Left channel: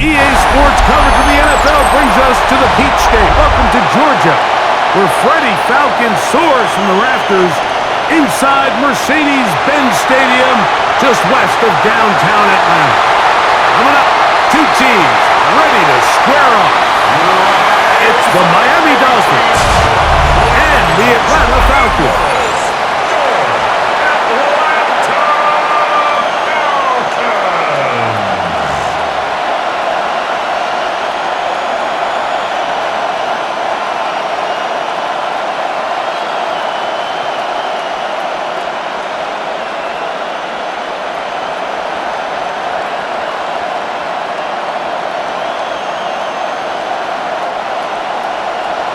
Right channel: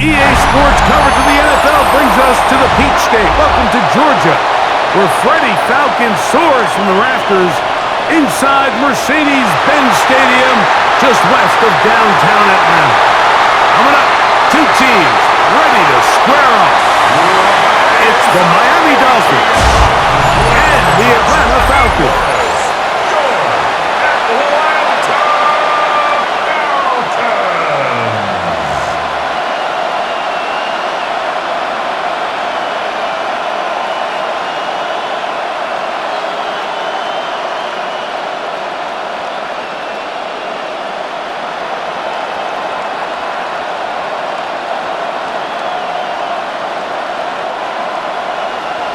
EA Sports coverage of the NFL brings us to the Peach State. Welcome to Georgia, where Freddie Falcon soars from the rafters inside Mercedes-Benz Stadium, just west of downtown Atlanta. Coming up, two teams ready to square off. It's the Miami Dolphins and the Atlanta Falcons.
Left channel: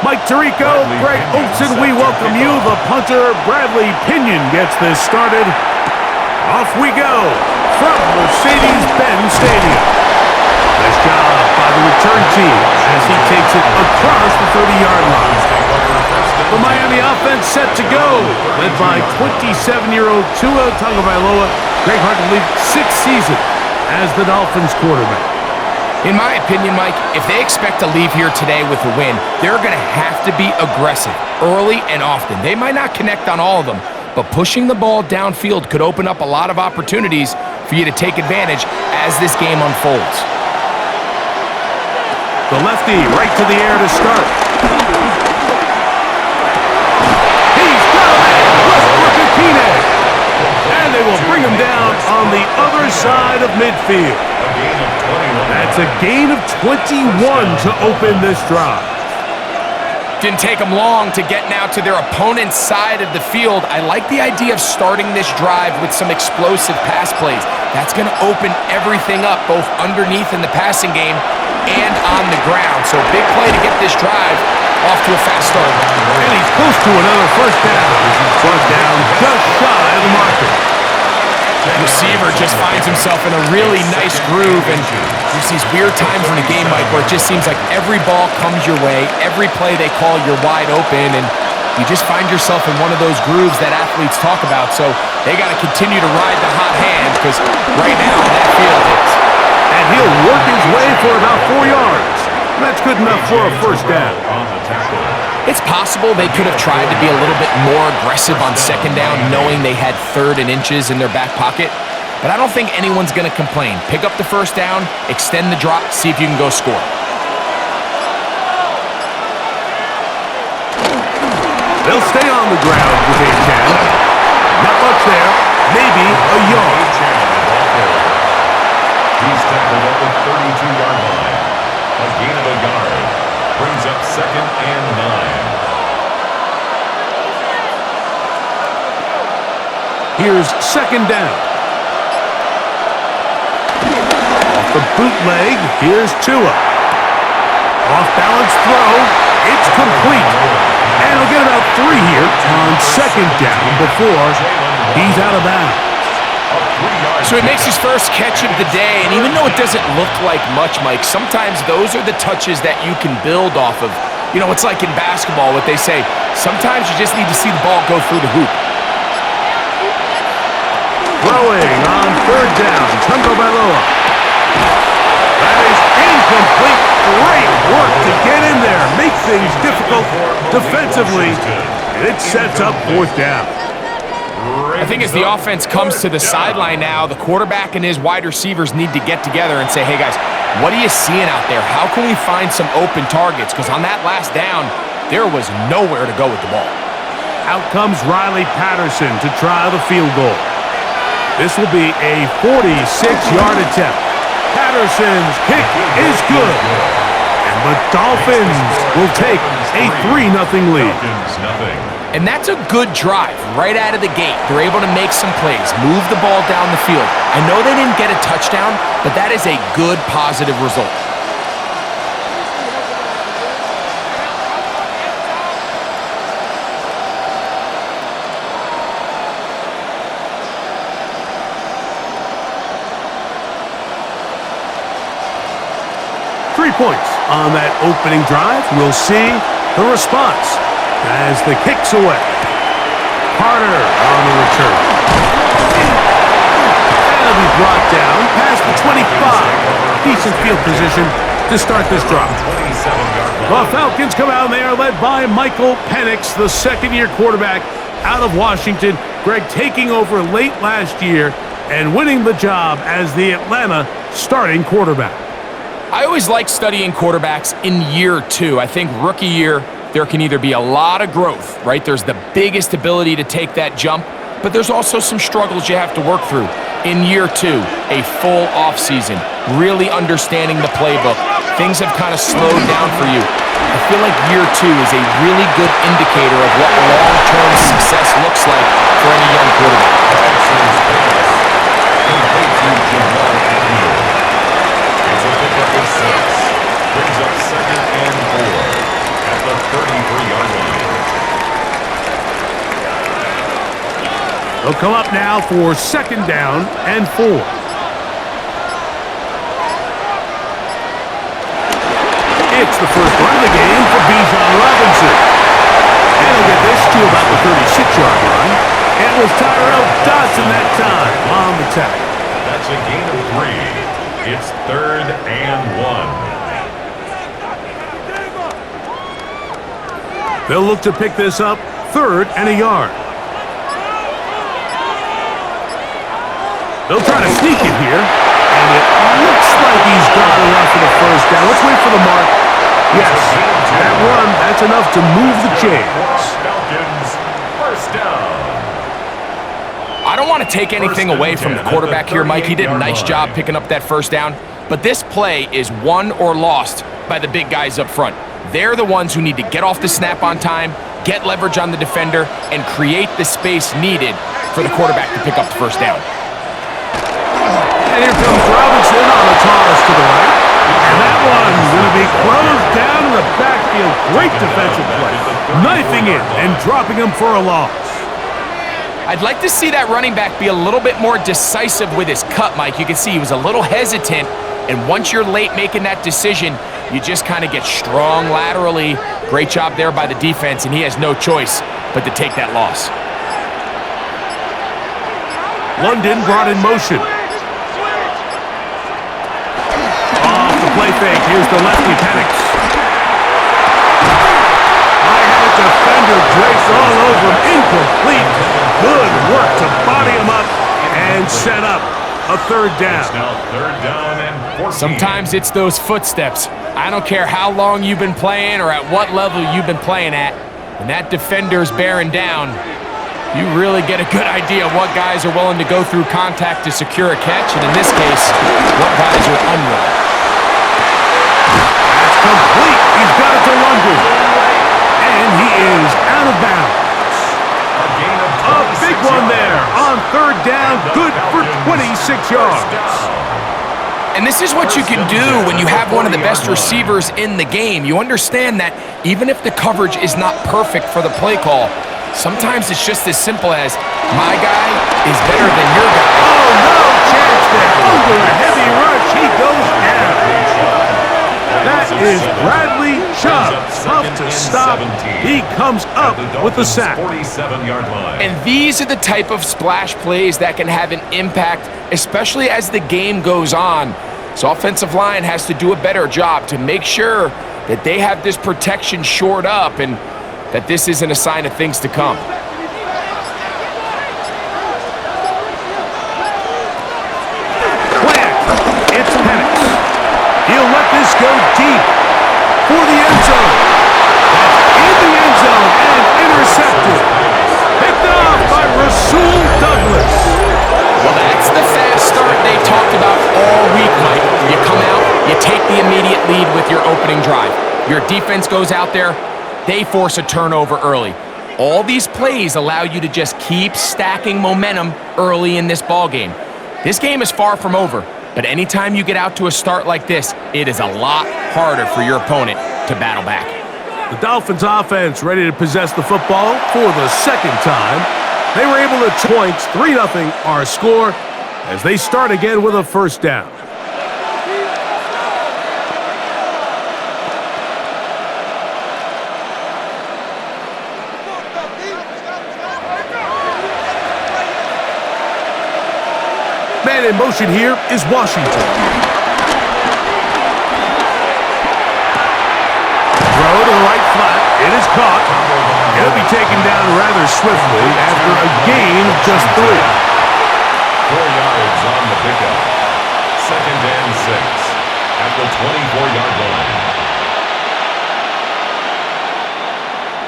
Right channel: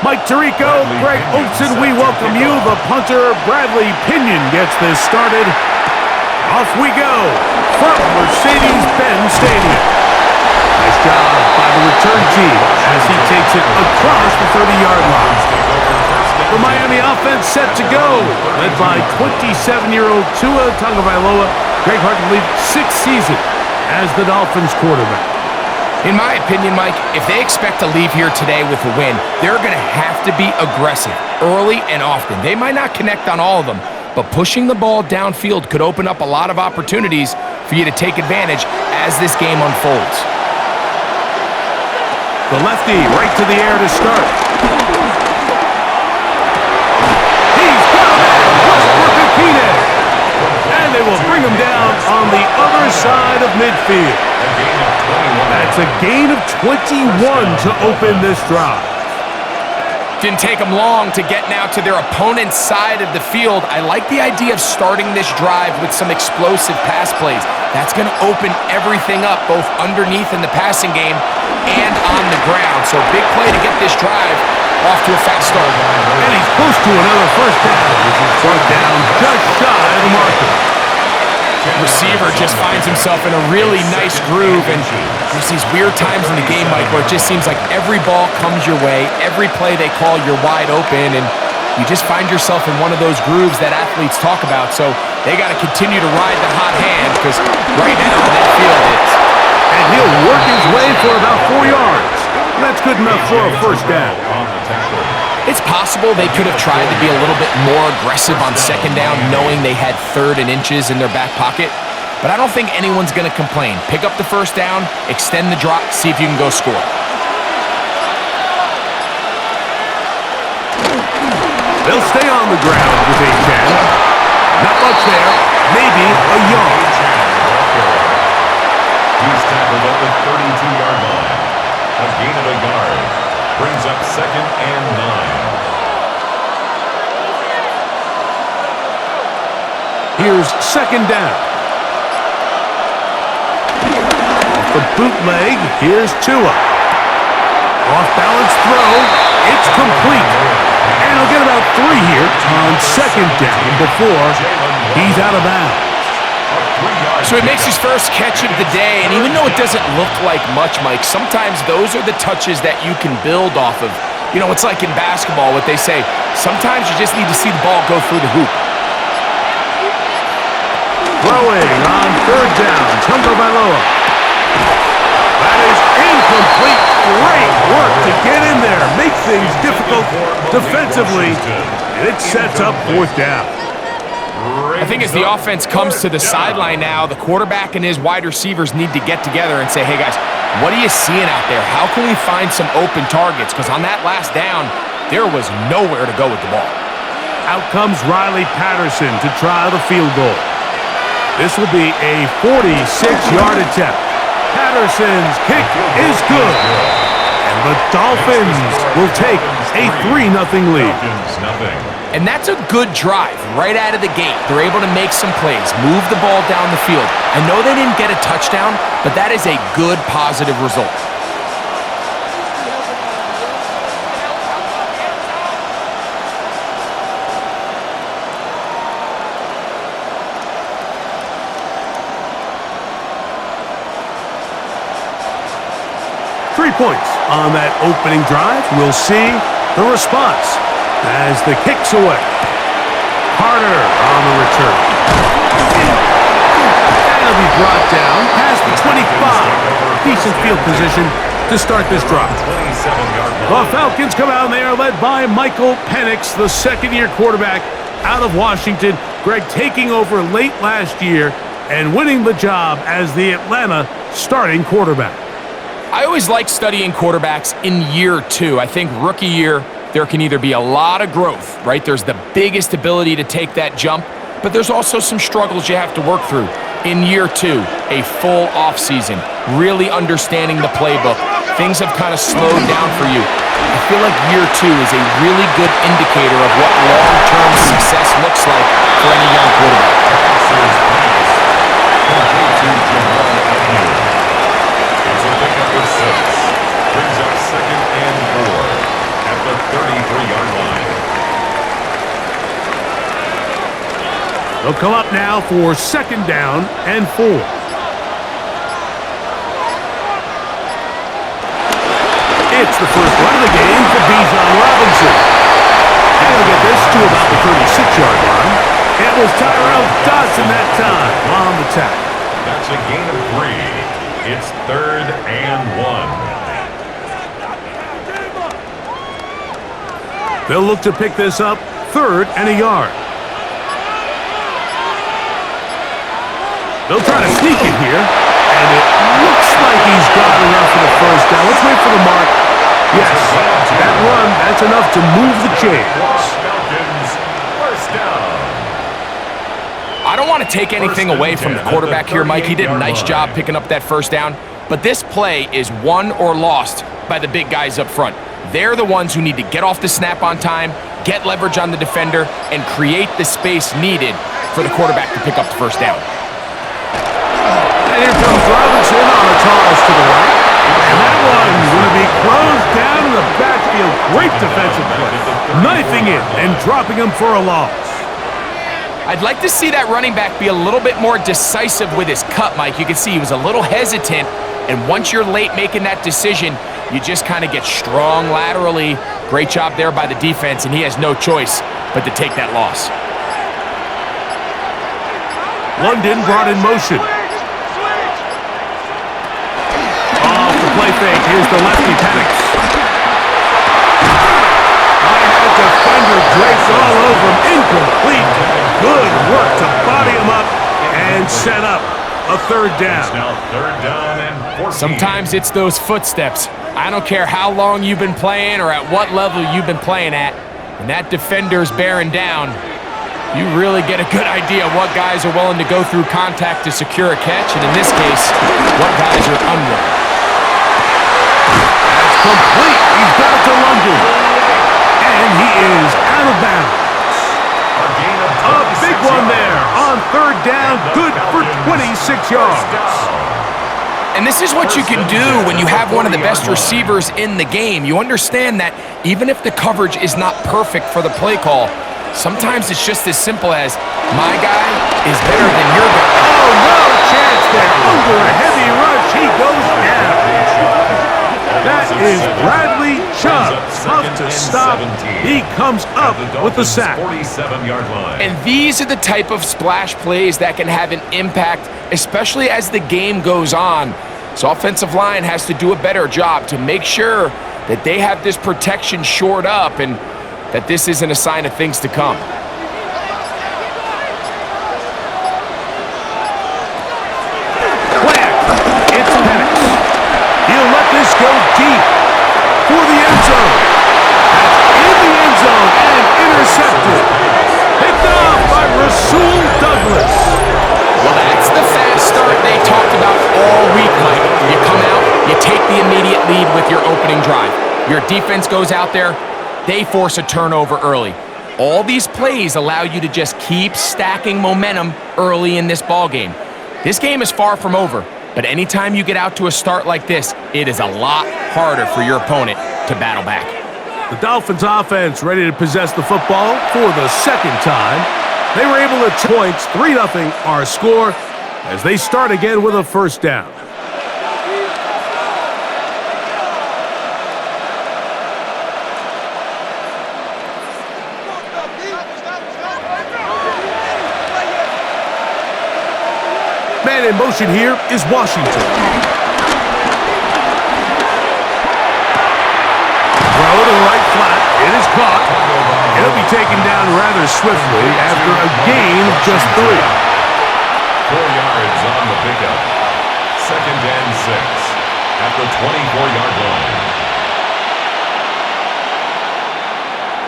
Mike Tirico, Greg Oatson, we welcome you. The punter, Bradley Pinion, gets this started. Off we go from Mercedes-Benz Stadium. Nice job by the return team as he takes it across the 30-yard line. The Miami offense set to go, led by 27-year-old Tua Tagovailoa. Greg, hard to believe, sixth season as the Dolphins quarterback. In my opinion, Mike, if they expect to leave here today with a win, they're going to have to be aggressive early and often. They might not connect on all of them, but pushing the ball downfield could open up a lot of opportunities for you to take advantage as this game unfolds. The lefty right to the air to start. He's got a man, Westbrook Akine. And they will bring him down on the other side of midfield. That's a gain of 21 to open this drive. Didn't take them long to get now to their opponent's side of the field. I like the idea of starting this drive with some explosive pass plays. That's going to open everything up, both underneath in the passing game and on the ground. So big play to get this drive off to a fast start. And he's close to another first down. He's brought down just shy of the marker. Receiver just finds himself in a really nice groove, and there's these weird times in the game, Mike, where it just seems like every ball comes your way, every play they call, you're wide open, and you just find yourself in one of those grooves that athletes talk about. So they got to continue to ride the hot hand, because right now on that field it's... And he'll work his way for about 4 yards. That's good enough for a first down. It's possible they could have tried to be a little bit more aggressive on second down, knowing they had 3rd and inches in their back pocket. But I don't think anyone's going to complain. Pick up the first down, extend the drop, see if you can go score. They'll stay on the ground with A-10. Not much there. Maybe a yard. He's tackled at the 32-yard line. A gain of a yard. Brings up 2nd and 9. Here's 2nd down. Off the bootleg, here's Tua. Off balance throw, it's complete. And he'll get about 3 here on 2nd down before he's out of bounds. So he makes his first catch of the day, and even though it doesn't look like much, Mike, sometimes those are the touches that you can build off of. You know, it's like in basketball, what they say, sometimes you just need to see the ball go through the hoop. Throwing on 3rd down, Tagovailoa. That is incomplete. Great work to get in there, make things difficult defensively, and it sets up 4th down. I think as the offense comes to the sideline now, the quarterback and his wide receivers need to get together and say, hey guys, what are you seeing out there? How can we find some open targets? Because on that last down, there was nowhere to go with the ball. Out comes Riley Patterson to try the field goal. This will be a 46-yard attempt. Patterson's kick is good. And the Dolphins will take a 3-0 lead. And that's a good drive right out of the gate. They're able to make some plays, move the ball down the field. I know they didn't get a touchdown, but that is a good, positive result. 3 points on that opening drive. We'll see the response as the kick's away. Carter on the return. And And he'll be brought down past the 25. Decent field position to start this drive. The Falcons come out and they are led by Michael Penix, the second-year quarterback out of Washington. Greg taking over late last year and winning the job as the Atlanta starting quarterback. I always like studying quarterbacks in year two. I think rookie year, there can either be a lot of growth, right? There's the biggest ability to take that jump, but there's also some struggles you have to work through. In year two, a full offseason, really understanding the playbook. Things have kind of slowed down for you. I feel like year two is a really good indicator of what long-term success looks like for any young quarterback. It's a pickup of 6. Brings up 2nd and 4 at the 33-yard line. They'll come up now for 2nd down and 4. It's the first run of the game for Bijan Robinson. And he'll get this to about the 36-yard line. It was Tyrell Dodson that time on the tackle. That's a gain of 3. It's 3rd and 1. They'll look to pick this up 3rd and a yard. They'll try to sneak it here, and it looks like he's got enough for the first down. Let's wait for the mark. Yes, that run, that's enough to move the chains. Falcons, first down. I don't want to take anything away from the quarterback here, Mike. He did a nice job picking up that first down, but this play is won or lost by the big guys up front. They're the ones who need to get off the snap on time, get leverage on the defender, and create the space needed for the quarterback to pick up the first down. And here comes Robinson on a toss to the right. And that one's going to be closed down in the backfield. Great defensive play. Knifing it and dropping him for a loss. I'd like to see that running back be a little bit more decisive with his cut, Mike. You can see he was a little hesitant, and once you're late making that decision, you just kind of get strong laterally. Great job there by the defense, and he has no choice but to take that loss. London brought in motion. Off the play fake, here's the lefty Penix. I had a defender draped all over him, incomplete. Good work to body him up and set up a 3rd down. It's now 3rd down and 14. Sometimes it's those footsteps. I don't care how long you've been playing or at what level you've been playing at. When that defender's bearing down, you really get a good idea of what guys are willing to go through contact to secure a catch, and in this case, what guys are unwilling. That's complete. He's got it to London. And he is out of bounds. A big one there on 3rd down. Good for 26 yards. And this is what you can do when you have one of the best receivers in the game. You understand that even if the coverage is not perfect for the play call, sometimes it's just as simple as, my guy is better than your guy. Oh, no chance there. Under a heavy rush, he goes down. That is Bradley Chubb. Tough to stop. He comes up with the sack. 47-yard line. And these are the type of splash plays that can have an impact, especially as the game goes on. So offensive line has to do a better job to make sure that they have this protection shored up and that this isn't a sign of things to come. It's Penix. He'll let this go deep for the end zone. That's in the end zone and intercepted. Picked off by Rasul Douglas. Well, that's the fast start they talked about all week, Mike. You come out, you take the immediate lead with your opening drive. Your defense goes out there, they force a turnover early. All these plays allow you to just keep stacking momentum early in this ball game. This game is far from over, but anytime you get out to a start like this, it is a lot harder for your opponent to battle back. The Dolphins offense ready to possess the football for the 2nd time. They were able to points 3-0 our score as they start again with a 1st down. Man in motion here is Washington. Throw to the right flat. It is caught. It'll be taken down rather swiftly after a gain of just 3. 4 yards on the pickup. 2nd and 6 at the 24-yard line.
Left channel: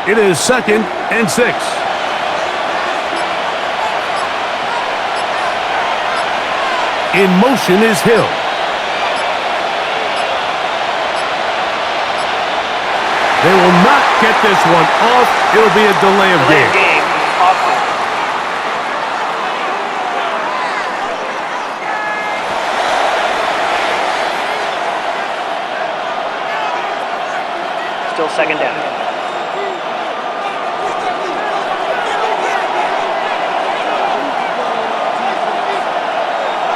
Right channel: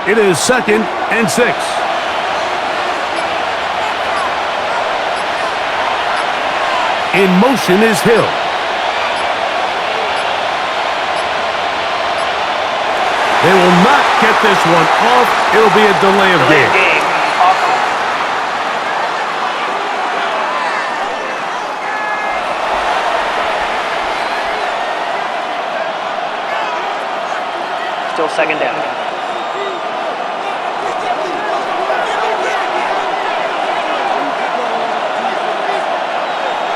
It is 2nd and 6. In motion is Hill. They will not get this one off. It'll be a delay of game. Still 2nd down.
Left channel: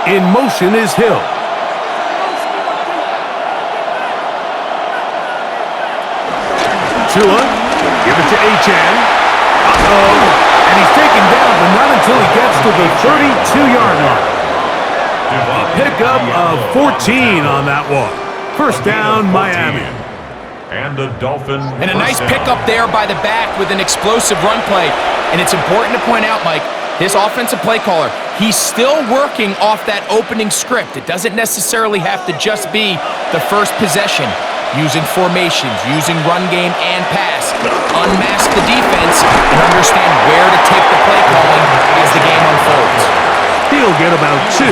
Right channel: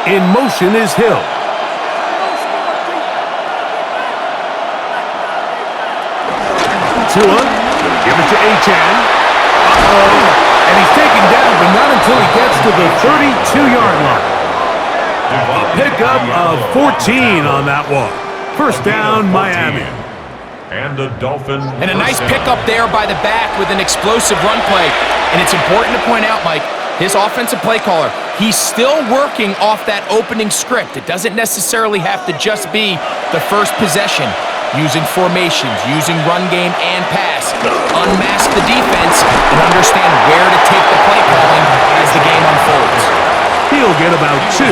In motion is Hill. Tua, give it to Achane. And he's taken down, but not until he gets to the 32-yard line. A pickup of 14 on that one. First down, Miami. And the Dolphins. And a nice pickup there by the back with an explosive run play. And it's important to point out, Mike, his offensive play caller, he's still working off that opening script. It doesn't necessarily have to just be the first possession. Using formations, using run game and pass. Unmask the defense and understand where to take the play calling as the game unfolds. He'll get about 2.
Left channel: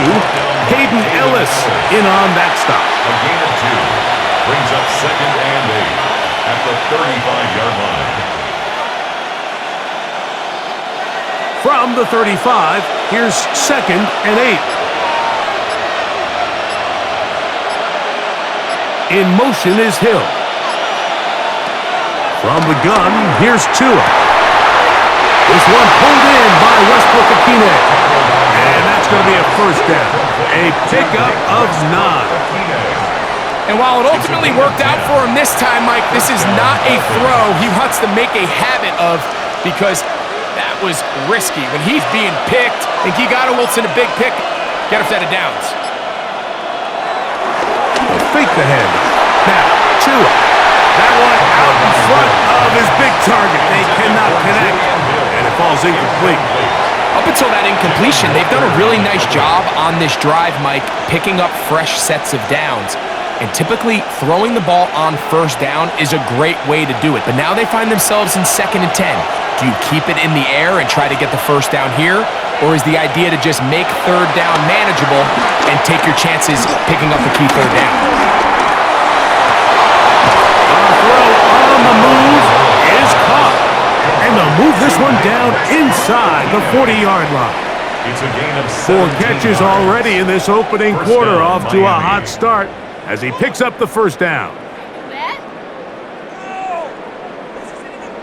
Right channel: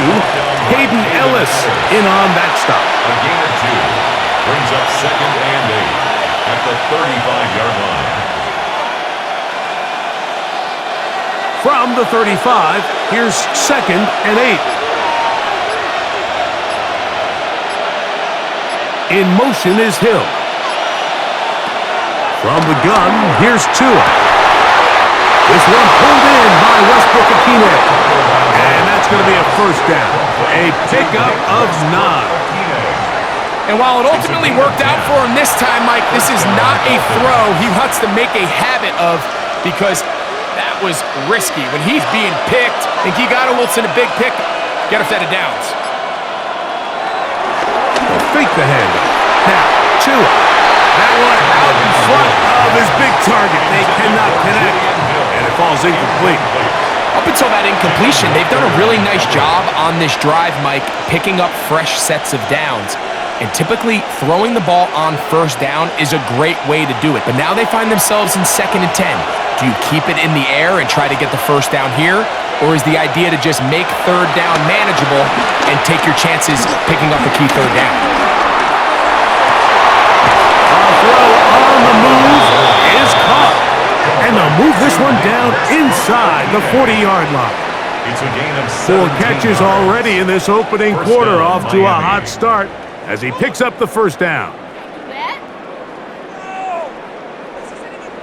Hayden Ellis in on that stop. A gain of 2 brings up 2nd and 8 at the 35-yard line. From the 35, here's 2nd and 8. In motion is Hill. From the gun, here's Tua. This one pulled in by Westbrook-Ikhine. And that's going to be a first down. A pickup of 9. And while it ultimately worked out for him this time, Mike, this is not a throw he wants to make a habit of because that was risky. When he's being picked, and he got Wilson a big pick, get a set of downs. They'll fake the handoff. Now, Tua. That one out in front of his big target. They cannot connect, and it falls incomplete. Up until that incompletion, they've done a really nice job on this drive, Mike, picking up fresh sets of downs. And typically, throwing the ball on first down is a great way to do it. But now they find themselves in 2nd and 10. Do you keep it in the air and try to get the first down here? Or is the idea to just make 3rd down manageable and take your chances picking up the key 3rd down? Throw on the move is caught. And they'll move this one down inside the 40-yard line. It's a gain of 4 catches yards. already in this opening First quarter, down, off to a Miami. hot start as he picks up the first down.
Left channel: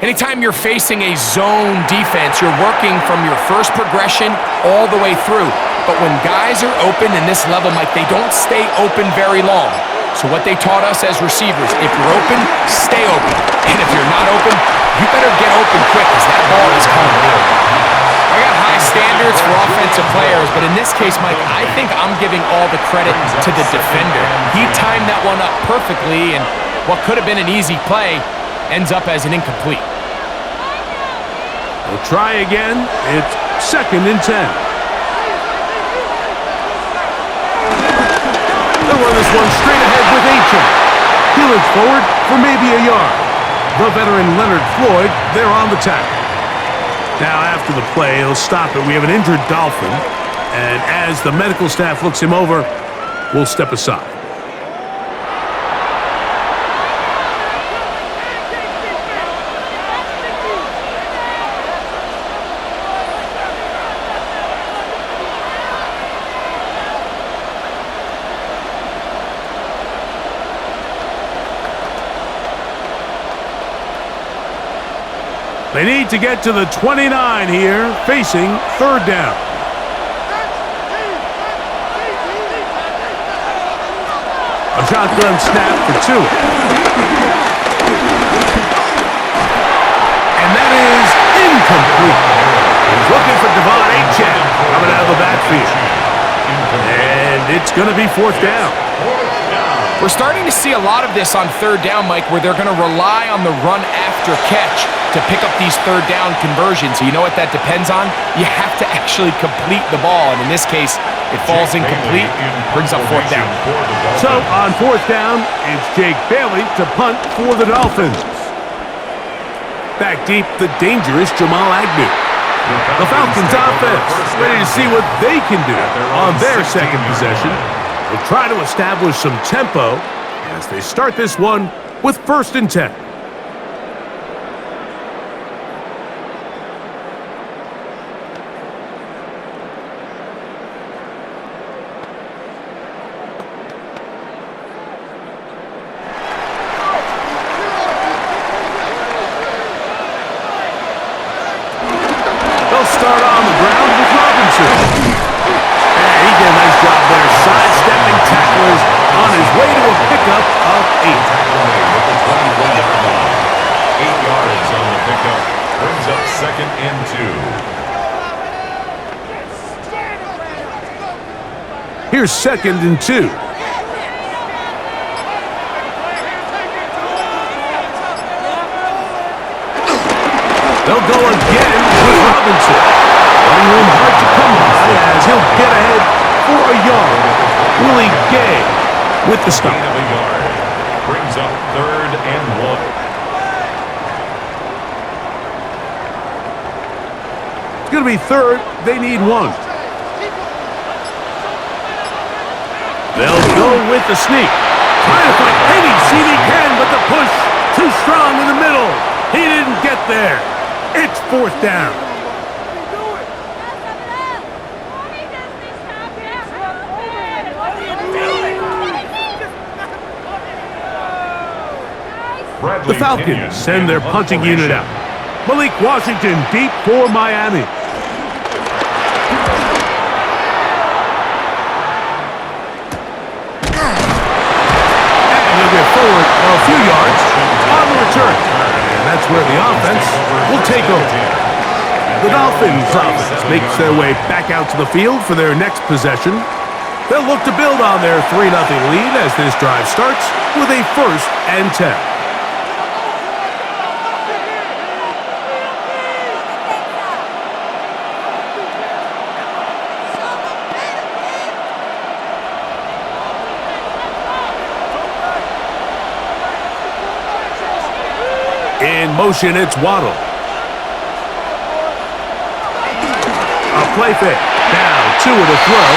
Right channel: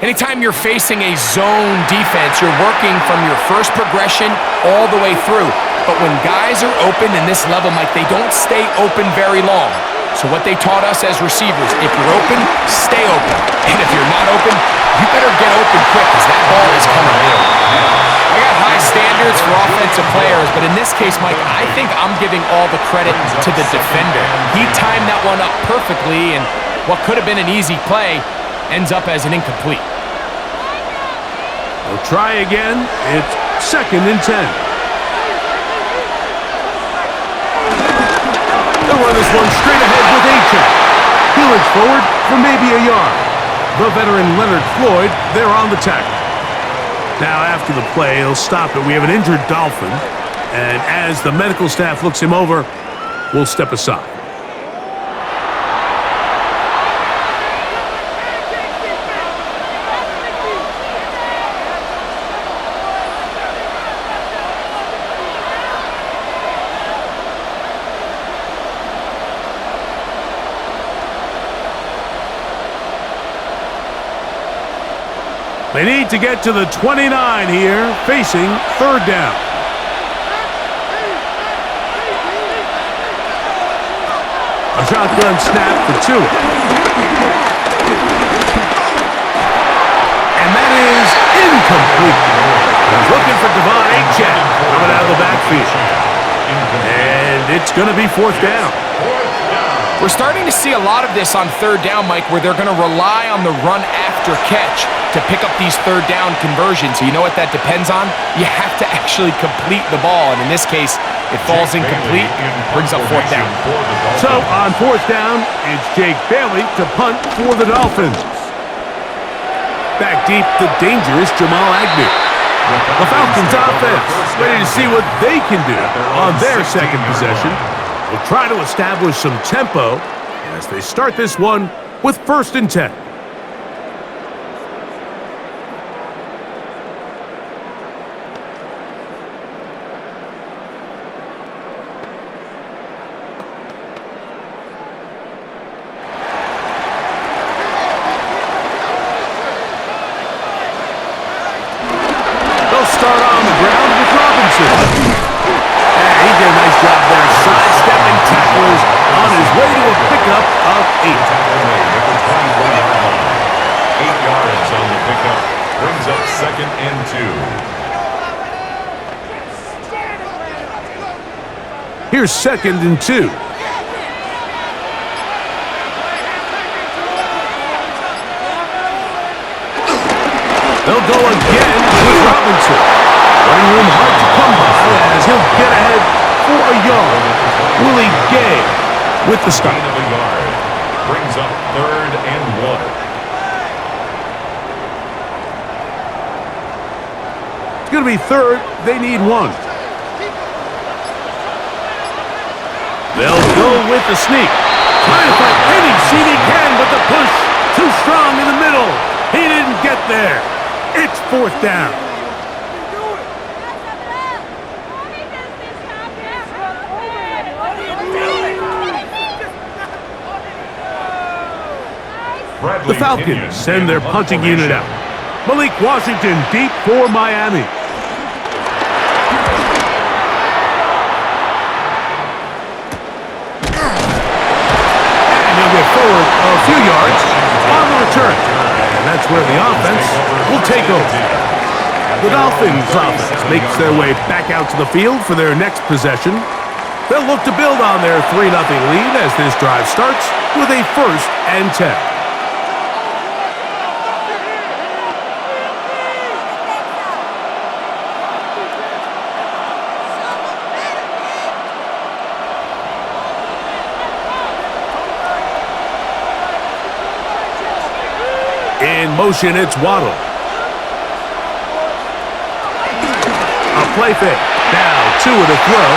Anytime you're facing a zone defense, you're working from your first progression all the way through. But when guys are open in this level, Mike, they don't stay open very long. So what they taught us as receivers, if you're open, stay open. And if you're not open, you better get open quick because that ball is coming in. I got high standards for offensive players, but in this case, Mike, I think I'm giving all the credit to the defender. He timed that one up perfectly, and what could have been an easy play ends up as an incomplete. They'll try again. It's 2nd and 10. They'll run this one straight ahead with Achane. He'll inch forward for maybe a yard. The veteran Leonard Floyd, they're on the tackle. Now after the play, he'll stop it. We have an injured Dolphin. And as the medical staff looks him over, we'll step aside. They need to get to the 29 here, facing 3rd down. A shotgun snap for 2. And that is incomplete. He's looking for Devon Achane coming out of the backfield. And it's going to be fourth down. We're starting to see a lot of this on third down, Mike, where they're going to rely on the run after catch to pick up these third down conversions. You know what that depends on? You have to actually complete the ball, and in this case, it falls incomplete, brings up fourth down. So on fourth down, it's Jake Bailey to punt for the Dolphins. Back deep, the dangerous Jamal Agnew. The Falcons offense ready to see what they can do on their second possession. They'll try to establish some tempo as they start this one with 1st and 10. They'll start on the ground with Robinson. He did a nice job there, sidestepping tacklers on his way to a pickup of 8. Tackle made at the 24-yard line. 8 yards on the pickup. Brings up 2nd and 2. Here's 2nd and 2. They'll go again with Robinson. Running room hard to come by as he'll get ahead for a yard. Willie Gay with the stop. Gain of a yard. Brings up 3rd and 1. It's going to be 3rd. They need 1. They'll go with the sneak. Trying to find any seam he can, but the push too strong in the middle. He didn't get there. It's 4th down. The Falcons send their punting unit out. Malik Washington deep for Miami. And he'll get forward a few yards on the return. And that's where the offense will take over. The Dolphins offense makes their way back out to the field for their next possession. They'll look to build on their 3-0 lead as this drive starts with a 1st and 10. In motion, it's Waddle. A play fake. Now Tua to throw.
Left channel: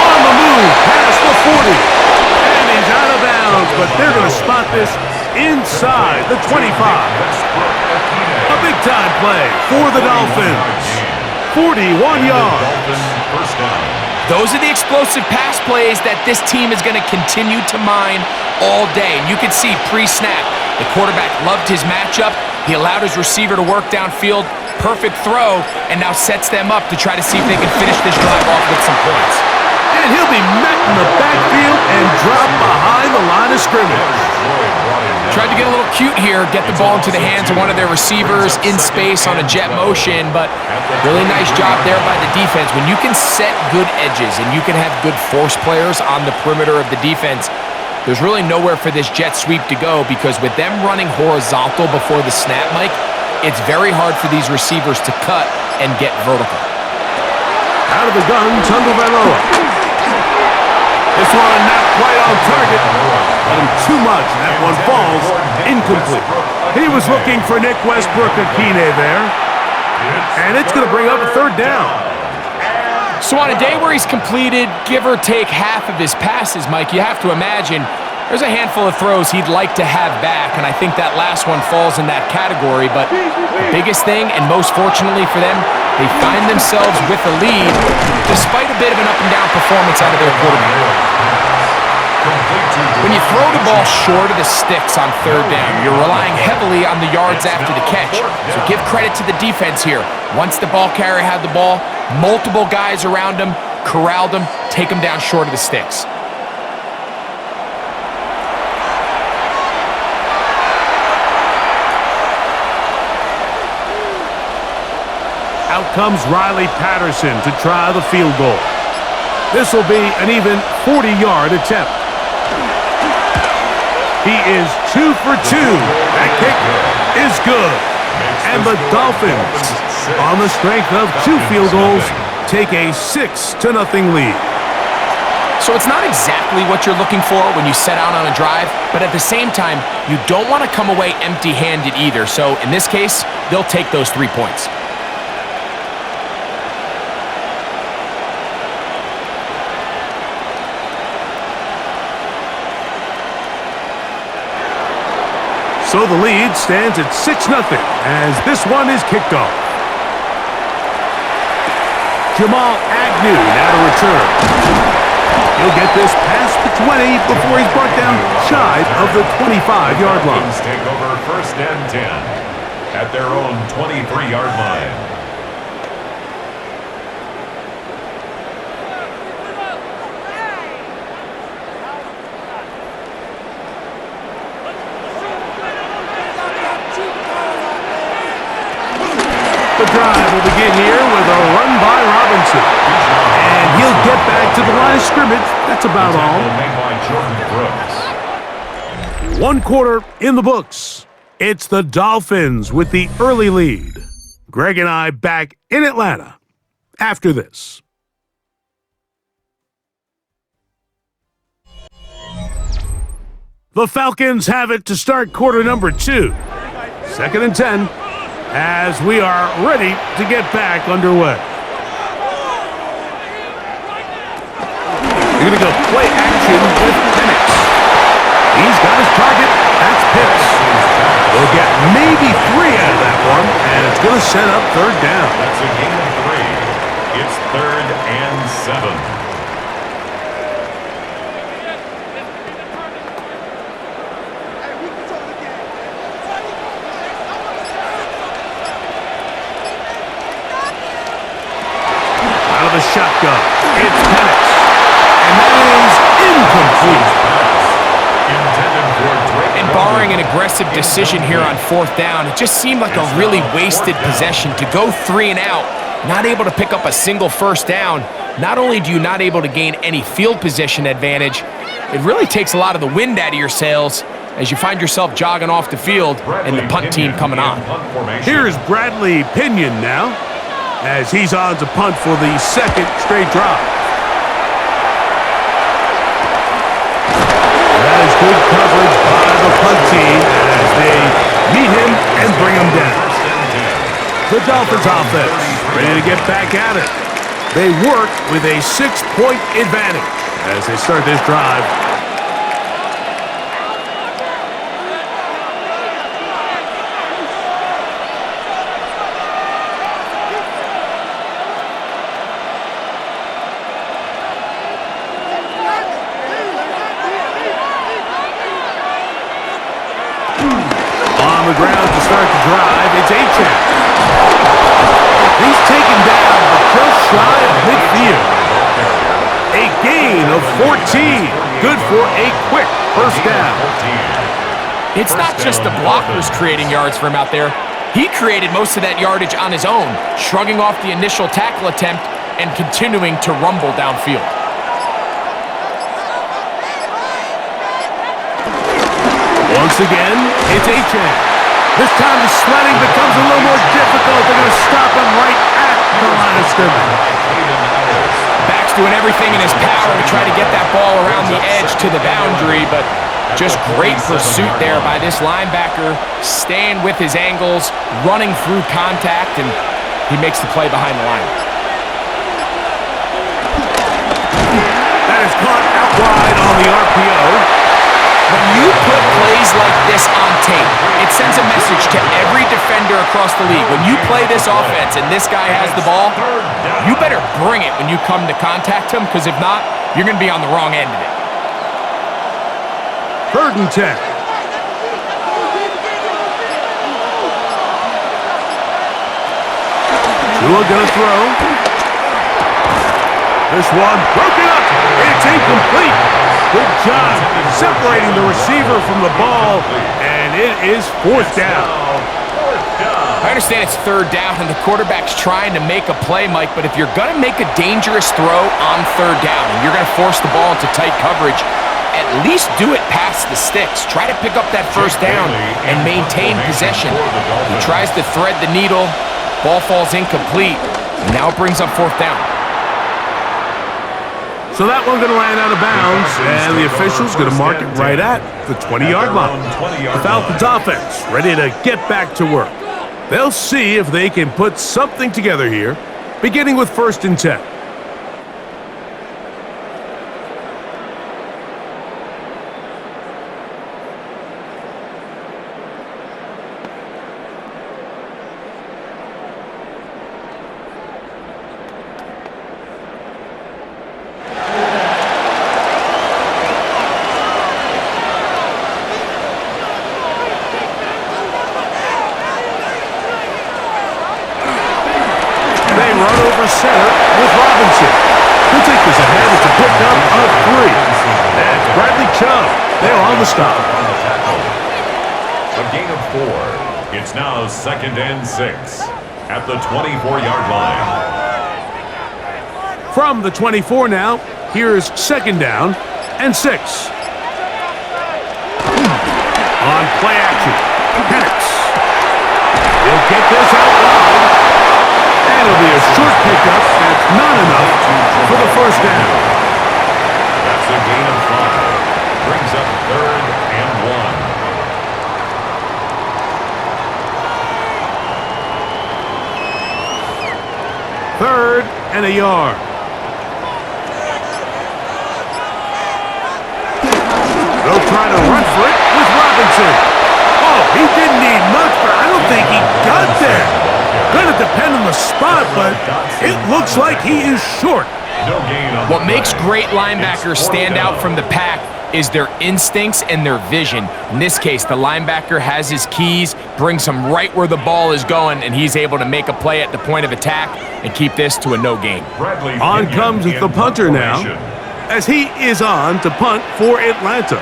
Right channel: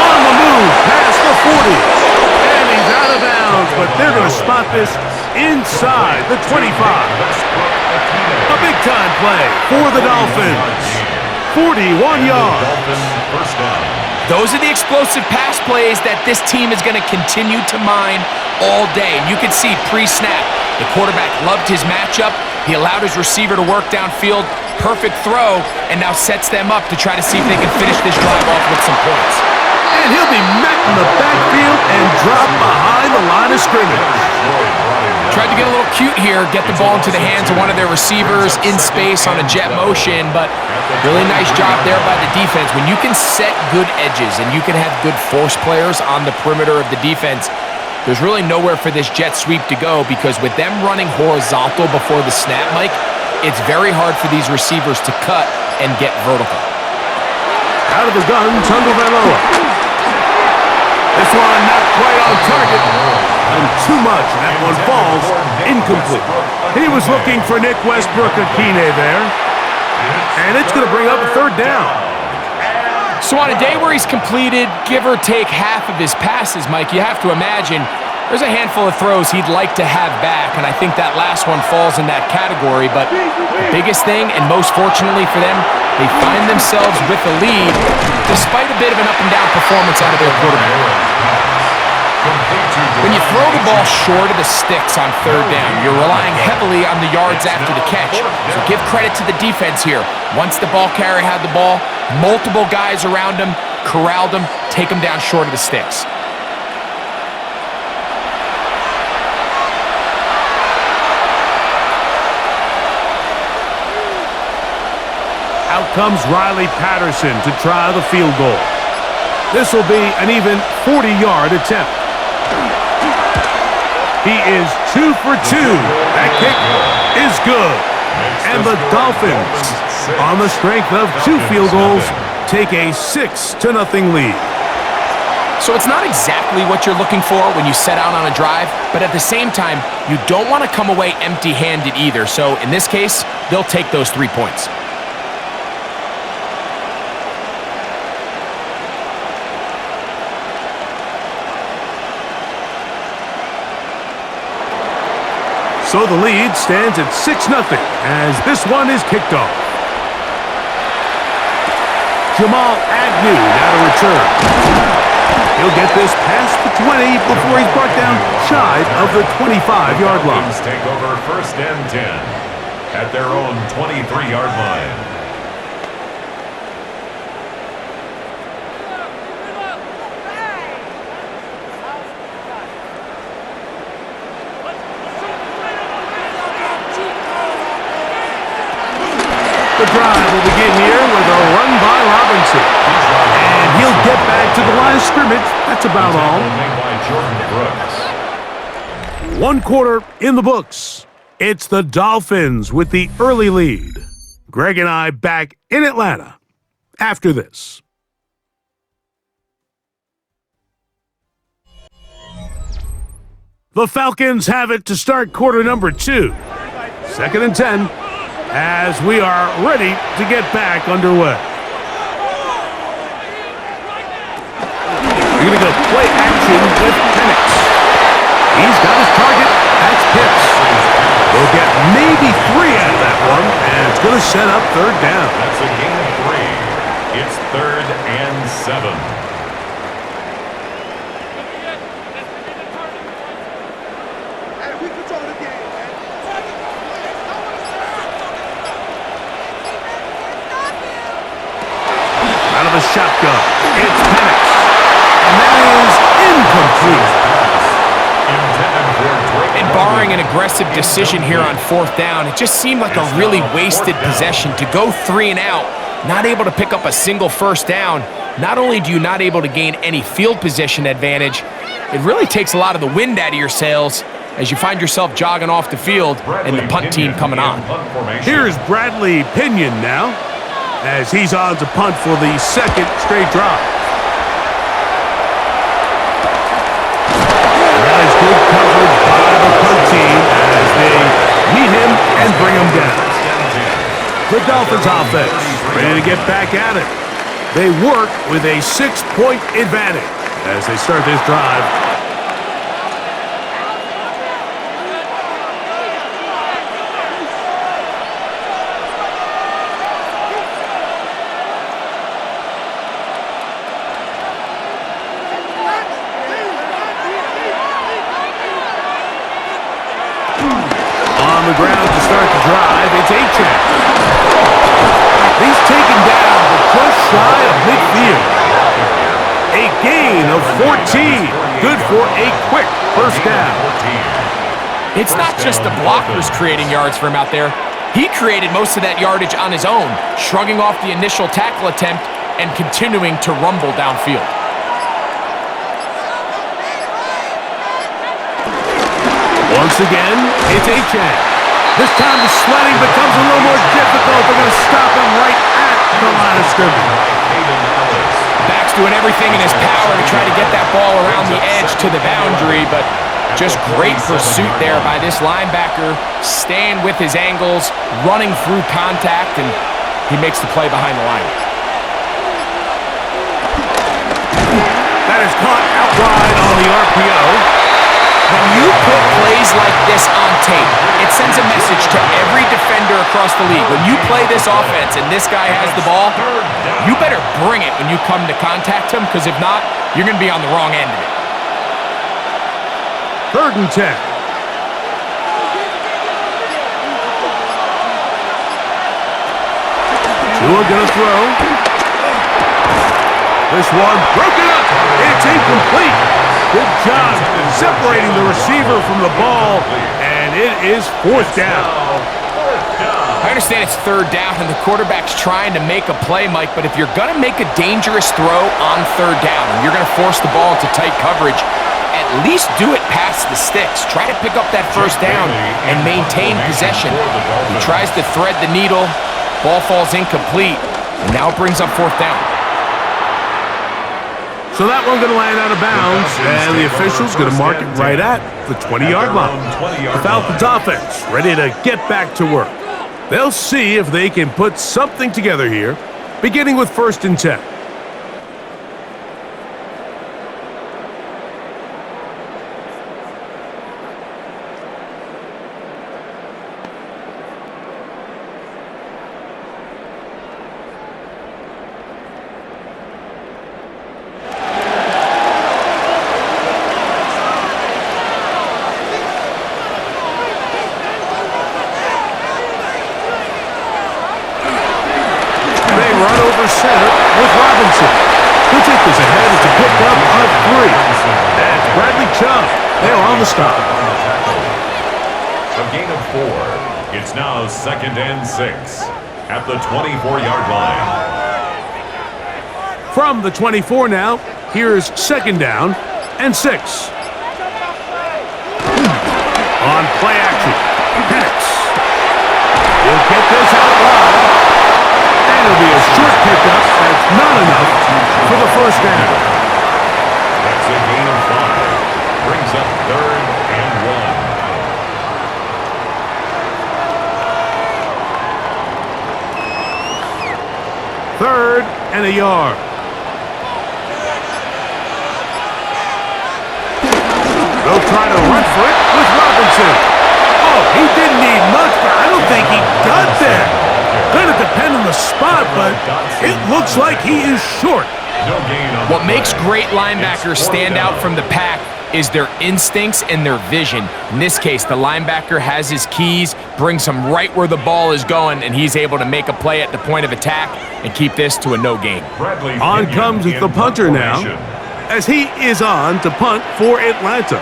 On the move, past the 40. And he's out of bounds, but they're going to spot this inside the 25. A big-time play for the Dolphins. 41 yards. Those are the explosive pass plays that this team is going to continue to mine all day. And you can see pre-snap, the quarterback loved his matchup. He allowed his receiver to work downfield. Perfect throw, and now sets them up to try to see if they can finish this drive off with some points. And he'll be met in the backfield and dropped behind the line of scrimmage. Tried to get a little cute here, get the ball into the hands of one of their receivers in space on a jet motion, but really nice job there by the defense. When you can set good edges and you can have good force players on the perimeter of the defense, there's really nowhere for this jet sweep to go, because with them running horizontal before the snap, Mike, it's very hard for these receivers to cut and get vertical. Out of the gun, Tagovailoa. This one not quite on target. Too much. That one falls incomplete. He was looking for Nick Westbrook-Akine there. And it's going to bring up a 3rd down. So on a day where he's completed, give or take half of his passes, Mike, you have to imagine there's a handful of throws he'd like to have back, and I think that last one falls in that category. But the biggest thing, and most fortunately for them, they find themselves with a lead despite a bit of an up-and-down performance out of their quarterback. When you throw the ball short of the sticks on 3rd down, you're relying heavily on the yards after the catch. So give credit to the defense here. Once the ball carrier had the ball, multiple guys around him, corralled him, take him down short of the sticks. Out comes Riley Patterson to try the field goal. This will be an even 40-yard attempt. He is 2 for 2. That kick is good. And the Dolphins, on the strength of 2 field goals, take a 6-0 lead. So it's not exactly what you're looking for when you set out on a drive, but at the same time, you don't want to come away empty-handed either. So in this case, they'll take those 3 points. So the lead stands at 6-0 as this one is kicked off. Jamal Agnew now to return. He'll get this past the 20 before he's brought down shy of the 25-yard line. Falcons take over 1st and 10 at their own 23-yard line. The drive will begin here with a run by Robinson. And he'll get back to the line of scrimmage. That's about all. Made by Jordan Brooks. 1 quarter in the books. It's the Dolphins with the early lead. Greg and I back in Atlanta after this. The Falcons have it to start quarter number 2. 2nd and 10. As we are ready to get back underway. We're going to go play action with Penix. He's got his target. That's Pitts. They'll get maybe 3 out of that one, and it's going to set up 3rd down. That's a gain of 3. It's 3rd and 7. Out of the shotgun, it's Penix. And that is incomplete. And barring an aggressive decision here on 4th down, it just seemed like a really wasted possession to go 3 and out, not able to pick up a single 1st down. Not only do you not able to gain any field position advantage, it really takes a lot of the wind out of your sails as you find yourself jogging off the field and the punt team coming on. Here's Bradley Pinion now, as he's on to punt for the 2nd straight drive. That is good coverage by the punt team as they meet him and bring him down. The Dolphins offense ready to get back at it. They work with a 6-point advantage as they start this drive. On the ground to start the drive, it's Achane. He's taken down, but just shy of midfield. A gain of 14. Good for a quick 1st down. It's not just the blockers creating yards for him out there. He created most of that yardage on his own, shrugging off the initial tackle attempt and continuing to rumble downfield. Once again, it's Achane. This time the sledding becomes a little more difficult. They're going to stop him right at the line of scrimmage. Back's doing everything in his power to try to get that ball around the edge to the boundary, but just great pursuit there by this linebacker, staying with his angles, running through contact, and he makes the play behind the line. That is caught out wide on the RPO. When you put plays like this on tape, it sends a message to every defender across the league. When you play this offense and this guy has the ball, you better bring it when you come to contact him, because if not, you're going to be on the wrong end of it. 3rd and 10. Tua gonna throw. This one broken up. It's incomplete. Good job separating the receiver from the ball, and it is 4th down. I understand it's third down and the quarterback's trying to make a play, Mike, but if you're going to make a dangerous throw on third down and you're going to force the ball into tight coverage, at least do it past the sticks. Try to pick up that first down and maintain possession. He tries to thread the needle. Ball falls incomplete, and now it brings up fourth down. So that one's going to land out of bounds, and the official's going to mark it right at the 20-yard line. The Falcons offense ready to get back to work. They'll see if they can put something together here, beginning with 1st and 10. Center with Robinson. He'll take this ahead. It's a pickup of 3. That's Bradley Chubb. They're on the stop. A gain of 4. It's now 2nd and 6 at the 24-yard line. From the 24 now, here's 2nd down and 6. On play action, Penix. He'll get this out wide. And it'll be a short pickup. That's not enough for the first down. That's a gain of 5. Brings up 3rd and 1. 3rd and a yard. They'll try to run for it with Robinson. Oh, he didn't need much, but I don't think he got there. Gonna depend on the spot, but it looks like he is short. What makes great linebackers stand out from the pack is their instincts and their vision. In this case, the linebacker has his keys, brings him right where the ball is going, and he's able to make a play at the point of attack and keep this to a no gain. On comes the punter now, as he is on to punt for Atlanta.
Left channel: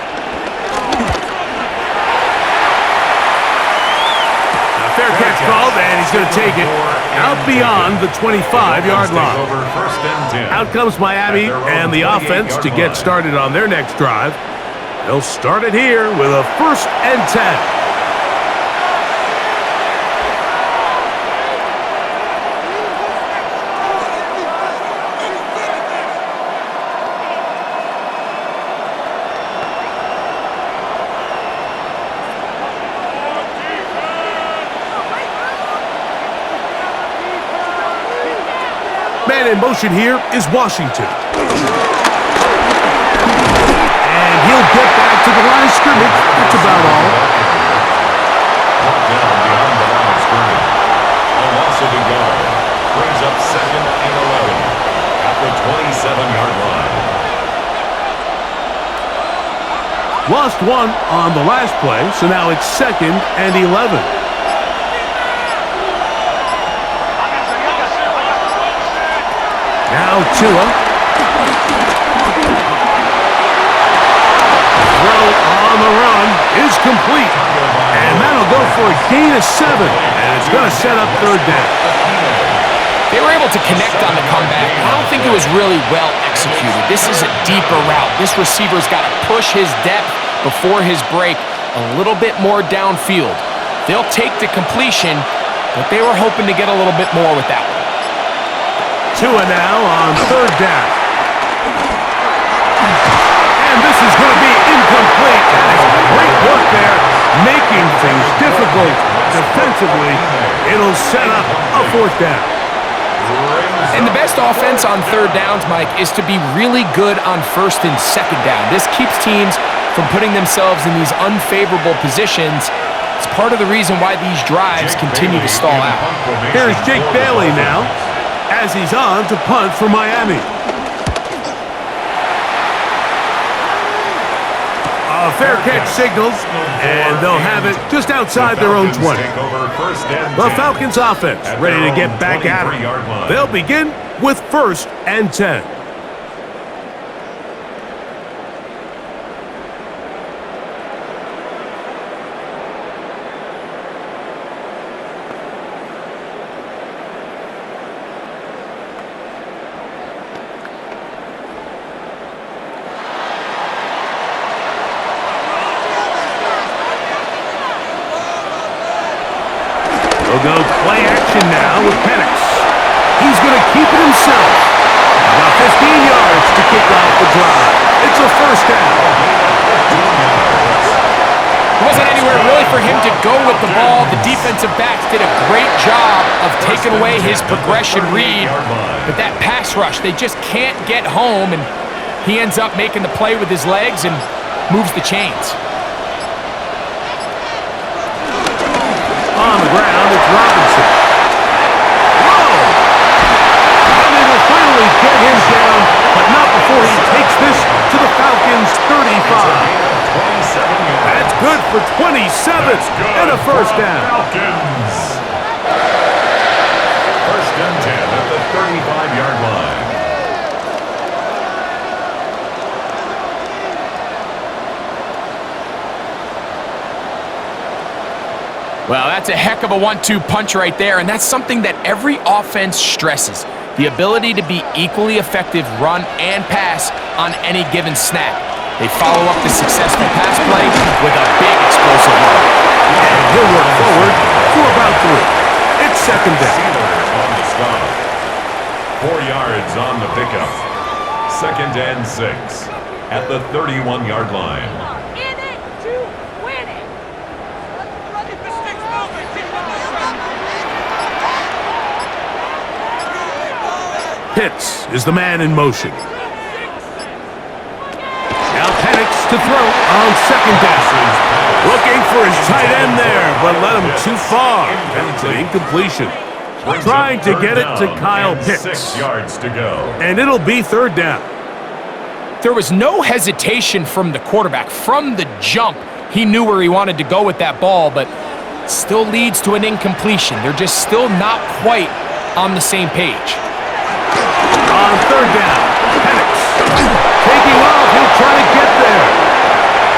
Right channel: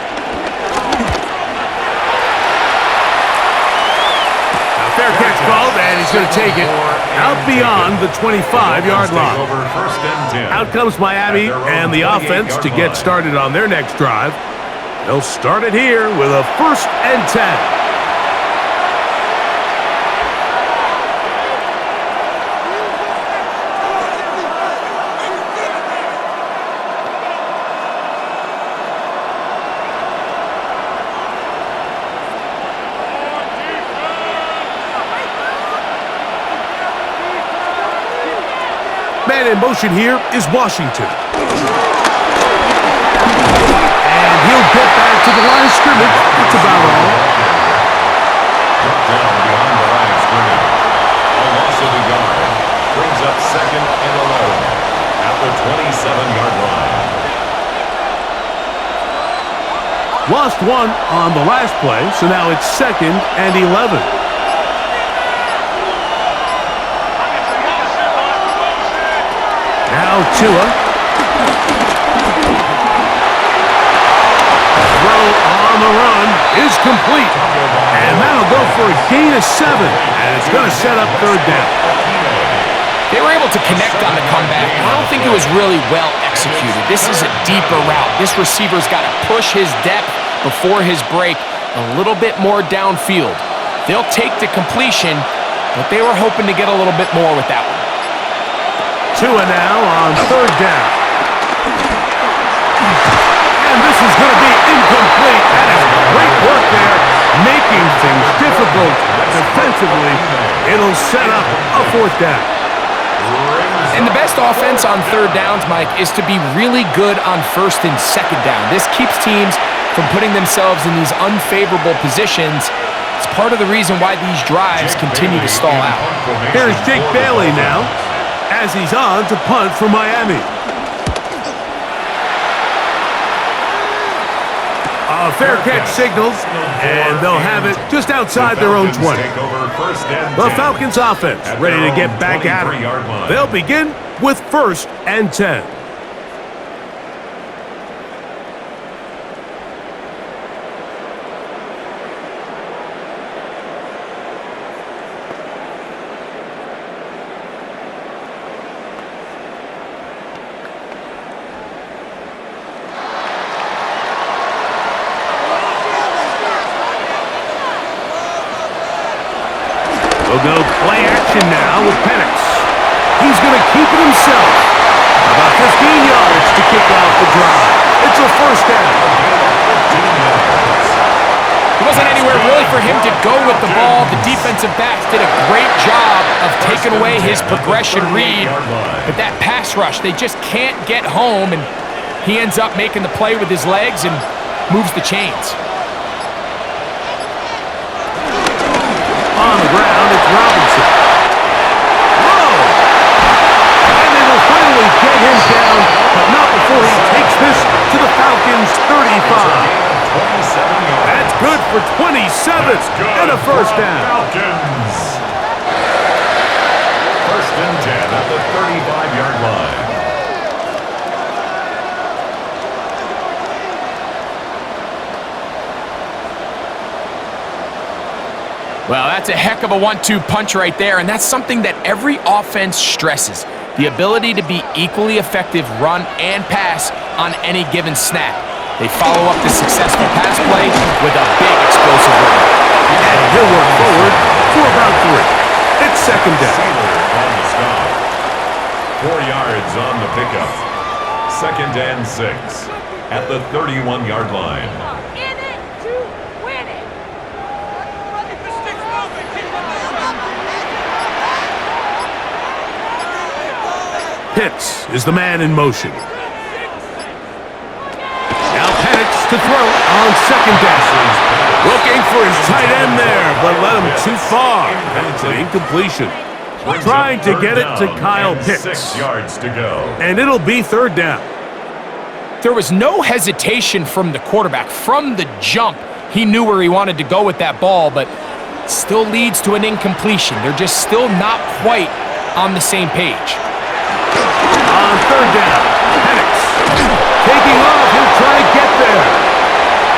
Fair catch called, and he's going to take it out beyond the 25-yard line. Out comes Miami and the offense to get started on their next drive. They'll start it here with a 1st and 10. Man in motion here is Washington. And he'll get back to the line of scrimmage. That's about all. Brought down beyond the line of scrimmage. A loss of a yard. Brings up 2nd and 11 at the 27-yard line. Lost 1 on the last play, so now it's 2nd and 11. Now Tua. Throw on the run is complete. And that'll go for a gain of 7. And it's going to set up 3rd down. They were able to connect on the comeback. I don't think it was really well executed. This is a deeper route. This receiver's got to push his depth before his break a little bit more downfield. They'll take the completion, but they were hoping to get a little bit more with that one. Tua now on 3rd down. And this is going to be incomplete. That is great work there, making things difficult defensively. It'll set up a 4th down. And the best offense on 3rd downs, Mike, is to be really good on 1st and 2nd down. This keeps teams from putting themselves in these unfavorable positions. It's part of the reason why these drives continue to stall out. Here's Jake Bailey now, as he's on to punt for Miami. A fair catch signals, and they'll have it just outside their own 20. The Falcons offense ready to get back at it. They'll begin with 1st and 10. They'll go play action now with Penix. He's going to keep it himself. About 15 yards to kick off the drive. It's a first down. 15 yards. There wasn't anywhere really for him to go with the ball. The defensive backs did a great job of taking away his progression read. But that pass rush, they just can't get home, and he ends up making the play with his legs and moves the chains. On the ground, it's Robinson. Whoa! And they will finally get him down, but not before he takes this to the Falcons' 35. 27 yards. That's good for 27 and a first down. Falcons. First and 10 at the 35-yard line. Well, that's a heck of a 1-2 punch right there, and that's something that every offense stresses. The ability to be equally effective run and pass on any given snap. They follow up the successful pass play with a big explosive run. And he'll work forward for about 3. It's second down. Sealer on the stop. 4 yards on the pickup. Second and 6 at the 31-yard line. In it to win it. Keep the sticks moving. Keep them moving. Pitts is the man in motion. Now Penix to throw on second down. Looking for his tight end there, but led him too far. And it's an incompletion. Trying to get it to Kyle Pitts. 6 yards to go. And it'll be third down. There was no hesitation from the quarterback. From the jump, he knew where he wanted to go with that ball, but still leads to an incompletion. They're just still not quite on the same page. On third down, Penix taking off. He'll try to get there.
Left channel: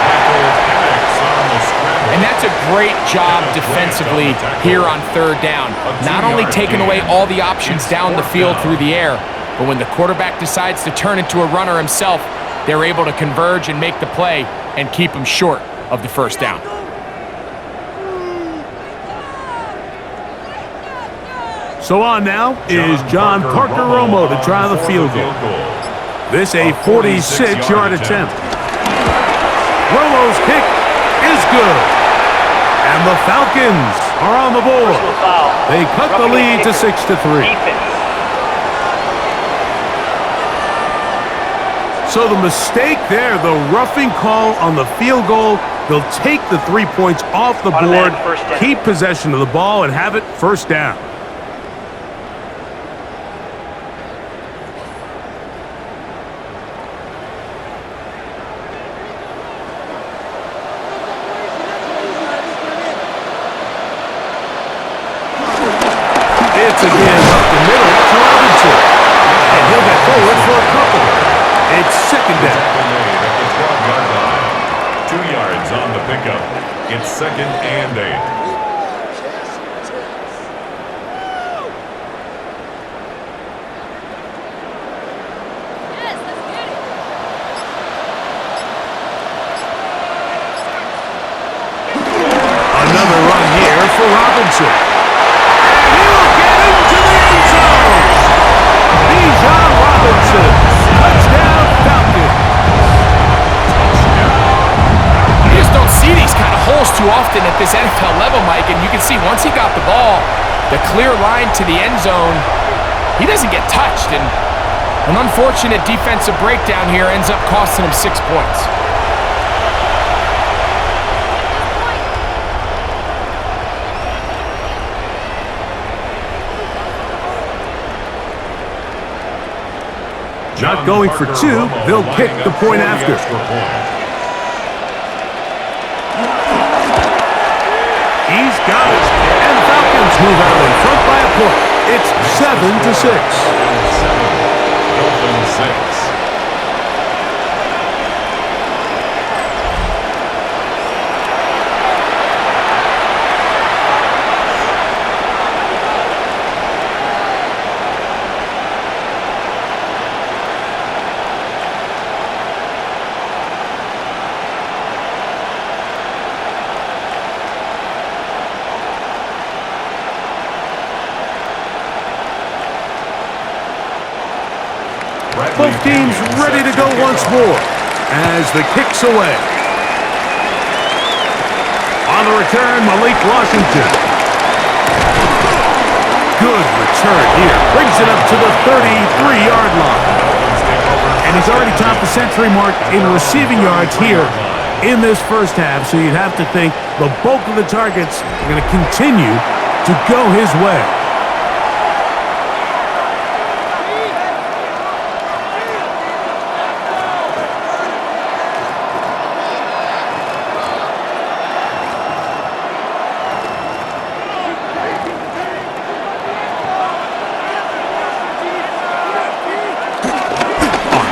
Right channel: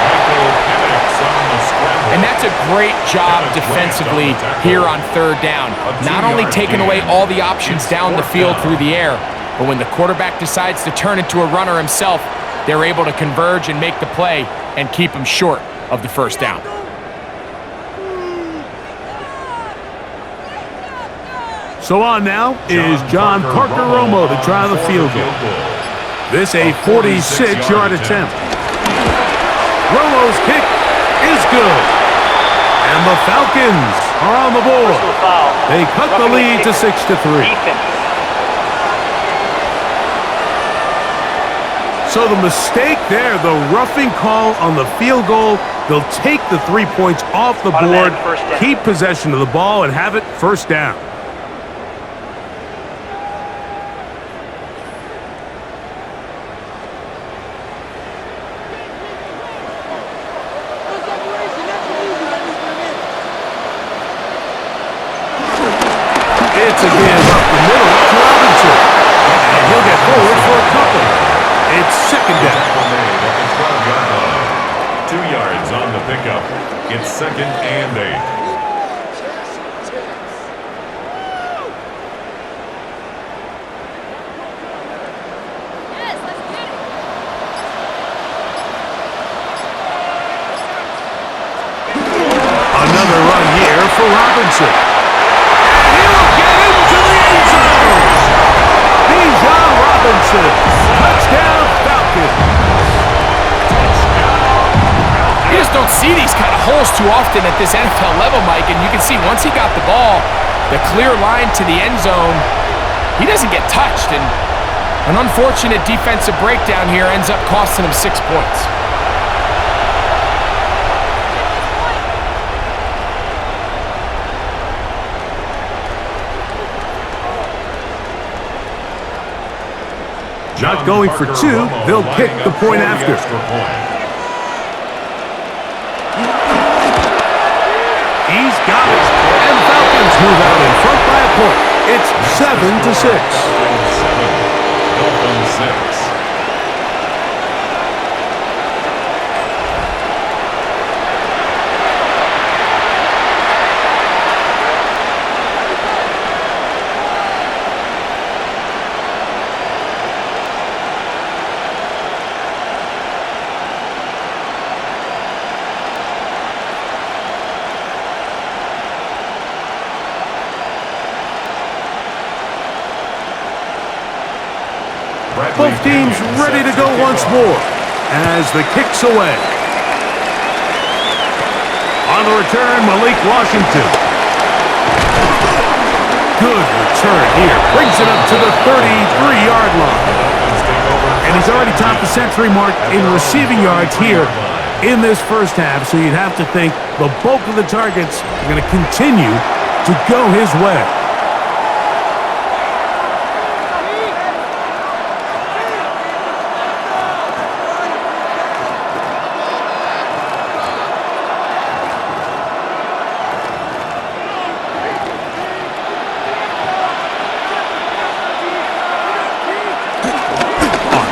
Michael Penix on the scramble. And that's a great job defensively here on third down. Not only taking away all the options down the field through the air, but when the quarterback decides to turn into a runner himself, they're able to converge and make the play and keep him short of the first down. So on now is John Parker Romo to try the field goal. This a 46-yard attempt. Romo's kick is good. And the Falcons are on the board. Personal foul. They cut the Roughing lead the to 6-3. Defense. So the mistake there, the roughing call on the field goal, they'll take the 3 points off the board, Automatic first down. keep possession of the ball, and have it first down. It's again up the middle to Robinson. And he'll get forward for a couple. It's second down. Tackle made at the 12-yard line. 2 yards on the pickup. It's second and 8. Another run here for Robinson. And he will get into the end zone. Bijan Robinson. Touchdown Falcons. You just don't see these kind of holes too often at this NFL level, Mike, and you can see once he got the ball, the clear line to the end zone, he doesn't get touched, and an unfortunate defensive breakdown here ends up costing him 6 points. Not going for two, they'll kick the point after. He's got it. And the Falcons move out in front by a point. It's 7-6. Dolphins 6. Both teams ready to go once more as the kick's away. On the return, Malik Washington. Good return here. Brings it up to the 33-yard line. And he's already topped the century mark in receiving yards here in this first half, so you'd have to think the bulk of the targets are going to continue to go his way.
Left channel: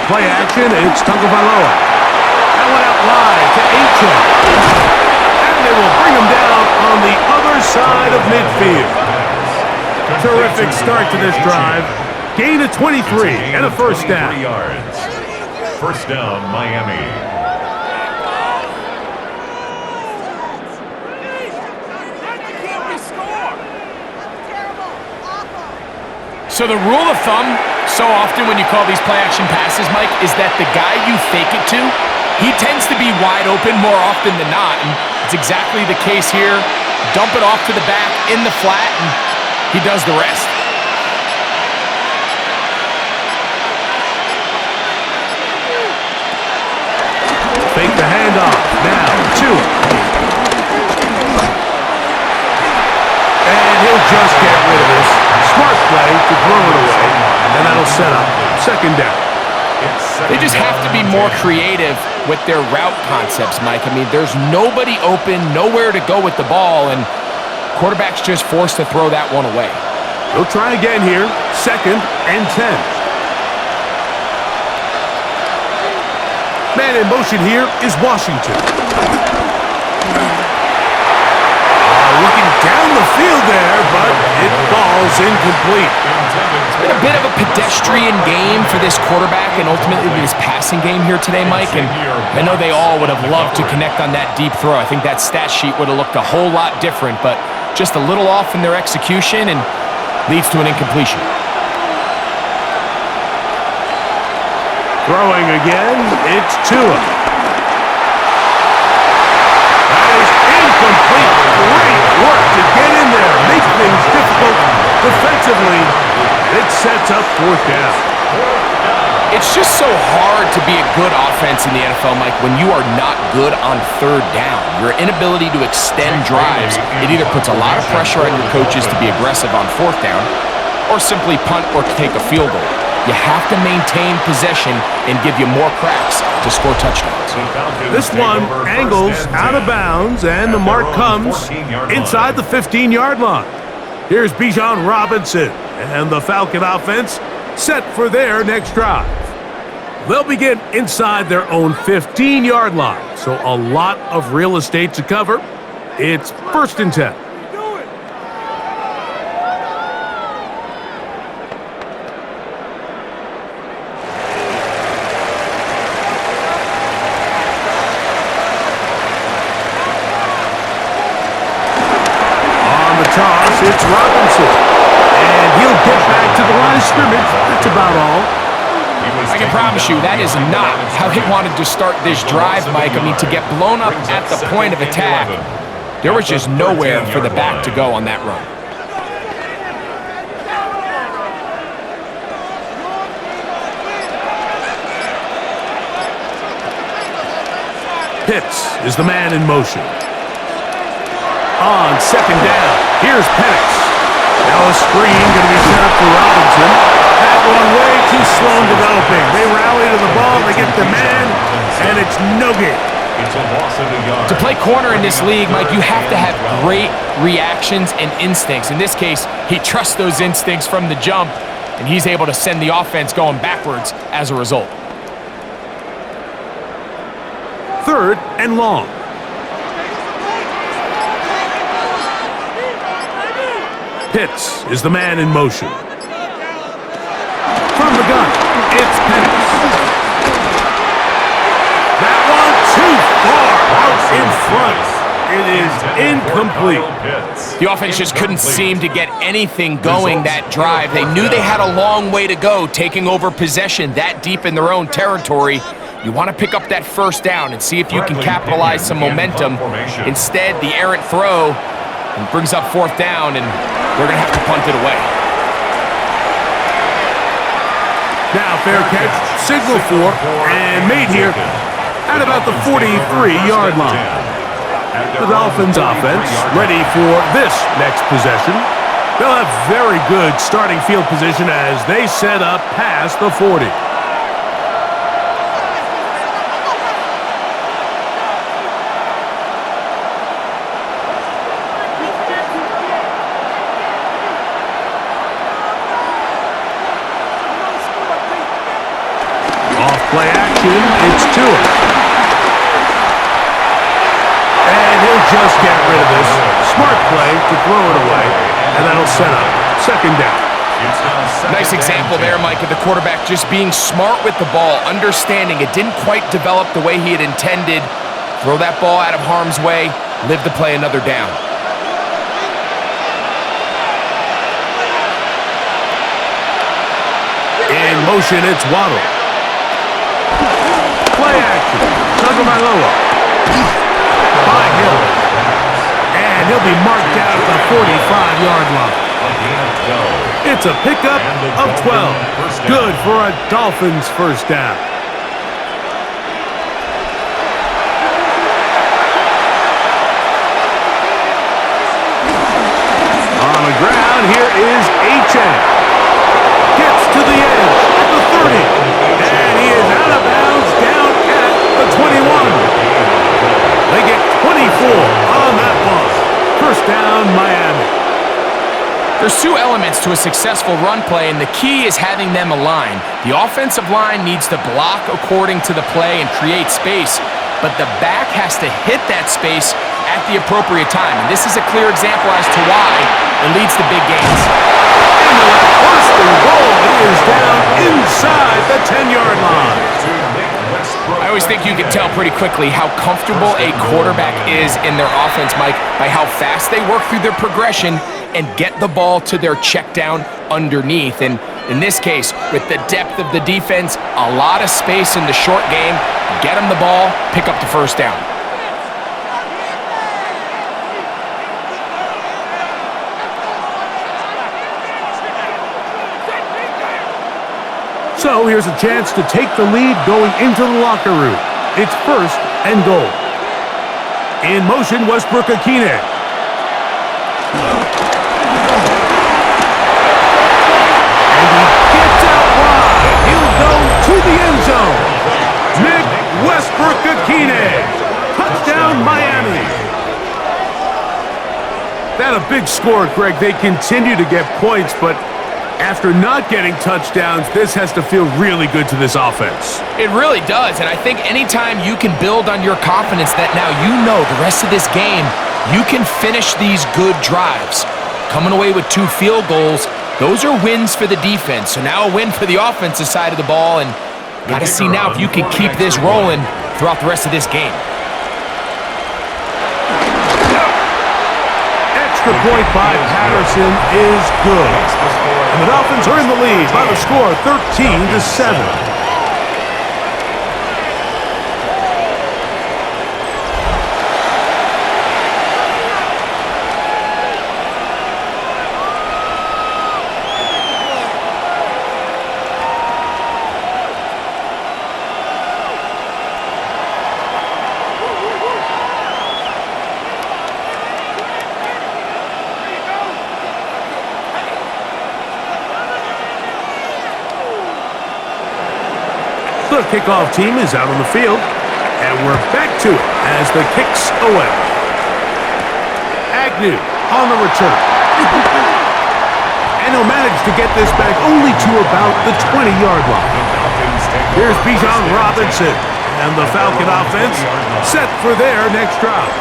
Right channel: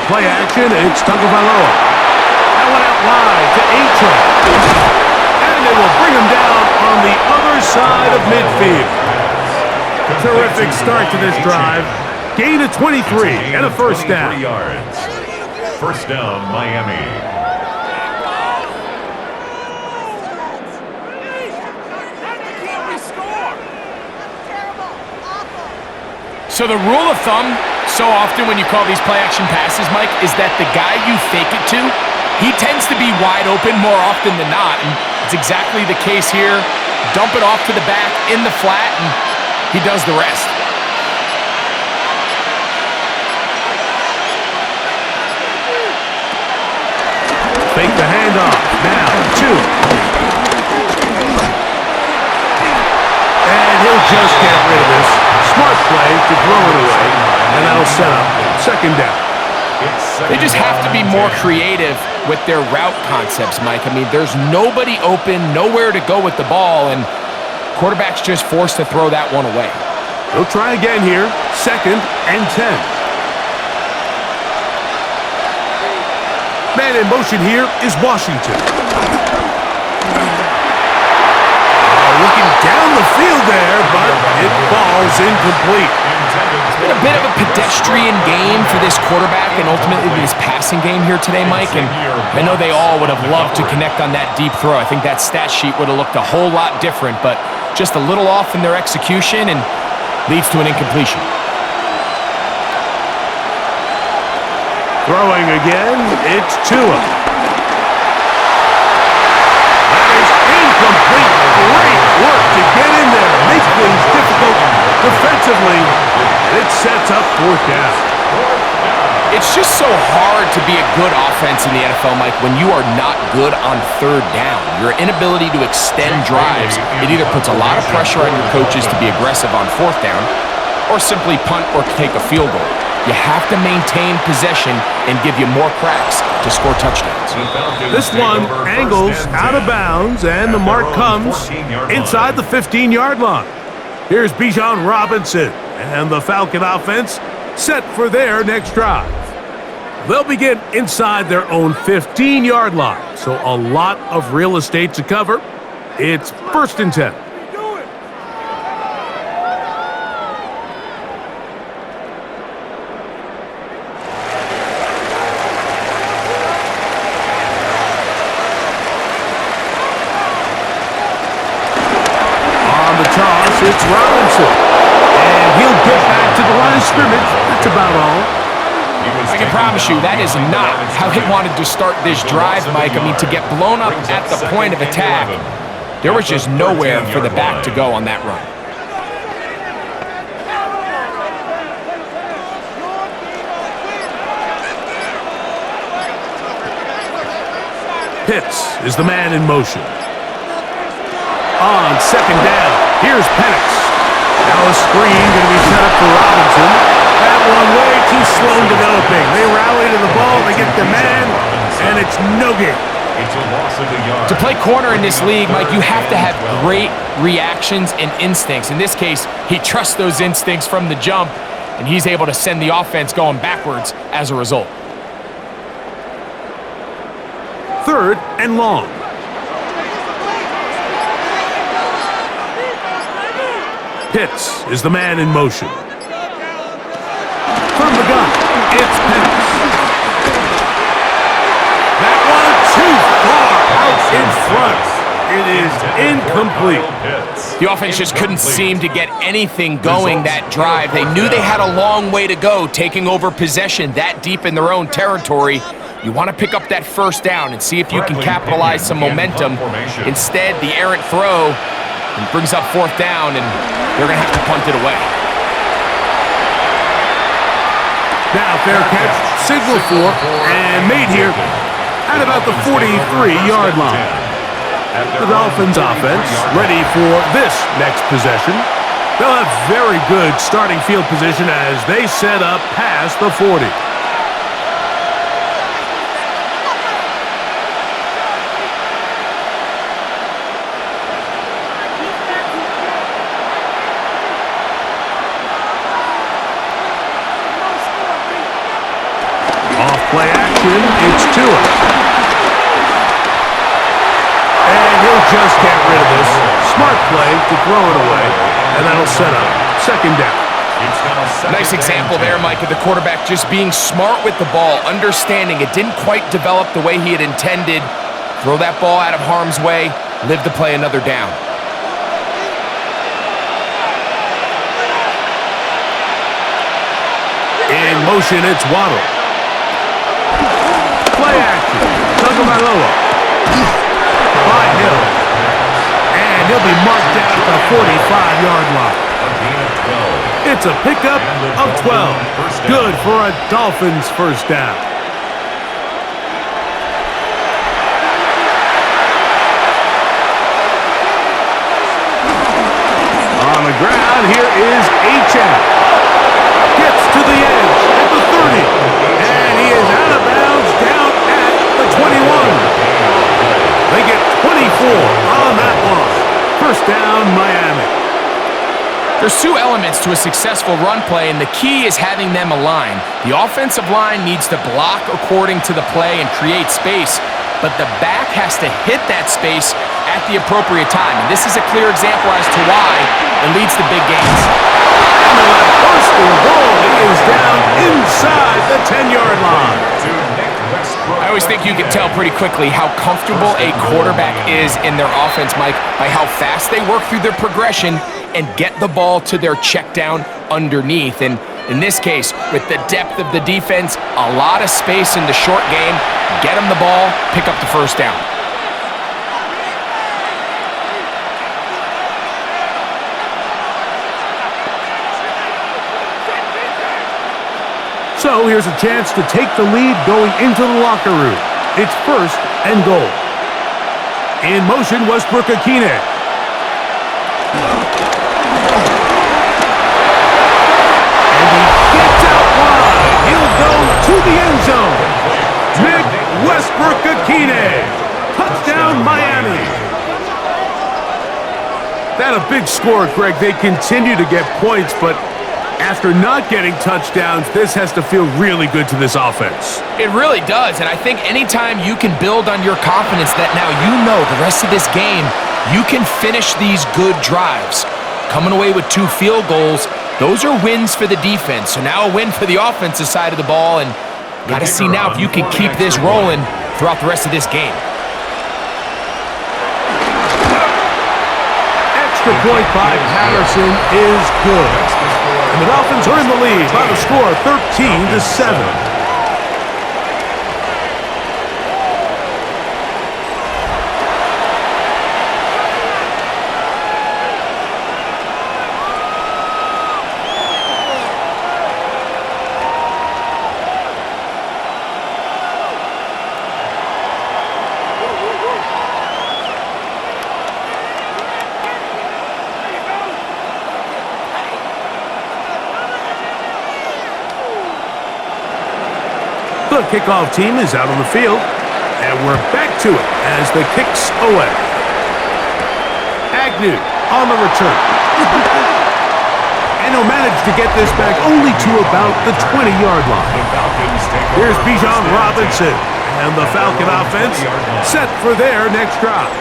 Play action, it's Tagovailoa. That one out wide to A-Train. And they will bring him down on the other side of midfield. Terrific start to this drive. Gain of 23 and a first down. First down, Miami. So the rule of thumb, so often when you call these play-action passes, Mike, is that the guy you fake it to, he tends to be wide open more often than not, and it's exactly the case here. Dump it off to the back in the flat, and he does the rest. Fake the handoff. Now, two. And he'll just get rid of this. Smart play to throw it away, and that'll set up second down. They just have to be more creative with their route concepts, Mike. I mean, there's nobody open, nowhere to go with the ball, and quarterback's just forced to throw that one away. He'll try again here. Second and 10. Man in motion here is Washington. Looking down the field there, but it falls incomplete. It's been a bit of a pedestrian game for this quarterback and ultimately this passing game here today, Mike. And I know they all would have loved to connect on that deep throw. I think that stat sheet would have looked a whole lot different, but just a little off in their execution and leads to an incompletion. Throwing again, it's Tua. That is incomplete. Great work to get in there, make things difficult defensively, and it sets up fourth down. It's just so hard to be a good offense in the NFL, Mike, when you are not good on third down. Your inability to extend drives, it either puts a lot of pressure on your coaches to be aggressive on fourth down or simply punt or take a field goal. You have to maintain possession and give you more cracks to score touchdowns. This one angles out of bounds, and the mark comes inside the 15-yard line. Here's Bijan Robinson, and the Falcon offense set for their next drive. They'll begin inside their own 15-yard line, so a lot of real estate to cover. It's first and 10. Toss, it's Robinson, and he'll get back to the line of scrimmage. That's about all. I can promise you that is not how they wanted to start this drive, Mike. I mean, to get blown up at the point of attack, there was just nowhere for the back to go on that run. Pitts is the man in motion. On second down, here's Penix. Now a screen going to be set up for Robinson. That one way too slow in developing. They rally to the ball, they get the man, and it's no gain. It's a loss of a yard. To play corner in this league, Mike, you have to have great reactions and instincts. In this case, he trusts those instincts from the jump, and he's able to send the offense going backwards as a result. Third and long. Pitts is the man in motion. From the gun, it's Penix. That one too far out in front. It is incomplete. The offense just couldn't seem to get anything going that drive. They knew they had a long way to go, taking over possession that deep in their own territory. You want to pick up that first down and see if you can capitalize some momentum. Instead, the errant throw brings up fourth down, and they're going to have to punt it away. Now fair catch, signal for, and made here at about the 43-yard line. The Dolphins offense ready for this next possession. They'll have very good starting field position as they set up past the 40. Play action, it's Tua. And he'll just get rid of this. Smart play to throw it away, and that'll set up second down. Nice example there, Mike, of the quarterback just being smart with the ball, understanding it didn't quite develop the way he had intended. Throw that ball out of harm's way, live to play another down. In motion, it's Waddle. Play action. Tagovailoa. By Hill. And he'll be marked down at the 45-yard line. It's a pickup of 12. Good for a Dolphins first down. On the ground, here is Achane. Gets to the edge at the 30. And he is out of bounds down at the 21. They get 24 on that one. First down, Miami. There's two elements to a successful run play, and the key is having them align. The offensive line needs to block according to the play and create space, but the back has to hit that space at the appropriate time. And this is a clear example as to why it leads to big gains. And they'll have first and goal. He is down inside the 10-yard line. I always think you can tell pretty quickly how comfortable a quarterback is in their offense, Mike, by how fast they work through their progression and get the ball to their check down underneath. And in this case, with the depth of the defense, a lot of space in the short game, get them the ball, pick up the first down. So here's a chance to take the lead going into the locker room. It's first and goal. In motion, Westbrook-Ikhine. And he gets out wide. He'll go to the end zone. Nick Westbrook-Ikhine. Touchdown, Miami. That a big score, Greg. They continue to get points, but after not getting touchdowns, this has to feel really good to this offense. It really does, and I think anytime you can build on your confidence that now you know the rest of this game, you can finish these good drives. Coming away with 2 field goals, those are wins for the defense. So now a win for the offensive side of the ball, and got to see now if you can keep this rolling throughout the rest of this game. Extra point by Patterson is good. And the Dolphins are in the lead by the score of 13-7. The kickoff team is out on the field, and we're back to it as the kick's away. Agnew on the return. And he'll manage to get this back only to about the 20-yard line. Here's Bijan Robinson, and the Falcon offense set for their next drive.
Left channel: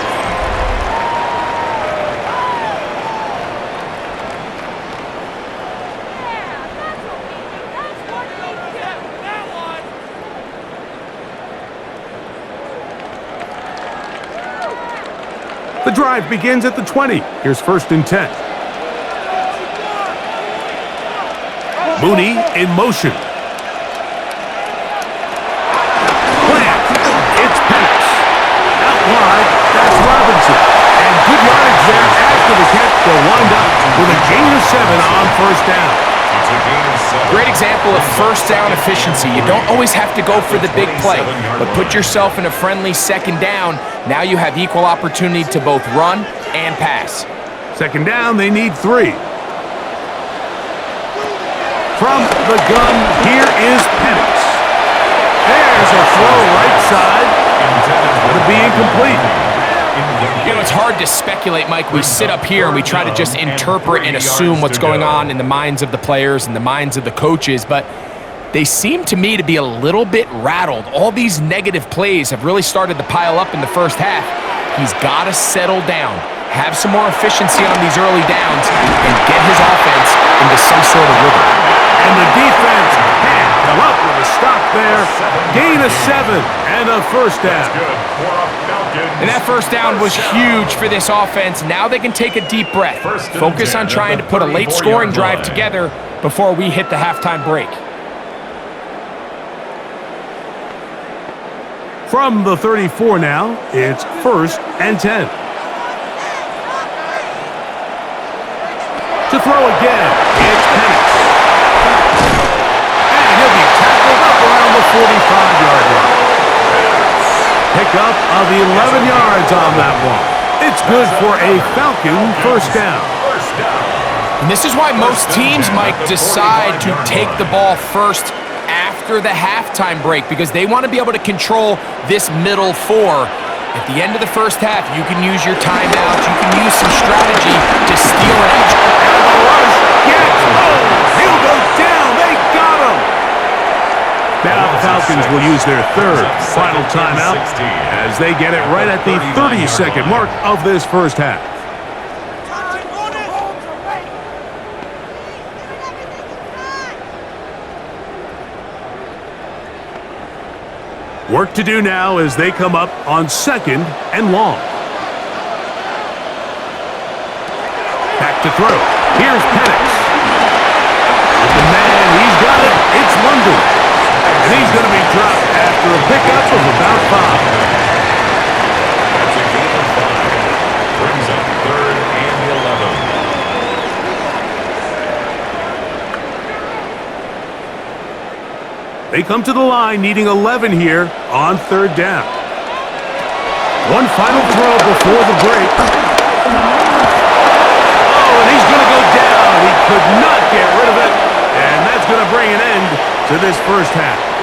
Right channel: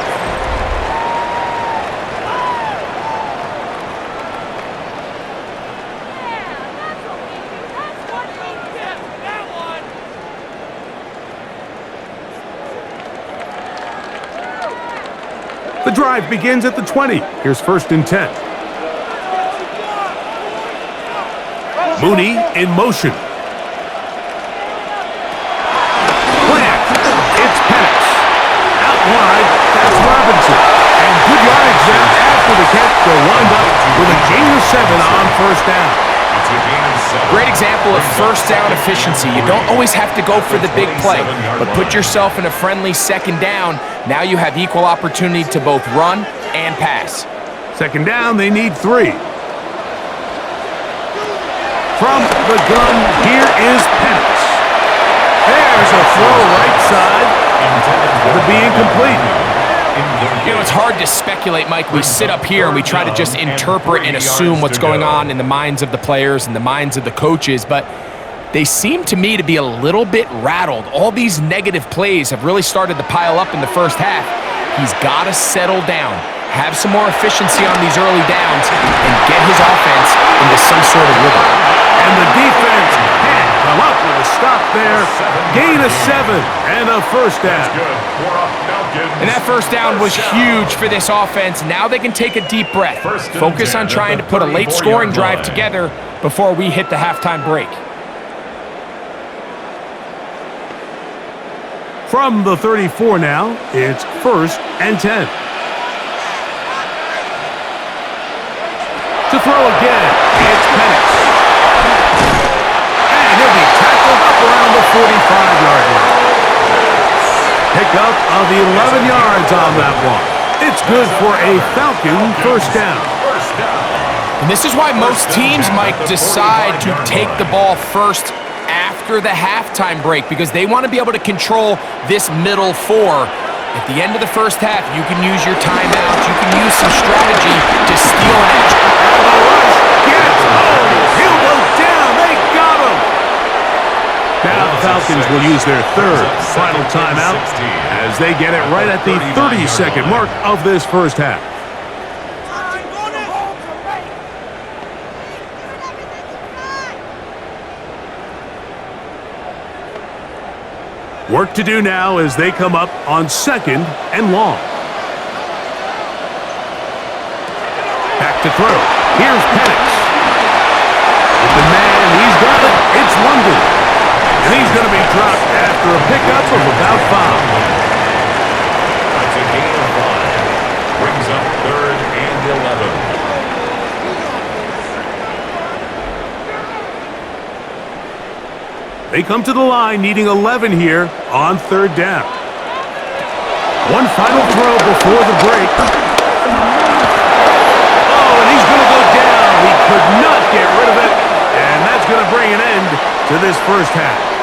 The drive begins at the 20. Here's 1st and 10. Mooney in motion. Plant. It's Penix. Out wide, that's Robinson. And good yardage there after the catch. They'll wind up with a gain of 7 on 1st down. It's a gain of 7. Great example of 1st down efficiency. You don't always have to go for the big play, but put yourself in a friendly 2nd down. Now you have equal opportunity to both run and pass. 2nd down, they need 3. From the gun, here is Penix. There's a throw right side. It'll be incomplete. You know, it's hard to speculate, Mike. We sit up here and we try to just interpret and assume what's going on in the minds of the players and the minds of the coaches, but they seem to me to be a little bit rattled. All these negative plays have really started to pile up in the first half. He's got to settle down, have some more efficiency on these early downs, and get his offense into some sort of rhythm. And the defense can't come up with a stop there. Gain of 7 and a 1st down. And that 1st down was huge for this offense. Now they can take a deep breath. Focus on trying to put a late scoring drive together before we hit the halftime break. From the 34 now, it's 1st and 10. To throw again, it's Penix. And he'll be tackled up around the 45-yard line. Pickup of 11 yards on that one. It's good for a Falcon 1st down. And this is why most teams, Mike, decide to take the ball first after the halftime break, because they want to be able to control this middle 4. At the end of the first half, you can use your timeouts. You can use some strategy to steal an edge. And the rush gets home. He'll go down. They got him. Now the Falcons will use their 3rd final timeout as they get it right at the 30-second mark of this first half. Work to do now as they come up on 2nd and long. Back to throw. Here's Penix. Open man, he's got it. It's London. And he's going to be dropped after a pickup of about 5. That's a gain of 5. Brings up 3rd and 11. They come to the line needing 11 here on 3rd down. One final throw before the break. Oh, and he's going to go down. He could not get rid of it. And that's going to bring an end to this first half.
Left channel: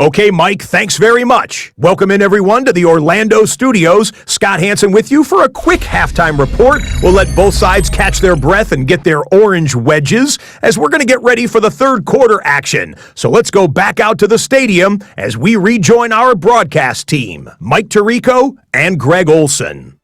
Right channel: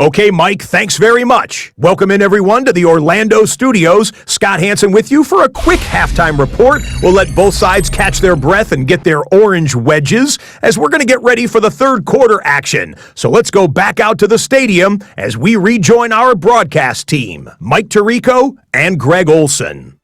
Okay, Mike, thanks very much. Welcome in, everyone, to the Orlando studios. Scott Hansen with you for a quick halftime report. We'll let both sides catch their breath and get their orange wedges as we're going to get ready for the 3rd quarter action. So let's go back out to the stadium as we rejoin our broadcast team, Mike Tirico and Greg Olson.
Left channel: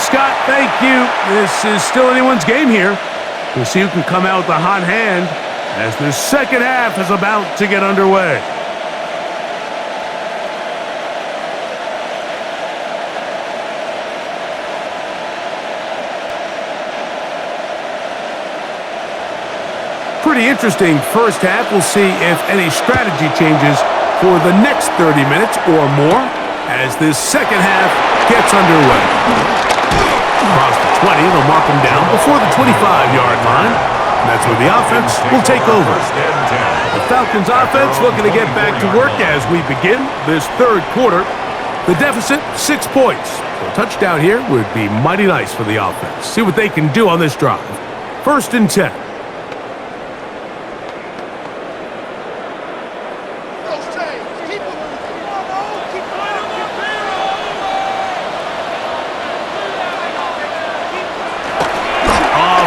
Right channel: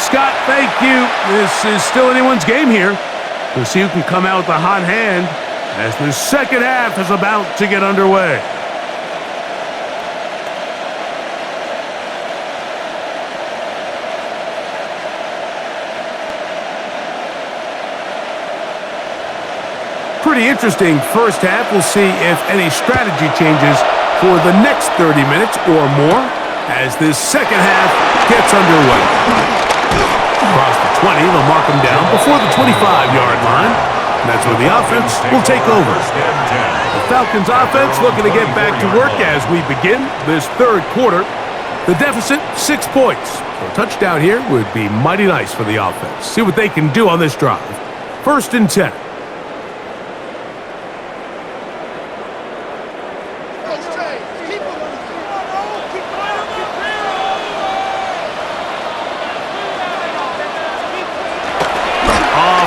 Scott, thank you. This is still anyone's game here. We'll see who can come out with the hot hand as the second half is about to get underway. Pretty interesting first half. We'll see if any strategy changes for the next 30 minutes or more as this second half gets underway. Across the 20, they'll mark them down before the 25-yard line. And that's where the offense will take over. The Falcons offense looking to get back to work as we begin this 3rd quarter. The deficit, 6 points. So a touchdown here would be mighty nice for the offense. See what they can do on this drive. 1st and 10.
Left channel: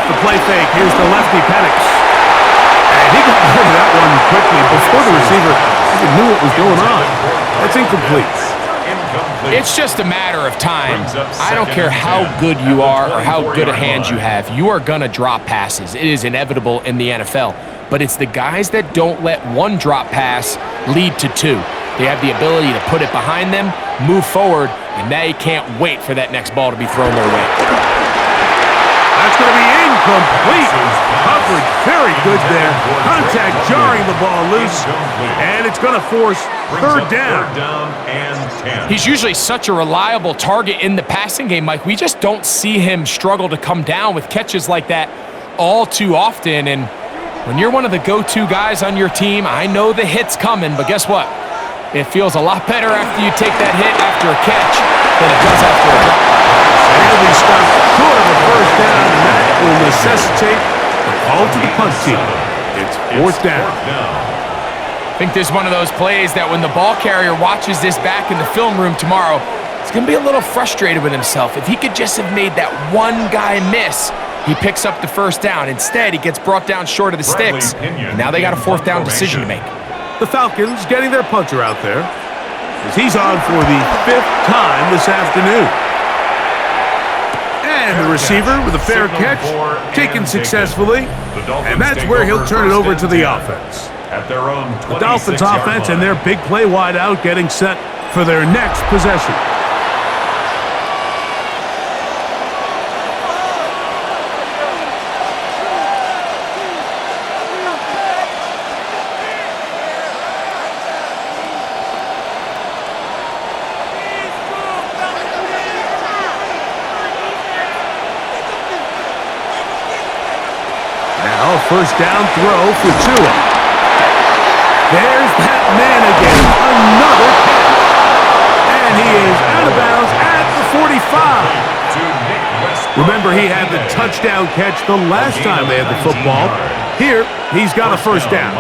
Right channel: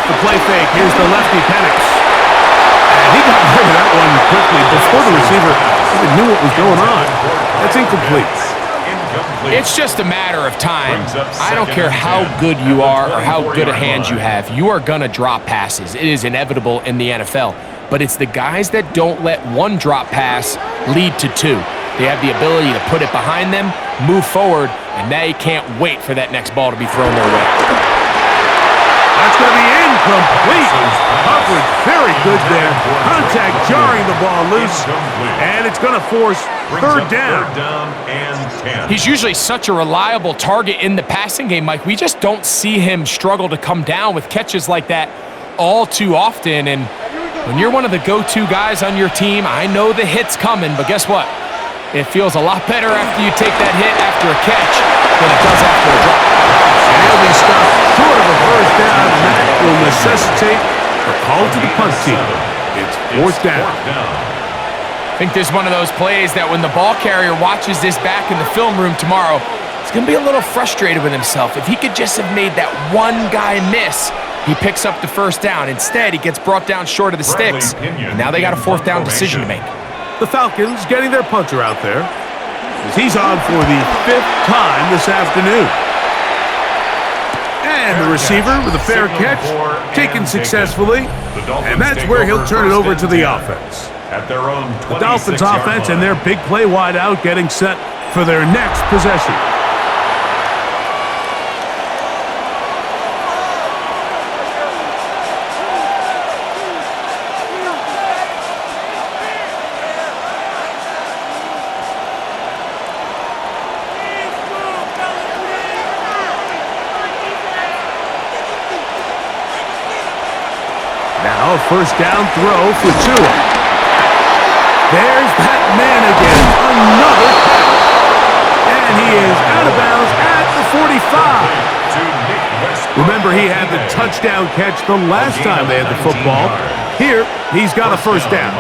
off the play fake. Here's the lefty, Penix. And he got rid of that one quickly before the receiver even knew what was going on. That's incomplete. It's just a matter of time. I don't care how good you are or how good a hand you have. You are going to drop passes. It is inevitable in the NFL. But it's the guys that don't let one drop pass lead to two. They have the ability to put it behind them, move forward, and they can't wait for that next ball to be thrown their way. That's going to be incomplete. Coverage very good there. Contact jarring the ball loose. And it's going to force third down. And 10. He's usually such a reliable target in the passing game, Mike. We just don't see him struggle to come down with catches like that all too often. And when you're one of the go-to guys on your team, I know the hit's coming, but guess what? It feels a lot better after you take that hit after a catch than it does after a drop. And he'll be stopped short of a first down, and that will necessitate a call to the punt team. It's fourth down. I think there's one of those plays that when the ball carrier watches this back in the film room tomorrow, he's going to be a little frustrated with himself. If he could just have made that one guy miss, he picks up the first down. Instead, he gets brought down short of the sticks, and now they got a fourth down decision to make. The Falcons getting their punter out there as he's on for the fifth time this afternoon. And the receiver with a fair catch, taken successfully, and that's where he'll turn it over to the offense. At their own The Dolphins offense and their big play wide out getting set for their next possession. Now a first down throw for Tua. There's that man again, another catch. And he is out of bounds at the 45. Remember, he had the touchdown catch the last time they had the football. Here, he's got a first down.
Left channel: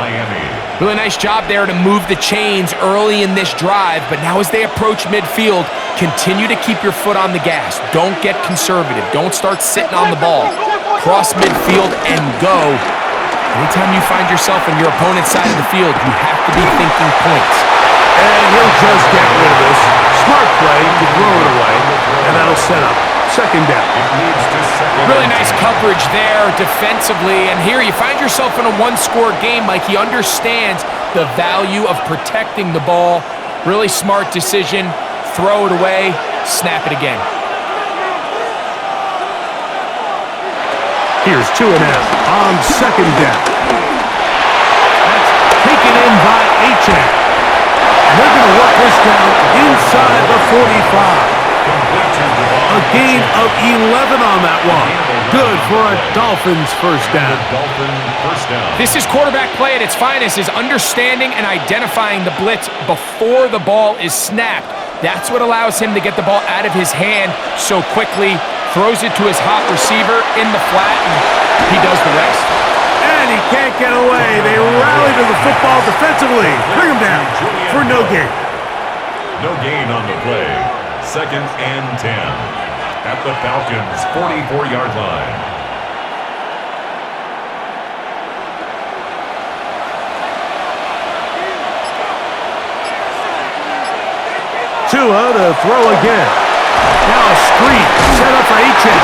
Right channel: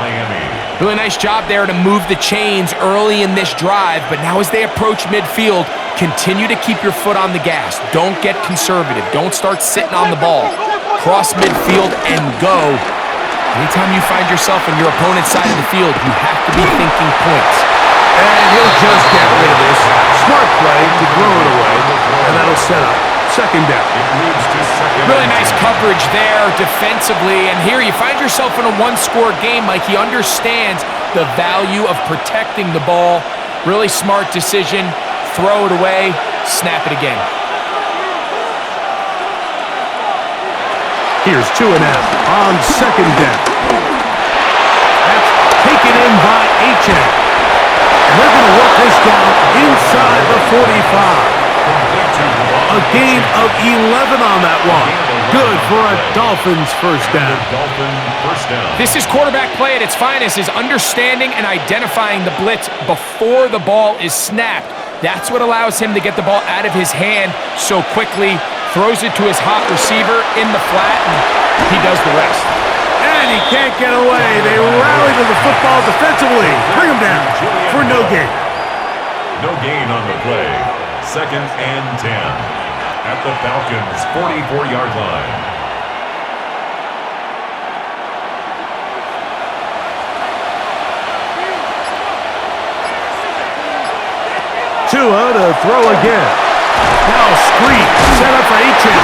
Really nice job there to move the chains early in this drive, but now as they approach midfield, continue to keep your foot on the gas. Don't get conservative. Don't start sitting on the ball. Cross midfield and go. Anytime you find yourself on your opponent's side of the field, you have to be thinking points. And he'll just get rid of this. Smart play to throw it away, and that'll set up second down. Really nice coverage there defensively, and here you find yourself in a one-score game. Like, he understands the value of protecting the ball. Really smart decision. Throw it away, snap it again. Here's 2 and out on second down. That's taken in by H.N. And they're going to work this down inside the 45. A gain of 11 on that one. Good for a Dolphins first down. This is quarterback play at its finest, is understanding and identifying the blitz before the ball is snapped. That's what allows him to get the ball out of his hand so quickly, throws it to his hot receiver in the flat, and he does the rest. And he can't get away. They rally to the football defensively. Bring him down for no gain. No gain on the play. Second and 10 at the Falcons' 44-yard line. Tua to throw again. Now a screen set up for H.N.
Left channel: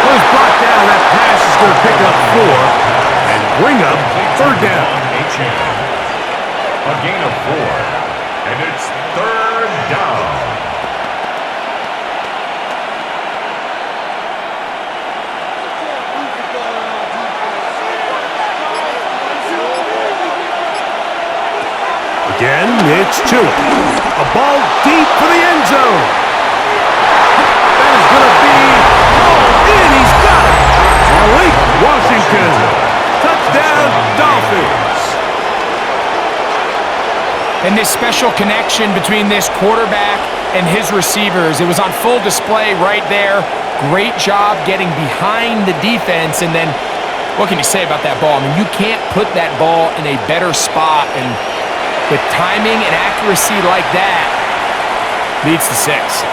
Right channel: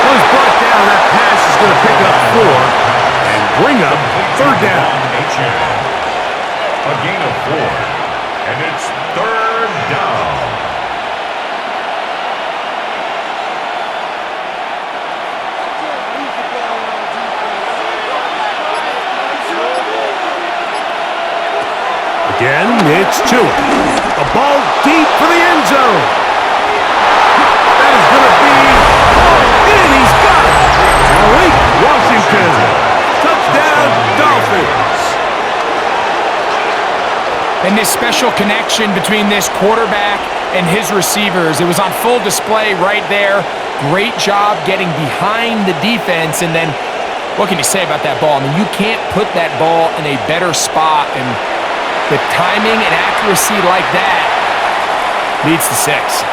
Well, he's brought down. That pass is going to pick up 4 and bring up third down. A gain of 4, and it's third down. Again, it's Tua. A ball deep for the end zone. That is going to be hauled in. He's got it. Malik Washington. Touchdown, Dolphins. And this special connection between this quarterback and his receivers, it was on full display right there. Great job getting behind the defense. And then, what can you say about that ball? I mean, you can't put that ball in a better spot, and with timing and accuracy like that, leads to 6.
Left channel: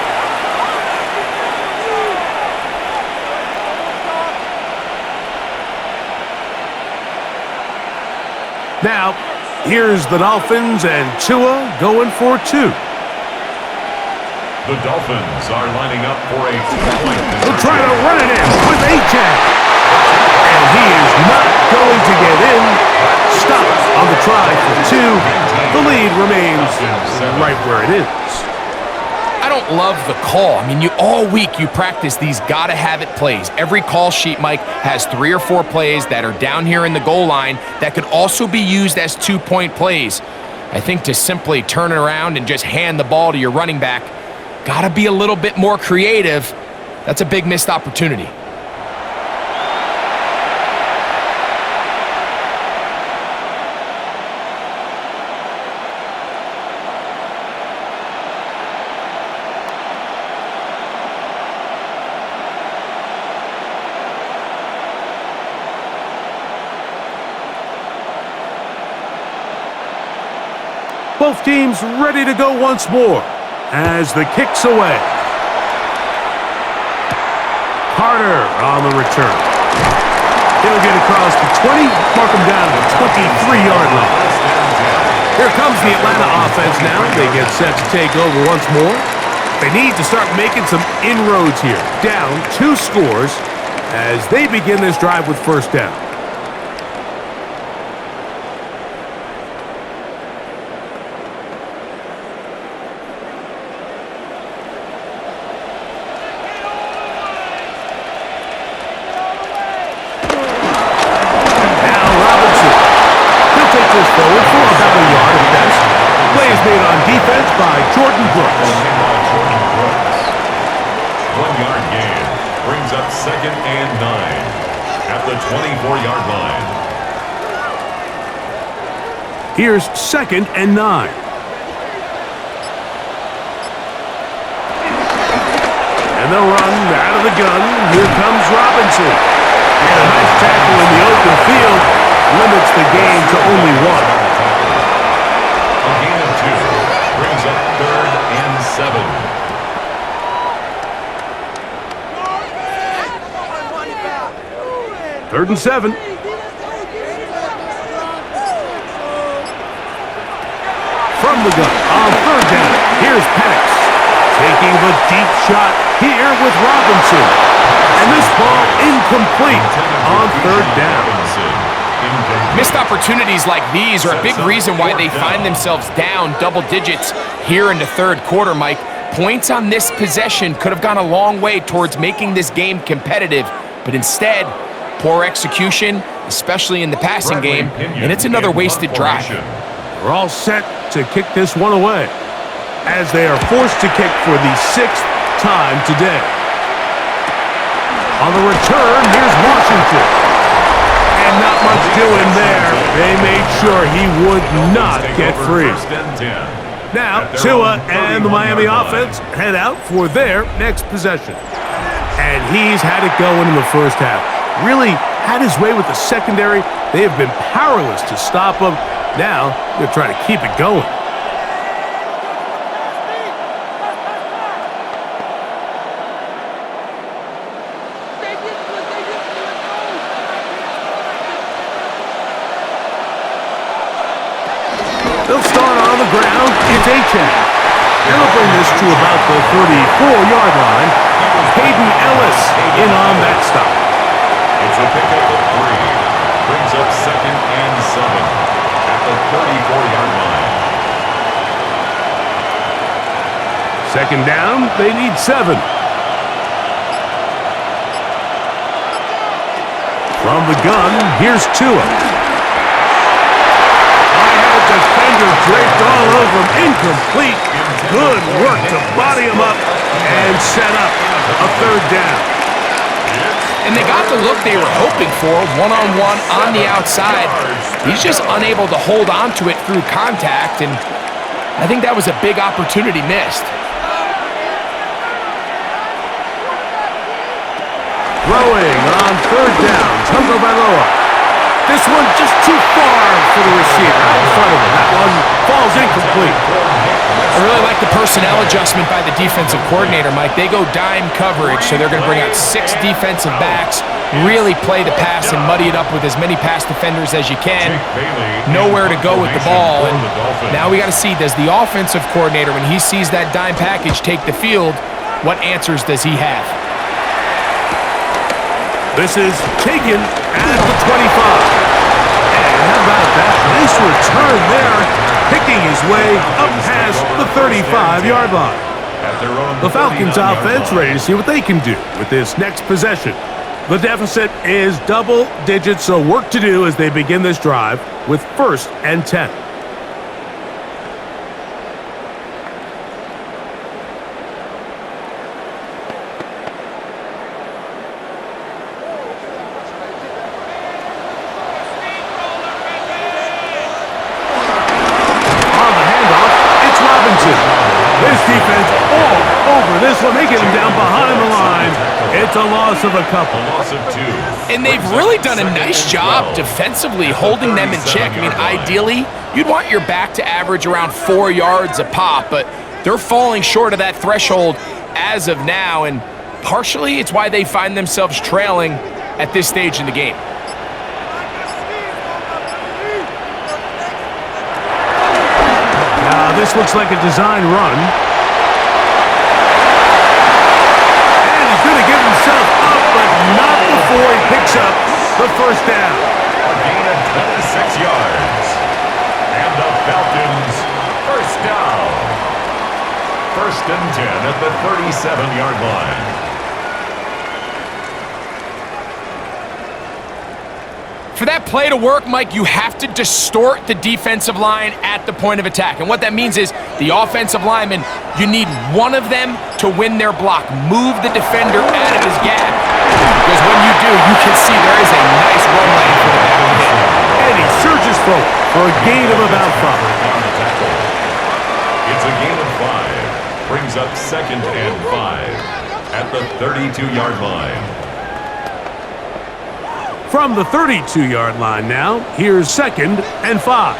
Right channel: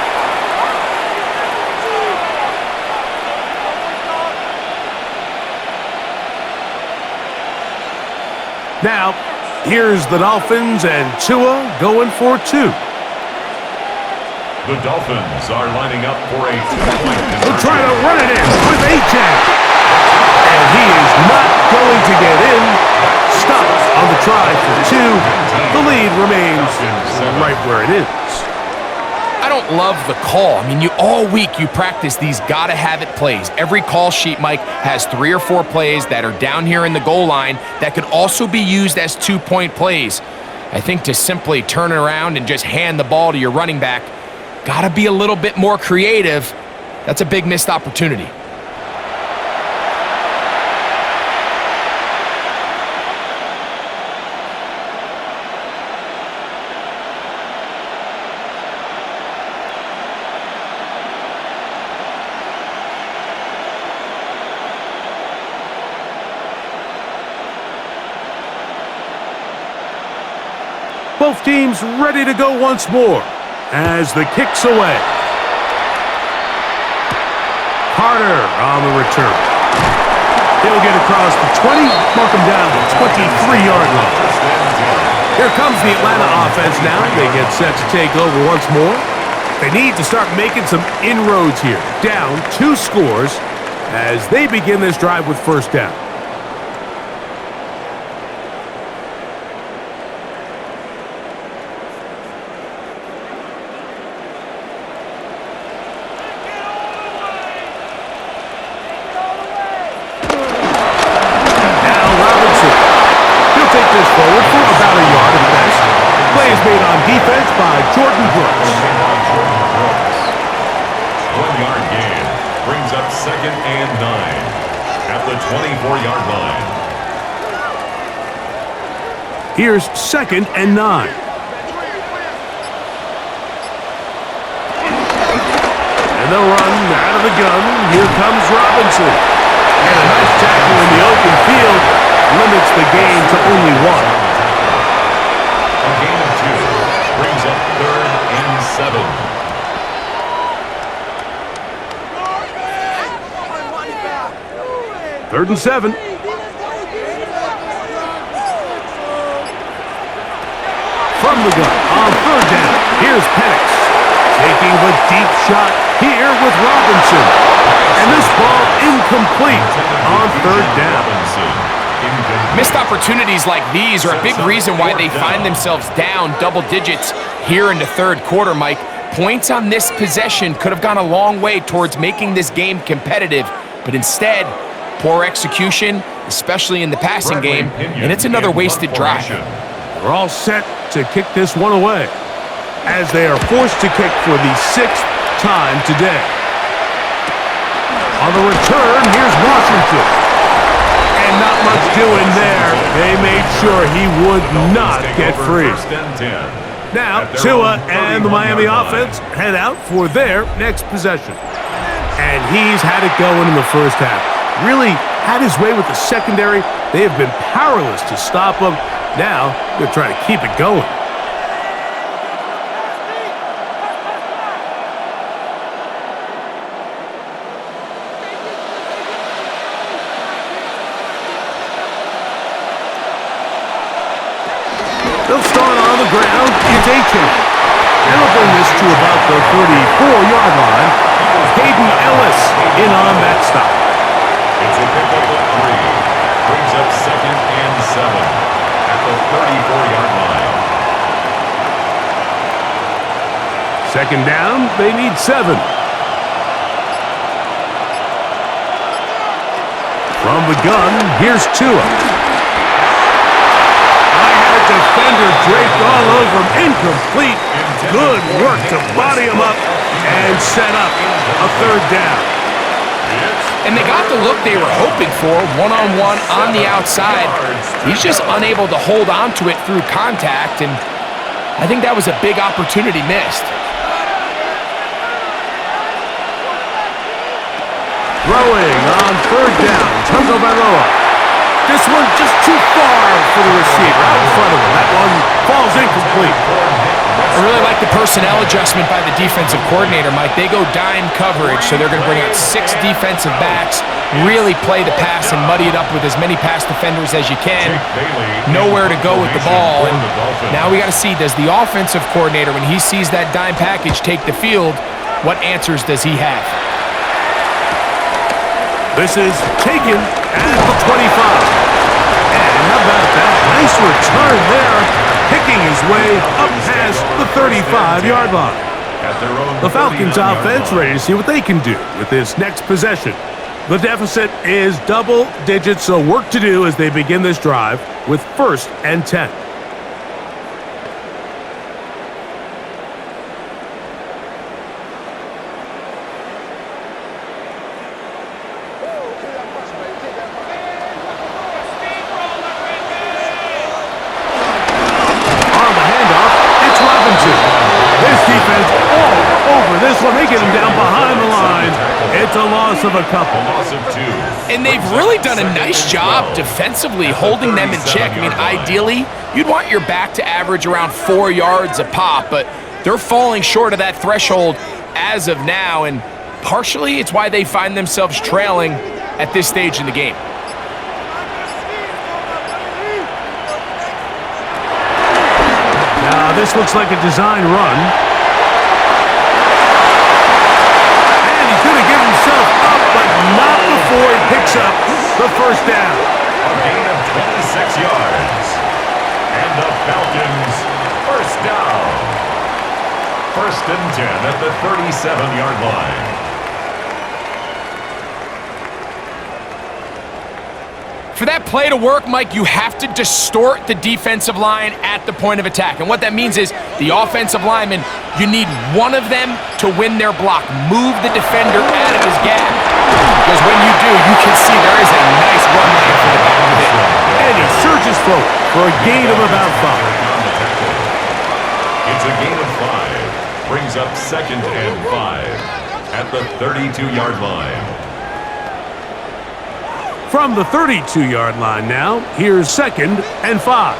Now, here's the Dolphins and Tua going for two. The Dolphins are lining up for a two-point He'll try to run it in with A-Chain. And he is not going to get in. Stopped on the try for two. The lead remains right where it is. I don't love the call. I mean, all week you practice these gotta-have-it plays. Every call sheet, Mike, has 3 or 4 plays that are down here in the goal line that could also be used as two-point plays. I think to simply turn it around and just hand the ball to your running back, gotta be a little bit more creative. That's a big missed opportunity. Both teams ready to go once more as the kick's away. Carter on the return. He'll get across the 20, mark him down to the 23-yard line. Here comes the Atlanta offense now. They get set to take over once more. They need to start making some inroads here. Down 2 scores as they begin this drive with first down. This forward for about a yard at best. Play is made on defense by Jordan Brooks. 1-yard gain brings up 2nd and 9 at the 24-yard line. Here's 2nd and 9. And they'll run out of the gun. Here comes Robinson. And a nice tackle in the open field. Limits the gain to only 1. A gain of 2 brings up 3rd and 7. 3rd and 7. From the gun on 3rd down. Here's Penix taking the deep shot here with Robinson. And this ball incomplete on 3rd down. Missed opportunities like these are a big reason why they find themselves down double digits here in the 3rd quarter, Mike. Points on this possession could have gone a long way towards making this game competitive, but instead, poor execution, especially in the passing game, and it's another wasted drive. They're all set to kick this one away as they are forced to kick for the 6th time today. On the return, here's Washington. And not much doing there. They made sure he would not get free. Now, Tua and the Miami offense head out for their next possession. And he's had it going in the first half. Really had his way with the secondary. They have been powerless to stop him. Now, they're trying to keep it going. They'll start on the ground. It's A-Chain. And they'll bring this to about the 34-yard line. Hayden Ellis in on that stop. It's a pickup of 3. Brings up 2nd and 7 at the 34-yard line. 2nd down, they need 7. From the gun, here's Tua. Defender draped all over him. Incomplete. Good work to body him up and set up a 3rd down. And they got the look they were hoping for, one-on-one on the outside. He's just unable to hold on to it through contact, and I think that was a big opportunity missed. Throwing on 3rd down, Tagovailoa. This one just too far for the receiver, out in front of him. That one falls incomplete. I really like the personnel adjustment by the defensive coordinator, Mike. They go dime coverage, so they're going to bring out 6 defensive backs, really play the pass and muddy it up with as many pass defenders as you can. Nowhere to go with the ball. And now we got to see, does the offensive coordinator, when he sees that dime package take the field, what answers does he have? This is taken at the 25. And how about that? Nice return there, picking his way up past the 35-yard line. The Falcons offense ready to see what they can do with this next possession. The deficit is double digits, so work to do as they begin this drive with 1st and 10. This defense all over this one. They get him down behind the line. It's a loss of a couple. And they've really done a nice job defensively holding them in check. I mean, ideally, you'd want your back to average around 4 yards a pop, but they're falling short of that threshold as of now, and partially it's why they find themselves trailing at this stage in the game. Now, this looks like a design run. And he's going to give himself up, but not before he picks up the 1st down. A gain of 26 yards. And the Falcons, 1st down. 1st and 10 at the 37-yard line. For that play to work, Mike, you have to distort the defensive line at the point of attack. And what that means is the offensive lineman, you need one of them to win their block. Move the defender out of his gap. Because when you do, you can see there is a nice run lane for the back to hit. And he surges forward for a gain of about 5. It's a gain of 5. Brings up 2nd and 5 at the 32-yard line. From the 32-yard line now, here's 2nd and 5.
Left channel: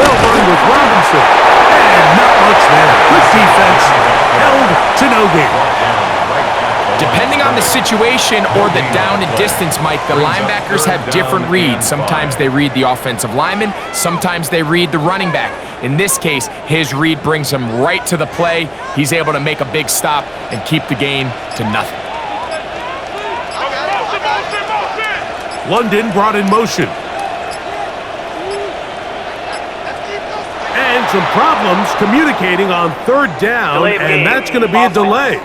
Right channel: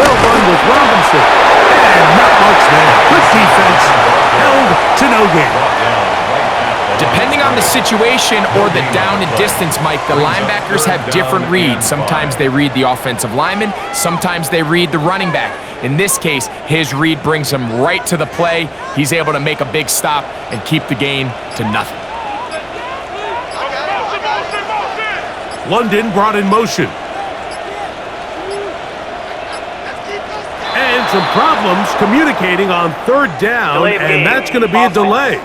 They'll run with Robinson. And not much there. Good defense. Held to no gain. Depending on the situation or the down and distance, Mike, the linebackers have different reads. Sometimes they read the offensive lineman. Sometimes they read the running back. In this case, his read brings him right to the play. He's able to make a big stop and keep the gain to nothing. London brought in motion. And some problems communicating on 3rd down, and that's going to be a delay.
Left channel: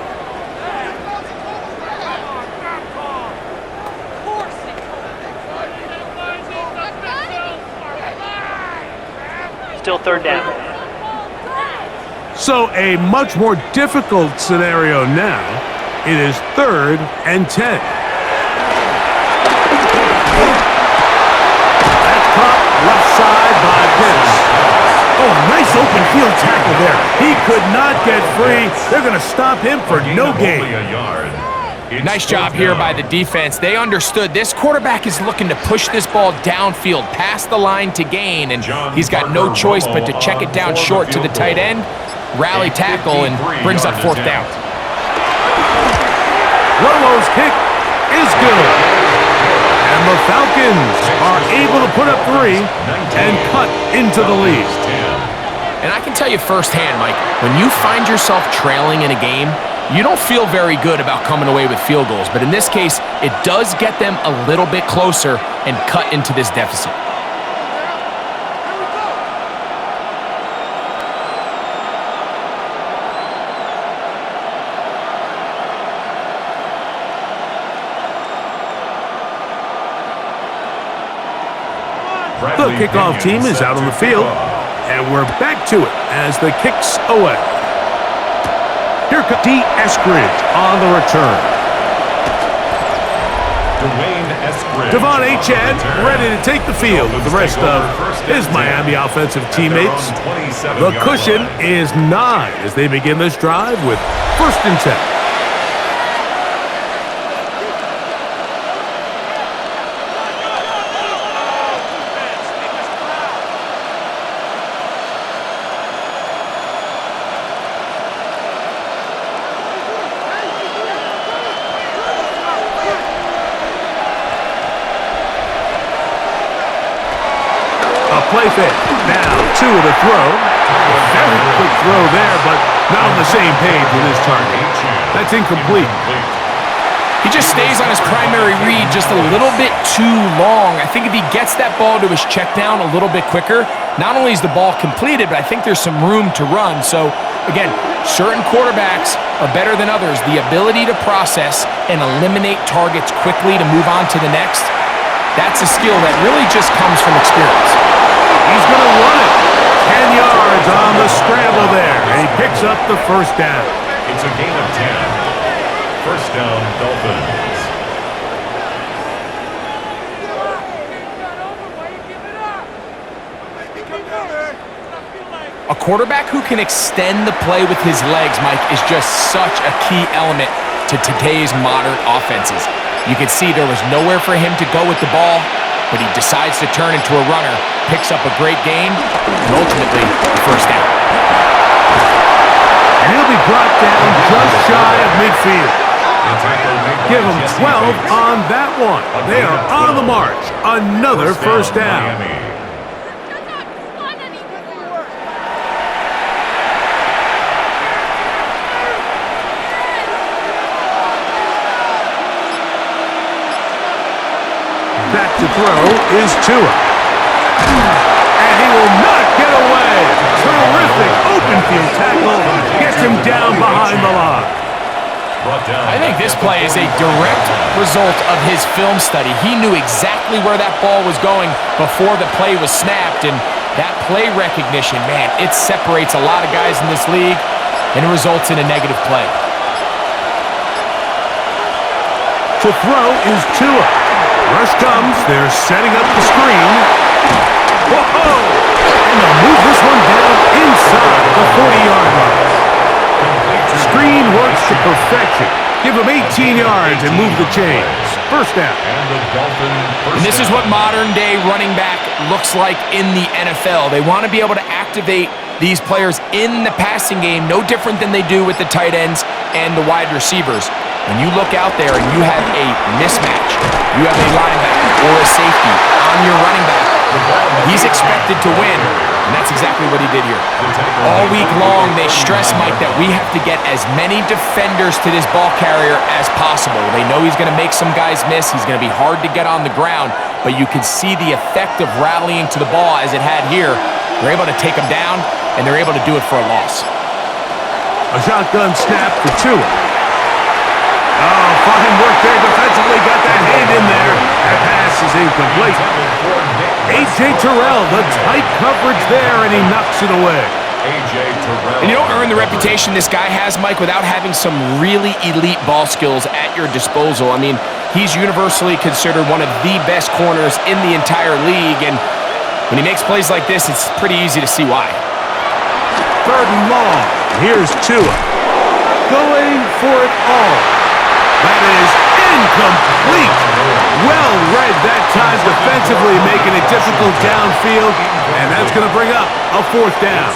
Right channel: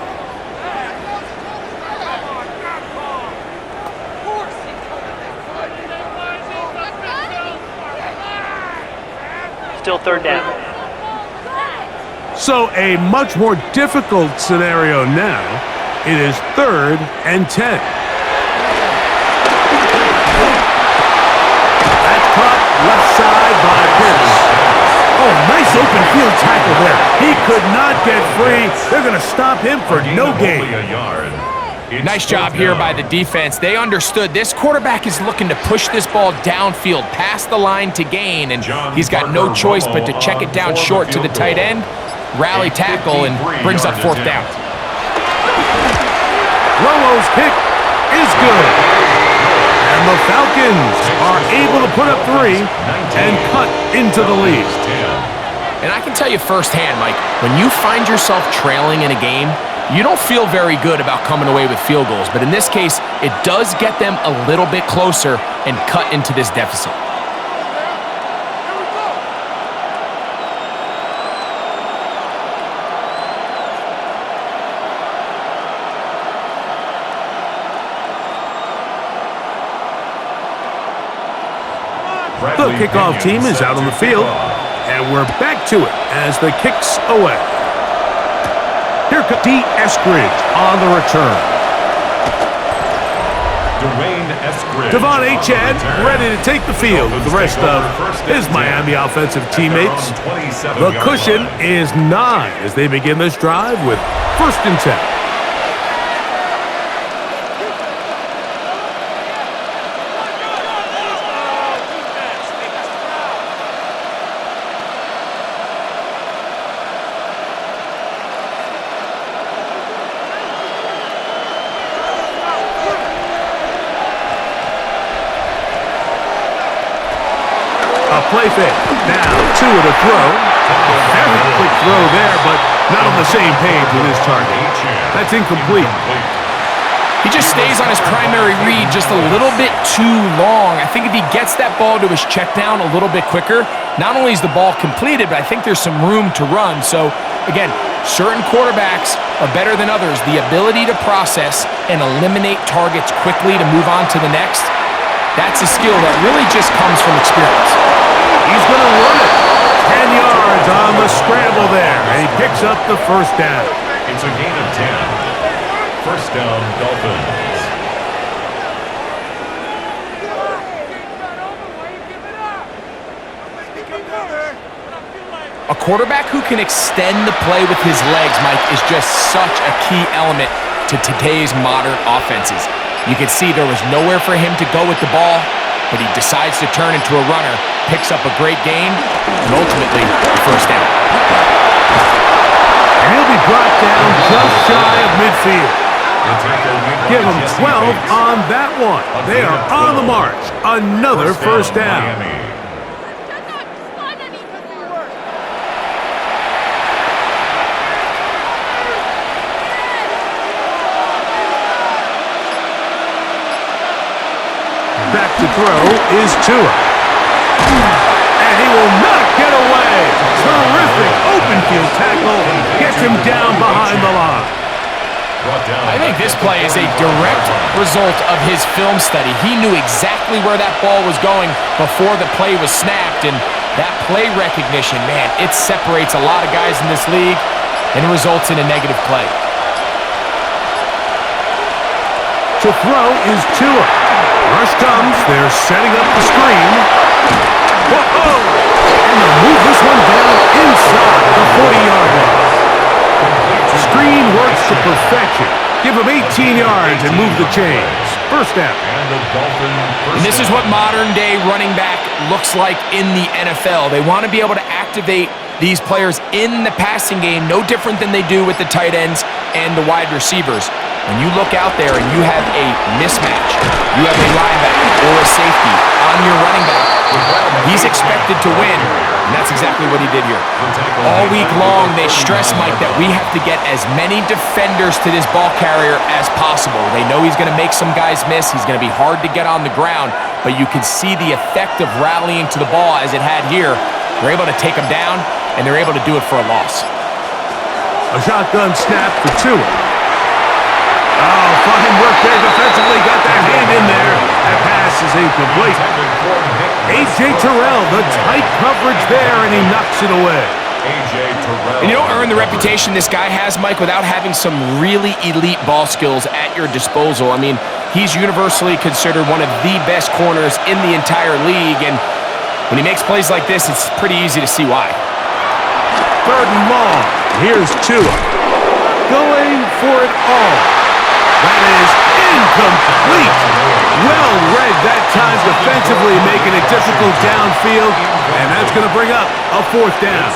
Still 3rd down. So a much more difficult scenario now. It is 3rd and 10. Left side by Pitts. Oh, nice open field tackle there. He could not get free. They're going to stop him for no gain. Nice job here by the defense. They understood this quarterback is looking to push this ball downfield past the line to gain, and he's got no choice but to check it down short to the tight end, rally tackle, and brings up 4th down. Romo's kick is good. And the Falcons are able to put up 3 and cut into the lead. And I can tell you firsthand, Mike, when you find yourself trailing in a game, you don't feel very good about coming away with field goals. But in this case, it does get them a little bit closer and cut into this deficit. The kickoff team is out on the field, and we're back to it as the kick's away. Here comes D. Eskridge on the return. Devon Achane ready to take the field with the rest of his Miami offensive teammates. The cushion is 9 as they begin this drive with 1st and 10. A play fake. Now, two of the throw. Very quick throw there, but not on the same page with his target. That's incomplete. He just stays on his primary read just a little bit too long. I think if he gets that ball to his check down a little bit quicker, not only is the ball completed, but I think there's some room to run. So, again, certain quarterbacks are better than others. The ability to process and eliminate targets quickly to move on to the next, that's a skill that really just comes from experience. He's going to run it. 10 yards on the scramble there, and he picks up the first down. It's a gain of 10. First down, Dolphins. A quarterback who can extend the play with his legs, Mike, is just such a key element to today's modern offenses. You can see there was nowhere for him to go with the ball, but he decides to turn into a runner, picks up a great gain, and ultimately a first down. And he'll be brought down just shy of midfield. Give them 12 on that one. They are on the march. Another first down. Back to throw is Tua. And he will not get away. Terrific open field tackle. Gets him down behind the line. I think this play is a direct result of his film study. He knew exactly where that ball was going before the play was snapped, and that play recognition, man, it separates a lot of guys in this league, and it results in a negative play. To throw is Tua. Rush comes. They're setting up the screen. Whoa! And they'll move this one down inside the 40-yard line. Screen works to perfection. Give him 18 yards and move the chains. First down. And this is what modern-day running back looks like in the NFL. They want to be able to activate these players in the passing game, no different than they do with the tight ends and the wide receivers. When you look out there and you have a mismatch, you have a linebacker or a safety on your running back, he's expected to win, and that's exactly what he did here. All week long, they stress, Mike, that we have to get as many defenders to this ball carrier as possible. They know he's going to make some guys miss. He's going to be hard to get on the ground, but you can see the effect of rallying to the ball as it had here. They're able to take him down, and they're able to do it for a loss. A shotgun snap for Tua. Oh, fine work there defensively. Got that hand in there. That pass is incomplete. A.J. Terrell, the tight coverage there, and he knocks it away. And you don't earn the reputation this guy has, Mike, without having some really elite ball skills at your disposal. I mean, he's universally considered one of the best corners in the entire league, and when he makes plays like this, it's pretty easy to see why. Third and long. Here's Tua. Going for it all. That is incomplete. Well read that time defensively, making it difficult downfield, and that's going to bring up a fourth down.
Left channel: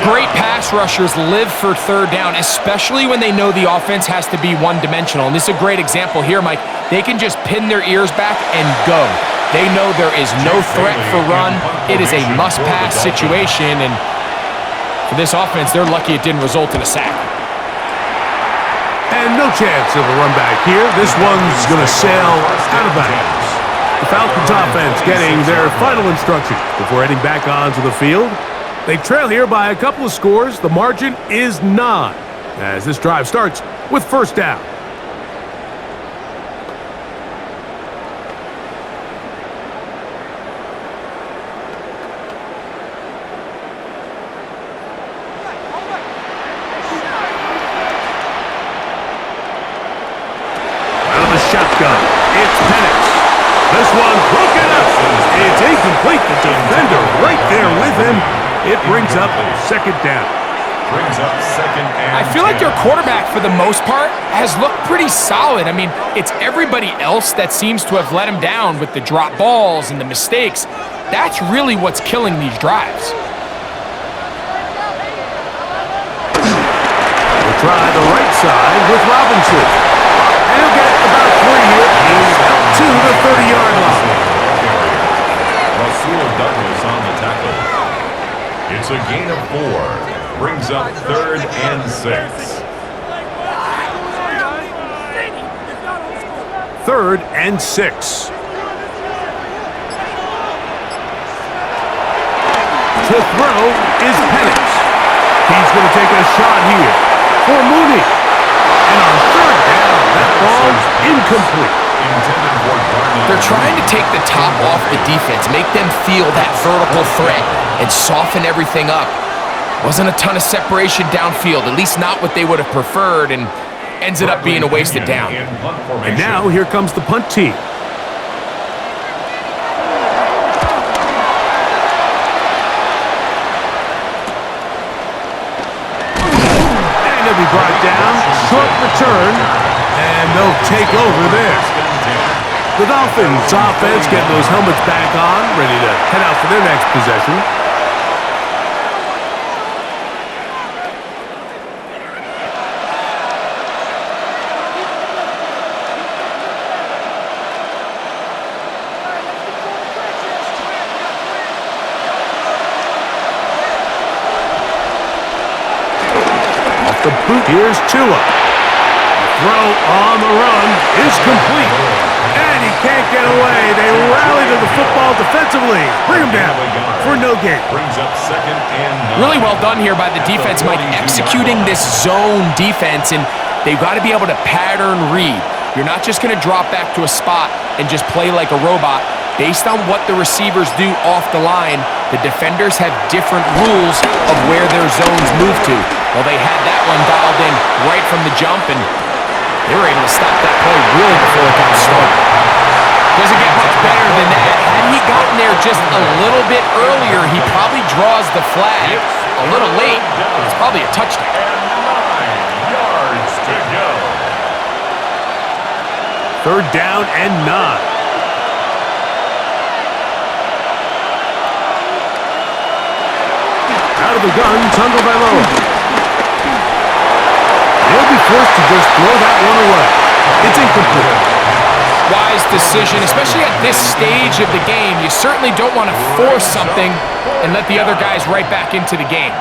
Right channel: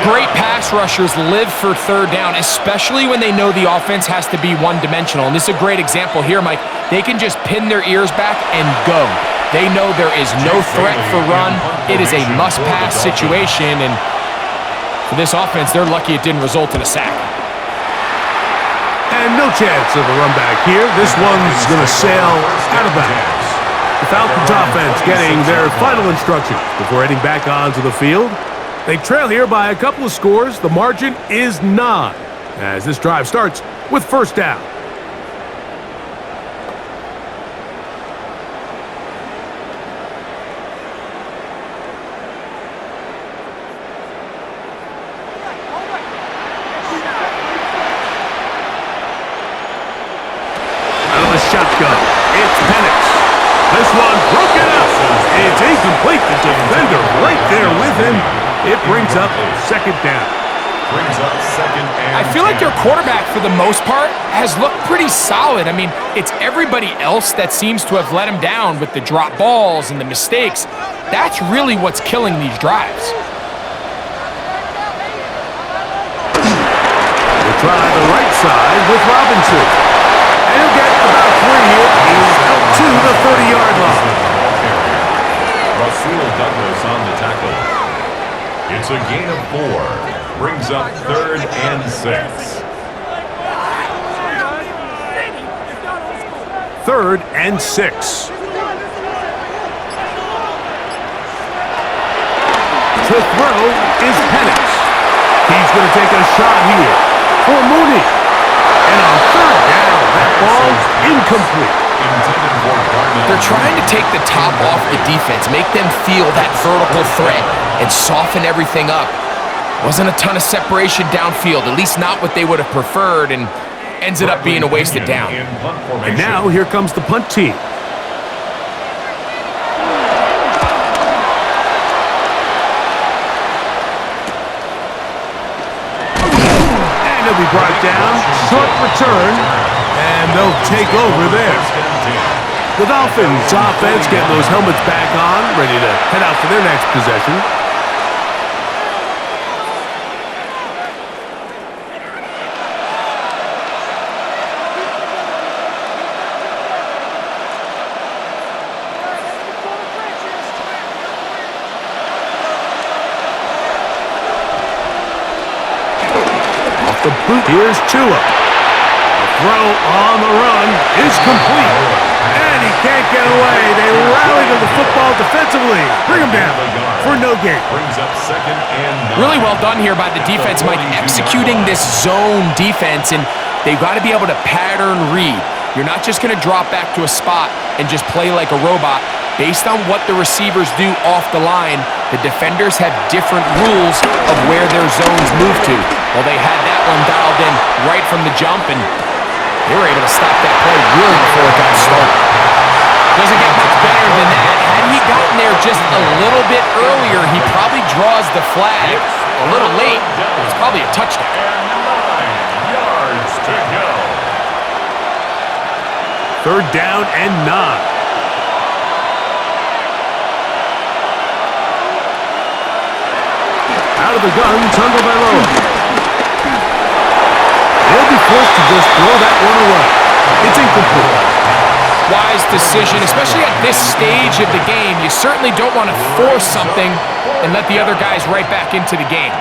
Great pass rushers live for third down, especially when they know the offense has to be one-dimensional. And this is a great example here, Mike. They can just pin their ears back and go. They know there is no threat for run. It is a must-pass situation, and for this offense, they're lucky it didn't result in a sack. And no chance of a run back here. This one's going to sail out of bounds. The Falcons offense getting their final instructions before heading back onto the field. They trail here by a couple of scores. The margin is 9 as this drive starts with first down. Shotgun. It's Penix. This one broken up. It's incomplete. The defender right there with him. It brings up second down. I feel like their quarterback, for the most part, has looked pretty solid. I mean, it's everybody else that seems to have let him down with the drop balls and the mistakes. That's really what's killing these drives. We'll try the right side with Robinson. And he'll get about 3 here. He's out to the 30-yard line. Rasul Douglas on the tackle. It's a gain of 4. Brings up 3rd and 6. 3rd and 6. To throw is Penix. He's going to take a shot here for Mooney. And on 3rd down, that ball's incomplete. They're trying to take the top off the defense, make them feel that vertical threat, and soften everything up. Wasn't a ton of separation downfield, at least not what they would have preferred, and ended up being a wasted down. And now here comes the punt team. And he'll be brought down. Short return. And they'll take over there. The Dolphins offense getting those helmets back on, ready to head out for their next possession. Off the boot, here's Tua. Throw on the run is complete. And he can't get away. They rally to the football defensively. Bring him down for no gain. Brings up 2nd and 9. Really well done here by the defense, Mike, executing this zone defense, and they've got to be able to pattern read. You're not just going to drop back to a spot and just play like a robot. Based on what the receivers do off the line, the defenders have different rules of where their zones move to. Well, they had that one dialed in right from the jump, and they were able to stop that play really before it got started. Doesn't get much better than that. Had he gotten there just a little bit earlier, he probably draws the flag a little late, but it's probably a touchdown. And 9 yards to go. 3rd down and 9. Out of the gun, Tagovailoa. They'll be forced to just throw that one away. It's incomplete. Wise decision, especially at this stage of the game. You certainly don't want to force something and let the other guys right back into the game.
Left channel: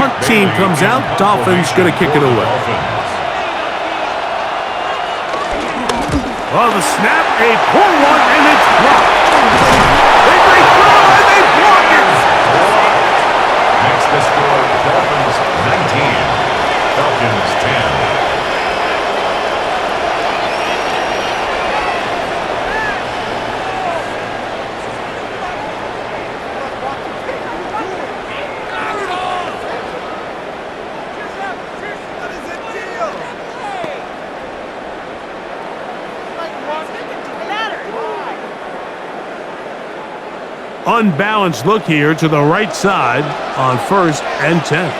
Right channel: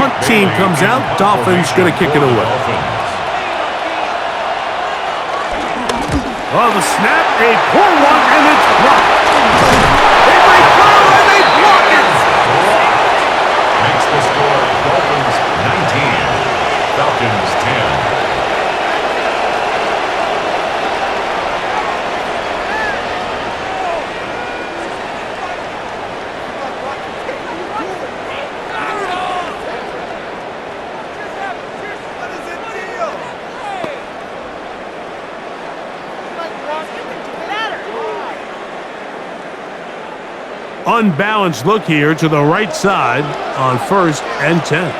Punt team comes out. Dolphins going to kick it away. Oh, the snap, a poor one, and it's blocked. They break through, and they block it. Makes the score Dolphins 19, Falcons 10. Unbalanced look here to the right side on 1st and 10.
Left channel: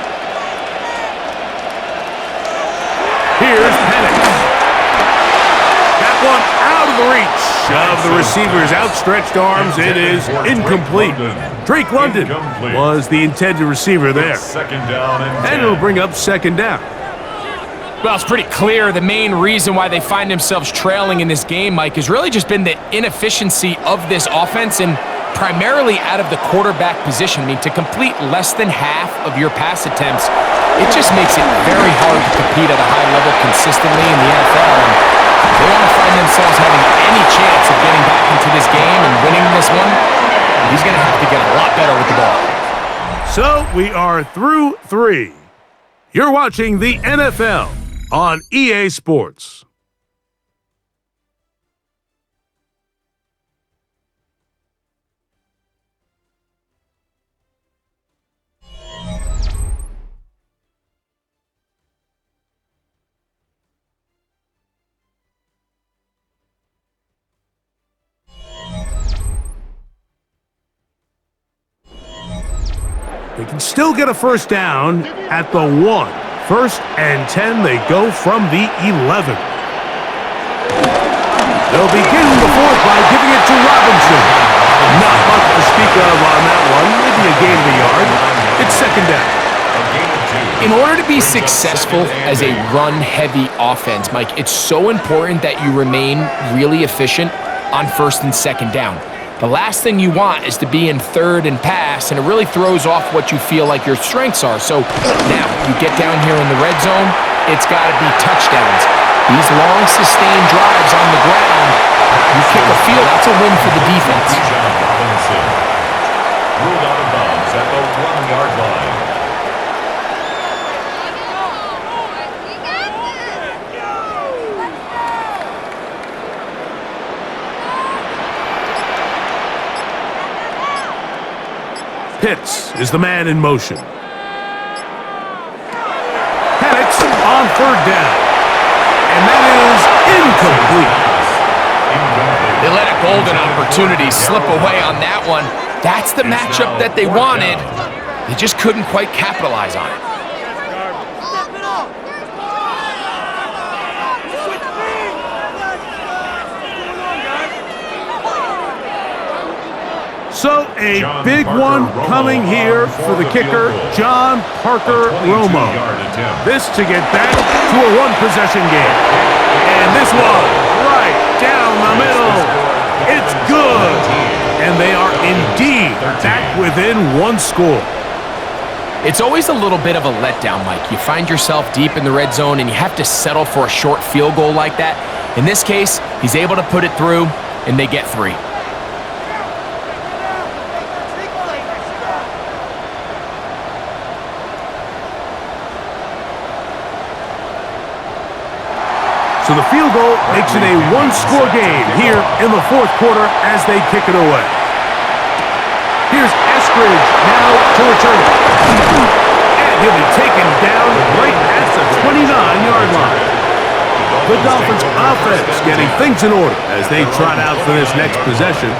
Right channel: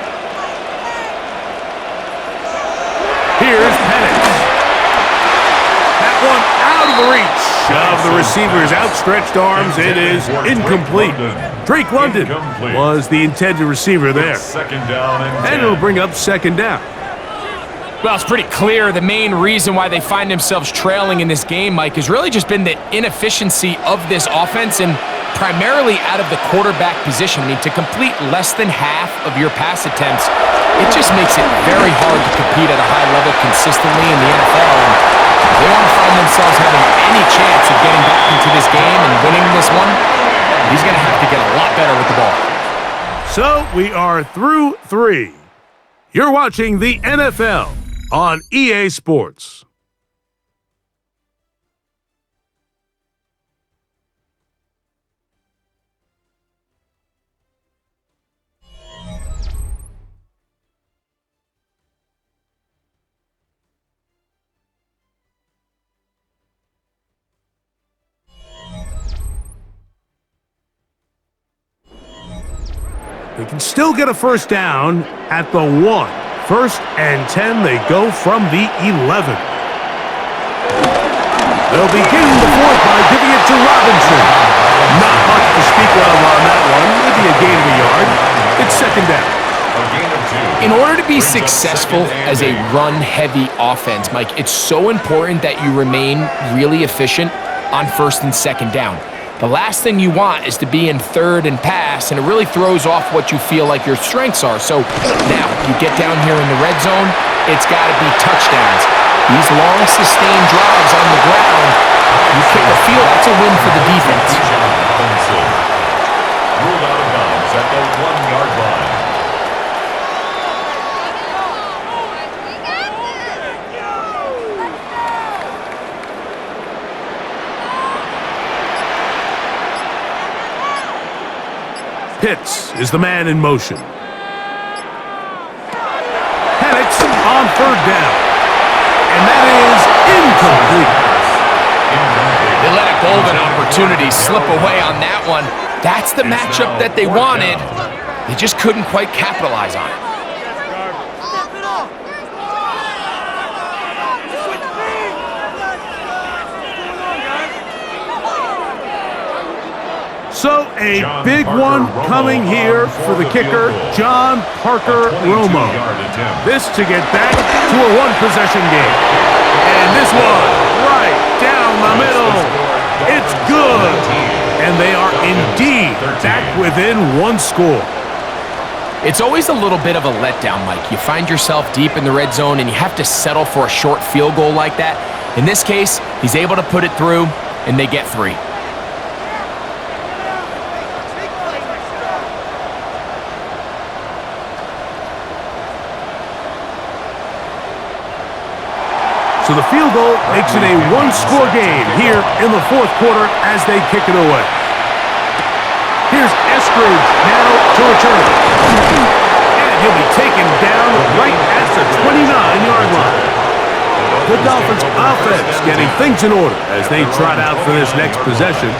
Here's Penix. That one out of the reach of the receiver's outstretched arms. It is incomplete. Drake London was the intended receiver there. 2nd down and 10. And it'll bring up 2nd down. Well, it's pretty clear the main reason why they find themselves trailing in this game, Mike, has really just been the inefficiency of this offense and primarily out of the quarterback position. I mean, to complete less than half of your pass attempts, it just makes it very hard to compete at a high level consistently in the NFL. And if they want to find themselves having any chance of getting back into this game and winning this one, he's going to have to get a lot better with the ball. So we are through 3. You're watching the NFL on EA Sports. They can still get a 1st down at the 1. 1st and 10, they go from the 11. They'll begin the 4th by giving it to Robinson. Not much to speak of on that one, maybe a gain of a yard. It's 2nd down. gain of 2. In order to be successful as a run-heavy offense, Mike, it's so important that you remain really efficient on first and second down. The last thing you want is to be in third and pass, and it really throws off what you feel like your strengths are. So now you get down here in the red zone, it's got to be touchdowns. These long, sustained drives on the ground, you kick a field, that's a win for the defense. Robinson ruled out of bounds at the 1-yard line. Pitts is the man in motion. Penix on third down. And that is incomplete. They let a golden opportunity slip away on that one. That's the matchup that they wanted. They just couldn't quite capitalize on it. So a big one coming here for the kicker, John Parker Romo. This to get back to a one-possession game. And this one right down the middle. It's good. And they are indeed back within one score. It's always a little bit of a letdown, Mike. You find yourself deep in the red zone and you have to settle for a short field goal like that. In this case, he's able to put it through and they get 3. So the field goal makes it a one-score game here in the fourth quarter as they kick it away. Here's Eskridge now to return it. And he'll be taken down right at the 29-yard line. The Dolphins offense getting things in order as they trot out for this next possession.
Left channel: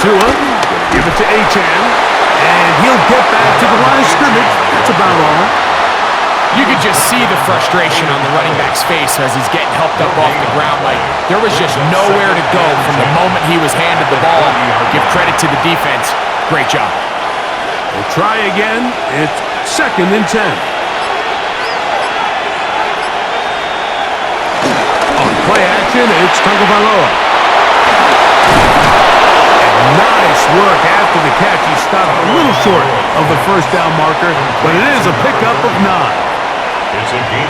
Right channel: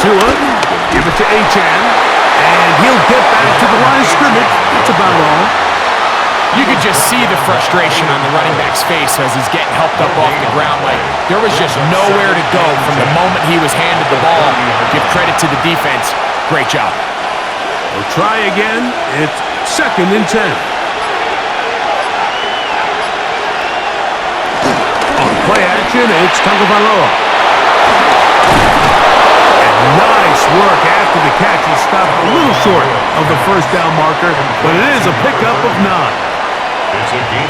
Tua, give it to Achane, and he'll get back to the line of scrimmage. That's about all. You could just see the frustration on the running back's face as he's getting helped up off the ground. Like, there was just nowhere to go from the moment he was handed the ball. Give credit to the defense. Great job. We'll try again. It's 2nd and 10. On play action, it's Tagovailoa. Nice work after the catch. He stopped a little short of the first down marker, but it is a pickup of 9.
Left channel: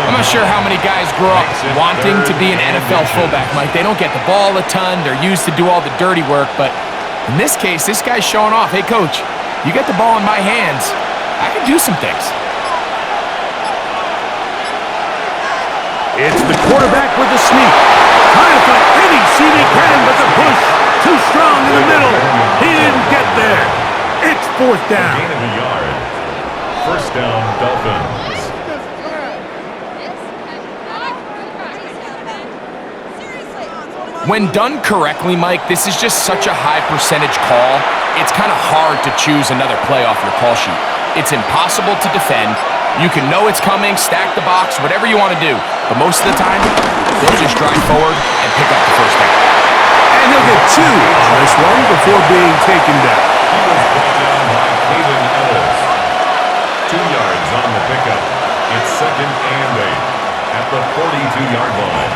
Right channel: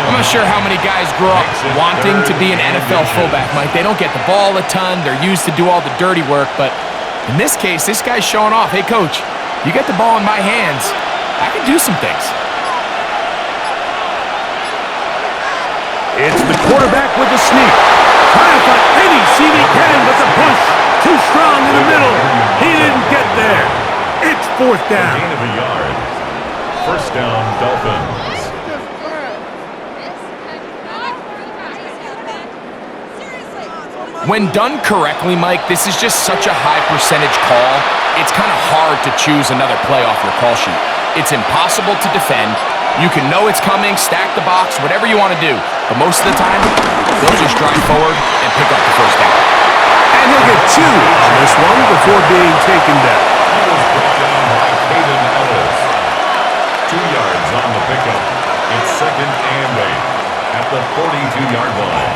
I'm not sure how many guys grow up wanting to be an NFL fullback, Mike. They don't get the ball a ton. They're used to do all the dirty work, but in this case, this guy's showing off. Hey, coach, you get the ball in my hands. I can do some things. It's the quarterback with the sneak. Trying to find any seam he can, but the push too strong in the middle. He didn't get there. It's 4th down. Gain of a yard. 1st down, Dolphins. When done correctly, Mike, this is just such a high percentage call. It's kind of hard to choose another play off your call sheet. It's impossible to defend. You can know it's coming, stack the box, whatever you want to do. But most of the time, they'll just drive forward and pick up the 1st down. And he'll get 2 on this one before being taken down. He was brought down by Caden Ellis. 2 yards on the pickup. It's 2nd and 8 at the 42-yard line.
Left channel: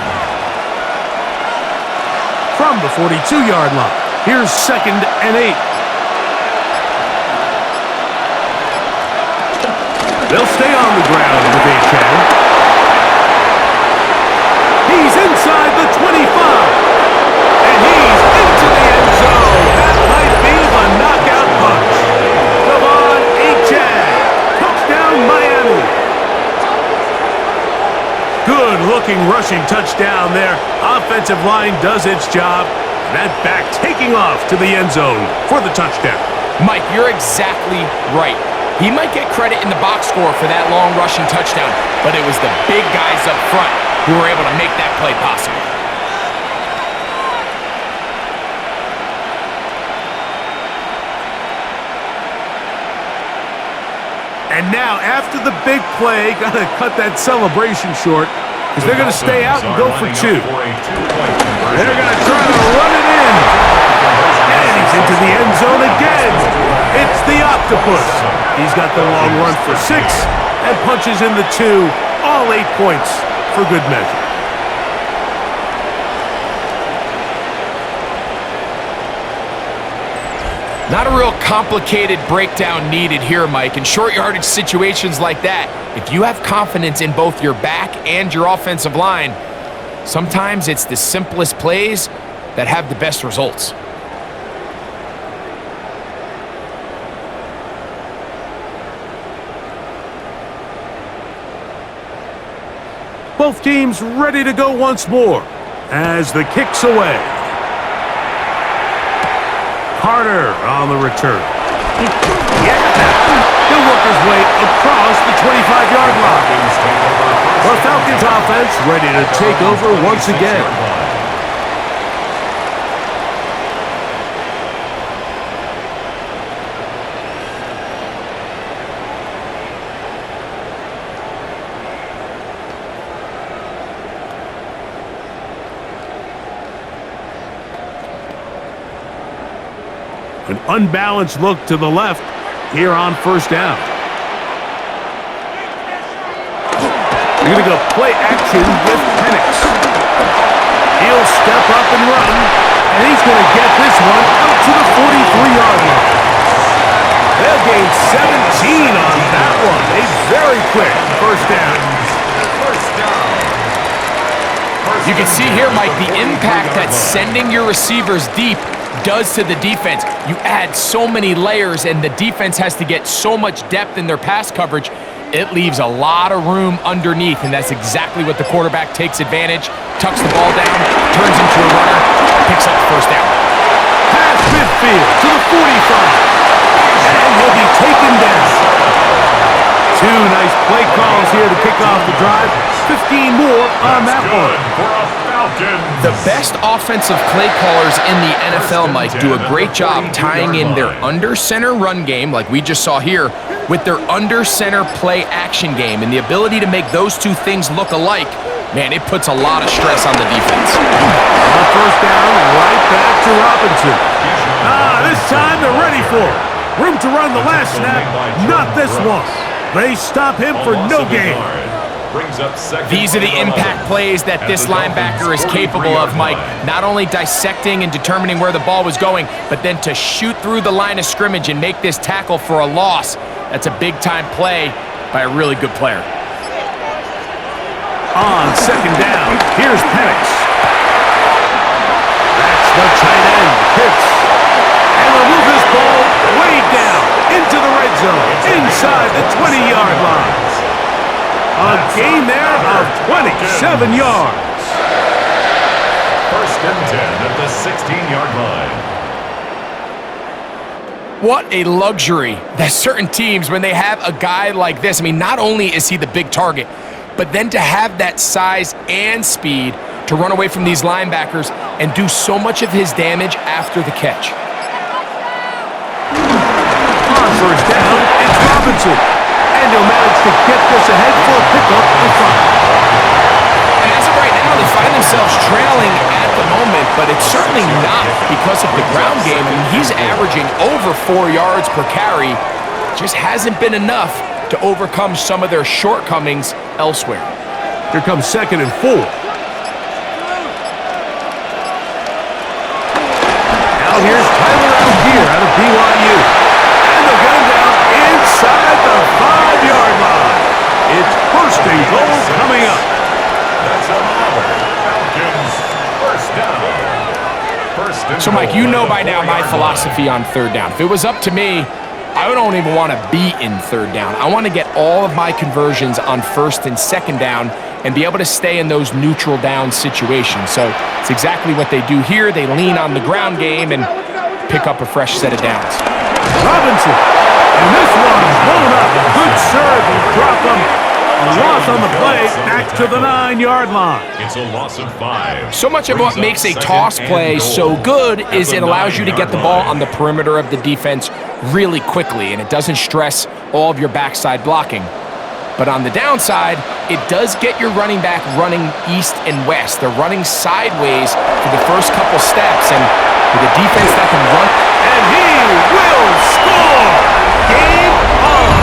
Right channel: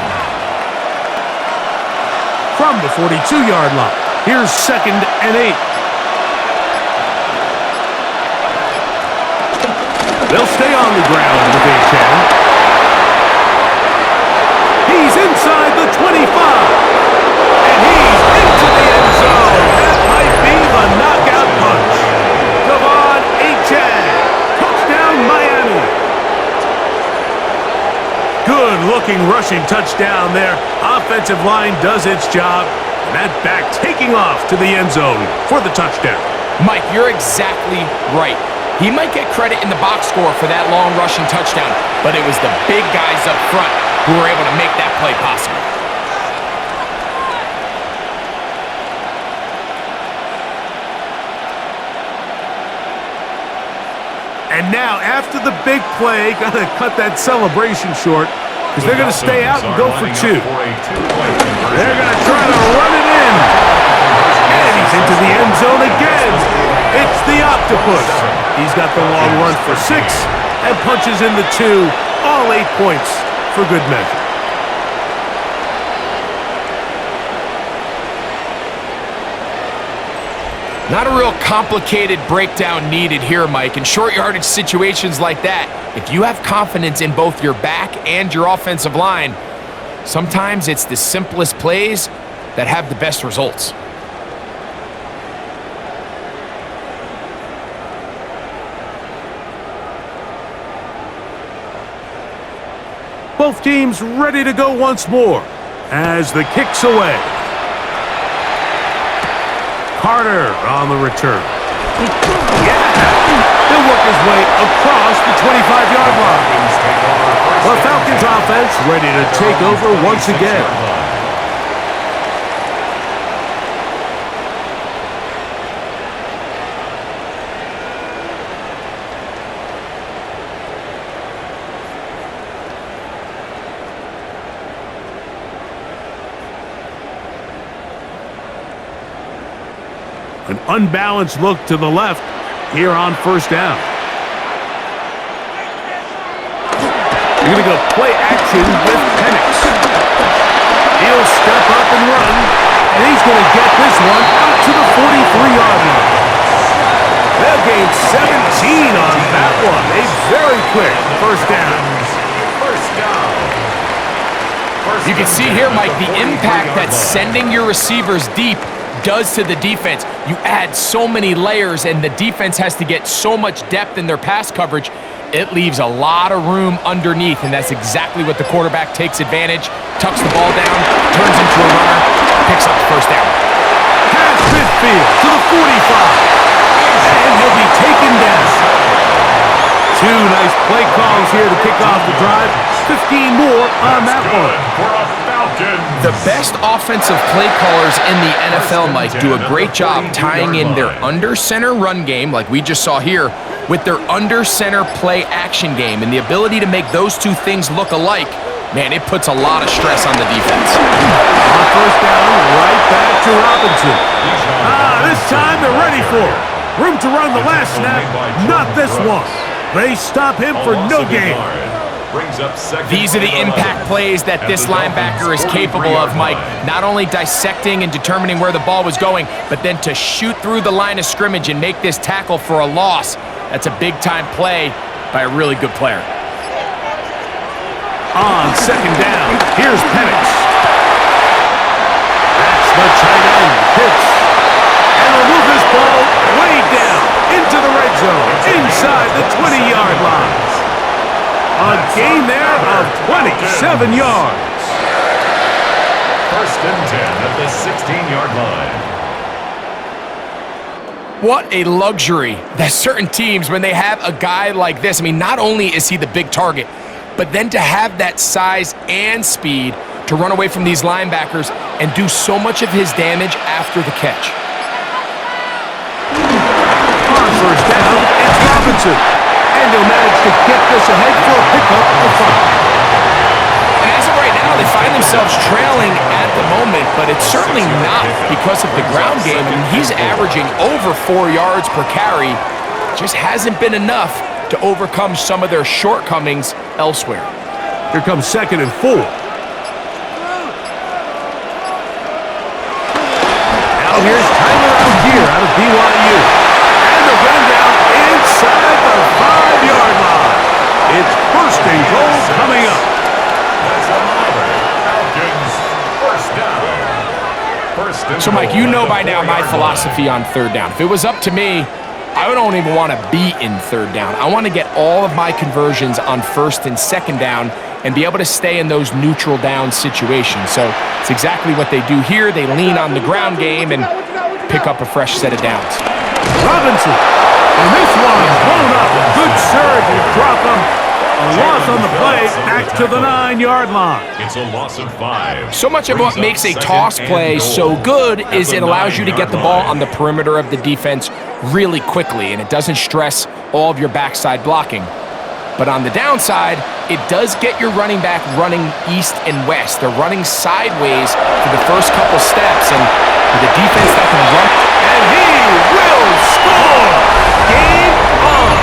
From the 42-yard line, here's 2nd and 8. They'll stay on the ground with Achane. He's inside the 25. And he's into the end zone. That might be the knockout punch. Devon Achane. Touchdown, Miami. Good-looking rushing touchdown there. Offensive line does its job. And that back taking off to the end zone for the touchdown. Mike, you're exactly right. He might get credit in the box score for that long rushing touchdown, but it was the big guys up front who were able to make that play possible. And now, after the big play, got to cut that celebration short because they're going to stay out and go for two. They're going to try to run it in. And he's into the end zone again. It's the octopus. He's got the long run for 6 and punches in the 2. All 8 points for good measure. Not a real complicated breakdown needed here, Mike. In short yardage situations like that, if you have confidence in both your back and your offensive line, sometimes it's the simplest plays that have the best results. Both teams ready to go once more as the kick's away. Carter on the return. Yeah! He'll work his way across the 25-yard line. The Falcons offense ready to take over once again. An unbalanced look to the left here on first down. They're going to go play action with Penix. He'll step up and run, and he's going to get this one out to the 43-yard line. They'll gain 17 on that one. A very quick first down. You can see here, Mike, the impact that sending your receivers deep does to the defense. You add so many layers, and the defense has to get so much depth in their pass coverage. It leaves a lot of room underneath, and that's exactly what the quarterback takes advantage, tucks the ball down, turns into a runner, picks up the first down. Pass midfield to the 45, and he'll be taken down. 2 nice play calls here to kick off the drive. 15 more on that one. The best offensive play callers in the NFL, Mike, do a great job tying in their under-center run game, like we just saw here, with their under-center play action game. And the ability to make those two things look alike, man, it puts a lot of stress on the defense. On first down, right back to Robinson. This time they're ready for it. Room to run the last snap, not this one. They stop him for no gain. These are the impact plays that this linebacker is capable of, Mike. Not only dissecting and determining where the ball was going, but then to shoot through the line of scrimmage and make this tackle for a loss. That's a big-time play by a really good player. On second down, here's Penix. That's the tight end, Pitts. And they'll move this ball way down into the red zone, inside the 20-yard line. A gain there of 27 yards. First and 10 at the 16-yard line. What a luxury that certain teams, when they have a guy like this, I mean, not only is he the big target, but then to have that size and speed to run away from these linebackers and do so much of his damage after the catch. On first down, it's Robinson. And he'll manage to get this ahead for a pickup of 5. And as of right now, they find themselves trailing at the moment, but it's certainly not because of the ground game. I mean, he's averaging over 4 yards per carry. Just hasn't been enough to overcome some of their shortcomings elsewhere. Here comes second and 4. Now here's Tyler Algier out of BYU. And they'll get him down inside the 5-yard line. It's first and goal coming up. That's another Falcons first down. So, Mike, you know by now my philosophy on third down. If it was up to me, I don't even want to be in third down. I want to get all of my conversions on first and second down and be able to stay in those neutral down situations. So it's exactly what they do here. They lean on the ground game and pick up a fresh set of downs. Robinson, and this one's blown up. Good serve, you drop him. A loss on the play, back to the 9-yard line. It's a loss of 5. So much of what makes a toss play so good is it allows you to get the ball on the perimeter of the defense really quickly, and it doesn't stress all of your backside blocking. But on the downside, it does get your running back running east and west. They're running sideways for the first couple steps, and with a defense that can run. And he will score! Game on!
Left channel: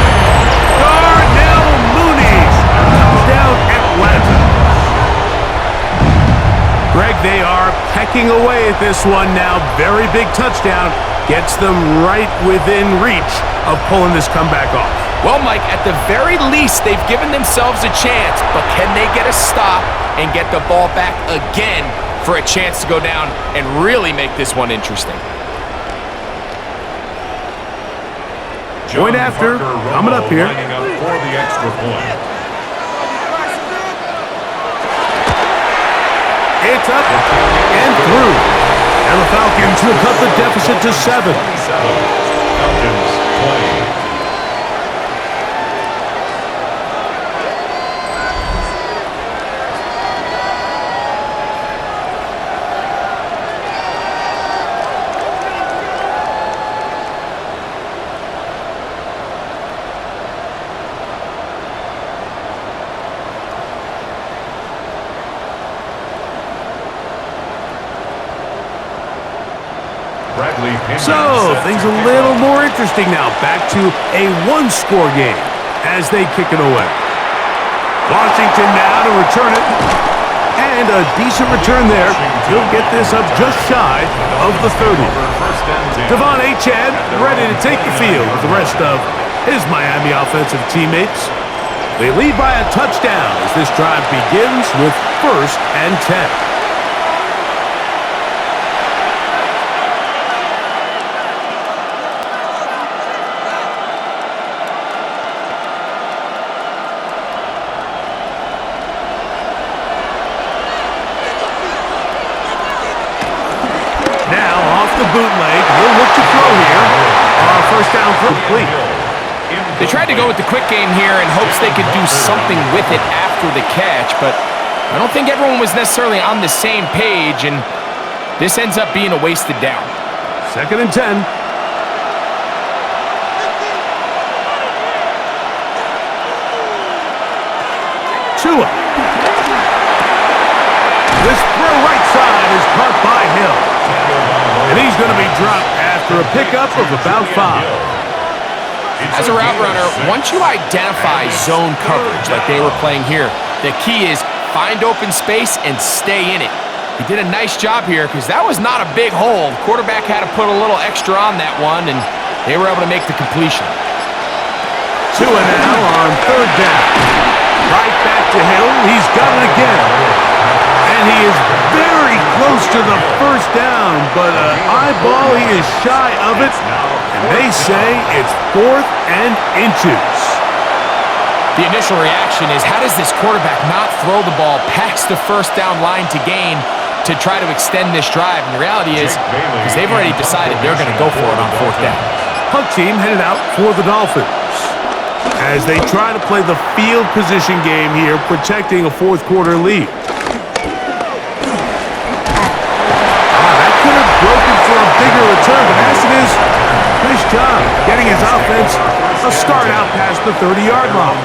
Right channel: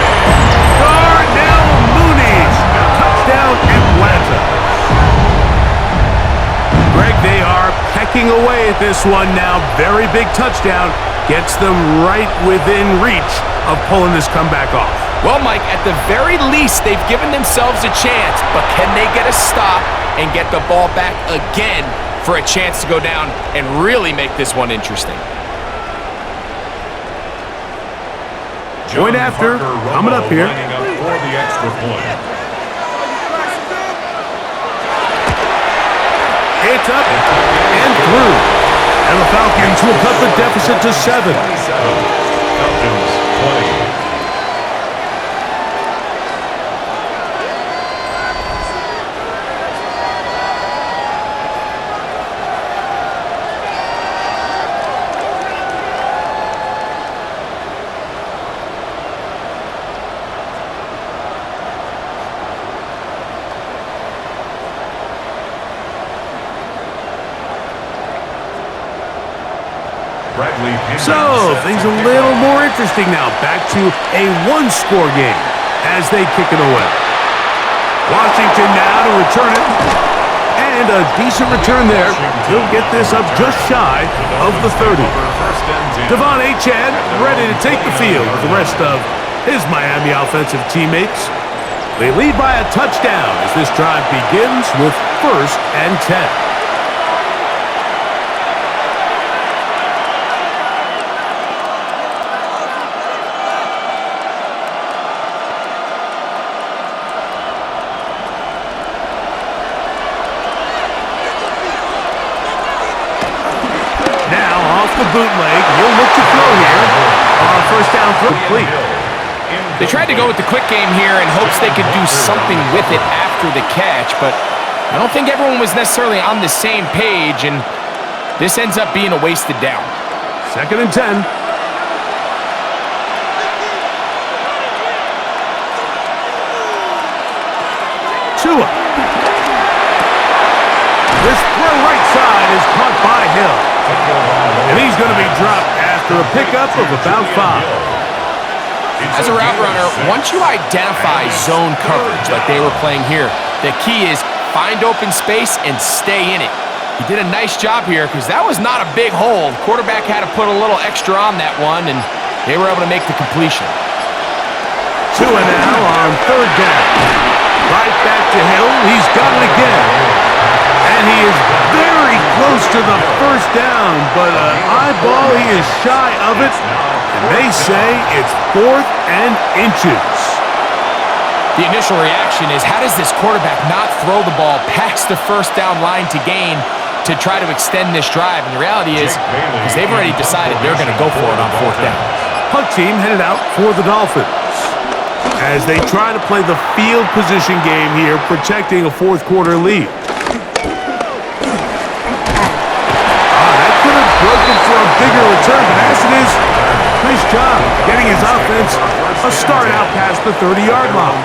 Darnell Mooney, touchdown Atlanta. Greg, they are pecking away at this one now. Very big touchdown. Gets them right within reach of pulling this comeback off. Well, Mike, at the very least, they've given themselves a chance, but can they get a stop and get the ball back again for a chance to go down and really make this one interesting? Point after, coming up here. Lining up for the extra point. It's up and through. And the Falcons will cut the deficit to 7. 27. Falcons 20. So, things a little more interesting now. Back to a one-score game as they kick it away. Washington now to return it. And a decent return there. He'll get this up just shy of the 30. Devon Achane ready to take the field with the rest of his Miami offensive teammates. They lead by a touchdown as this drive begins with 1st and 10. The bootleg. He'll look to throw here. First down throw complete. They tried to go with the quick game here in hopes they could do something with it after the catch, but I don't think everyone was necessarily on the same page, and this ends up being a wasted down. 2nd and 10. Tua. This throw right side is caught by Hill. And he's going to be dropped after a pickup of about 5. As a route runner, once you identify zone coverage like they were playing here, the key is find open space and stay in it. He did a nice job here because that was not a big hole. The quarterback had to put a little extra on that one, and they were able to make the completion. Tua now on 3rd down. Right back to Hill. He's got it again. And he is very close to the 1st down, but an eyeball, he is shy of it. And they say it's 4th and inches. The initial reaction is, how does this quarterback not throw the ball past the 1st down line to gain to try to extend this drive? And the reality is, because they've already decided they're going to go for it on 4th down. Punt team headed out for the Dolphins as they try to play the field position game here, protecting a 4th quarter lead. Could have broken for a bigger return, but as it is, nice job getting his offense a start out past the 30-yard line.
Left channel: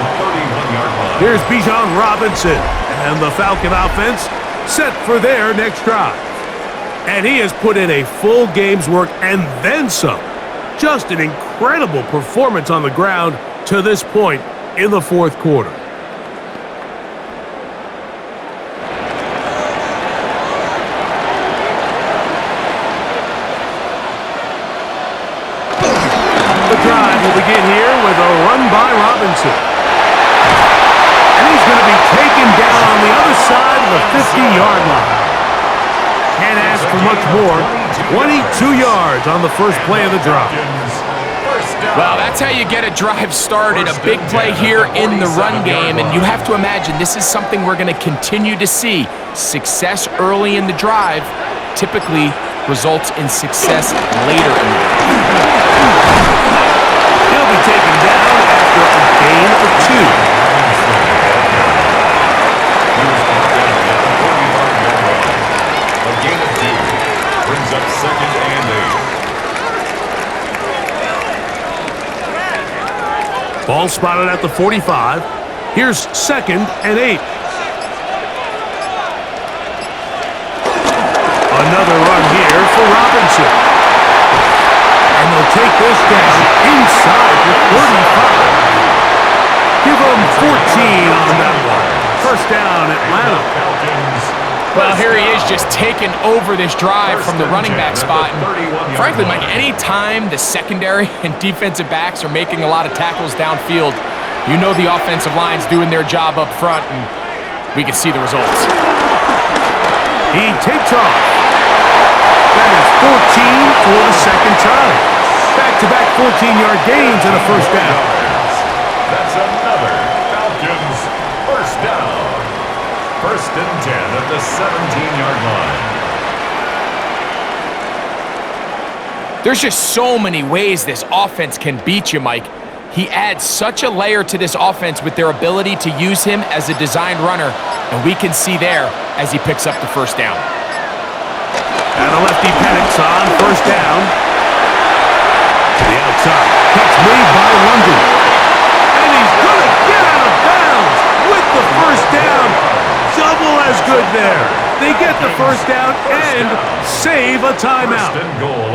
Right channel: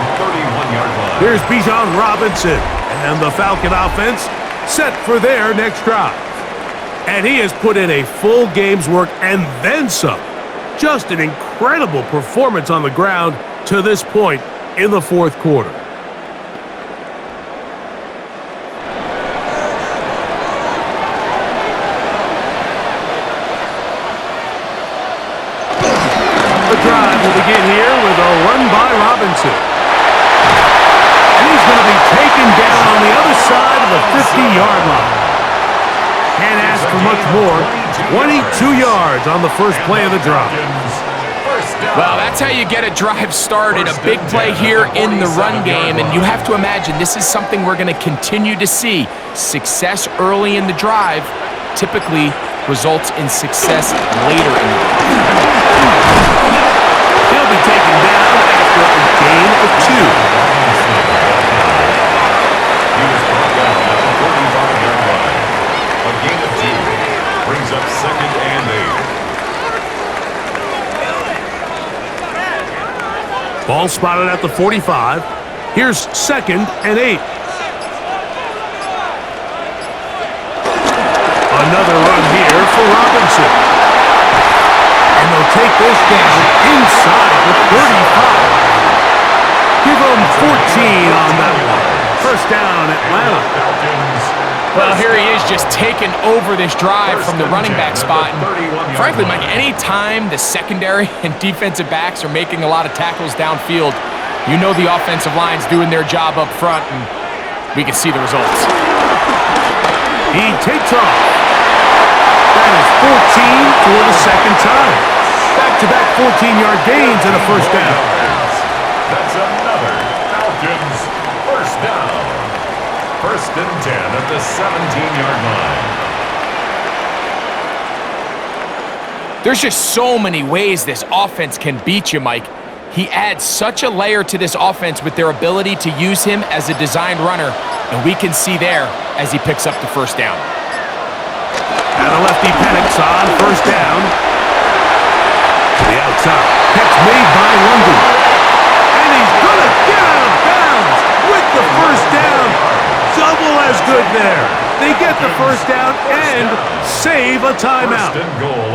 Here's Bijan Robinson, and the Falcon offense set for their next drive. And he has put in a full game's work and then some. Just an incredible performance on the ground to this point in the 4th quarter. The drive will begin here with a run by Robinson. And he's going to be taken down on the other side of the 50-yard line. Can't ask for much more. 22 yards on the first play of the drive. Well, that's how you get a drive started. A big play here in the run game, and you have to imagine this is something we're going to continue to see. Success early in the drive typically results in success later in the drive. He'll be taken down after a gain of 2. brings up 2nd and 8. Ball spotted at the 45. Here's 2nd and 8. Another run here for Robinson. And they'll take this down inside the 35. Give them 14 on that one. First down, Atlanta. Well, here he is just taking over this drive from the running back spot. And frankly, Mike, any time the secondary and defensive backs are making a lot of tackles downfield, you know the offensive line's doing their job up front, and we can see the results. He takes off. That is 14 for the second time. Back-to-back 14-yard gains and a first down. That's another Falcons first down. 1st and 10 at the 17-yard line. There's just so many ways this offense can beat you, Mike. He adds such a layer to this offense with their ability to use him as a designed runner, and we can see there as he picks up the first down. And the lefty Penix on first down. To the outside. Catch made by London. And he's going to get out of bounds with the first down. Double as good there. They get the first down and save a timeout.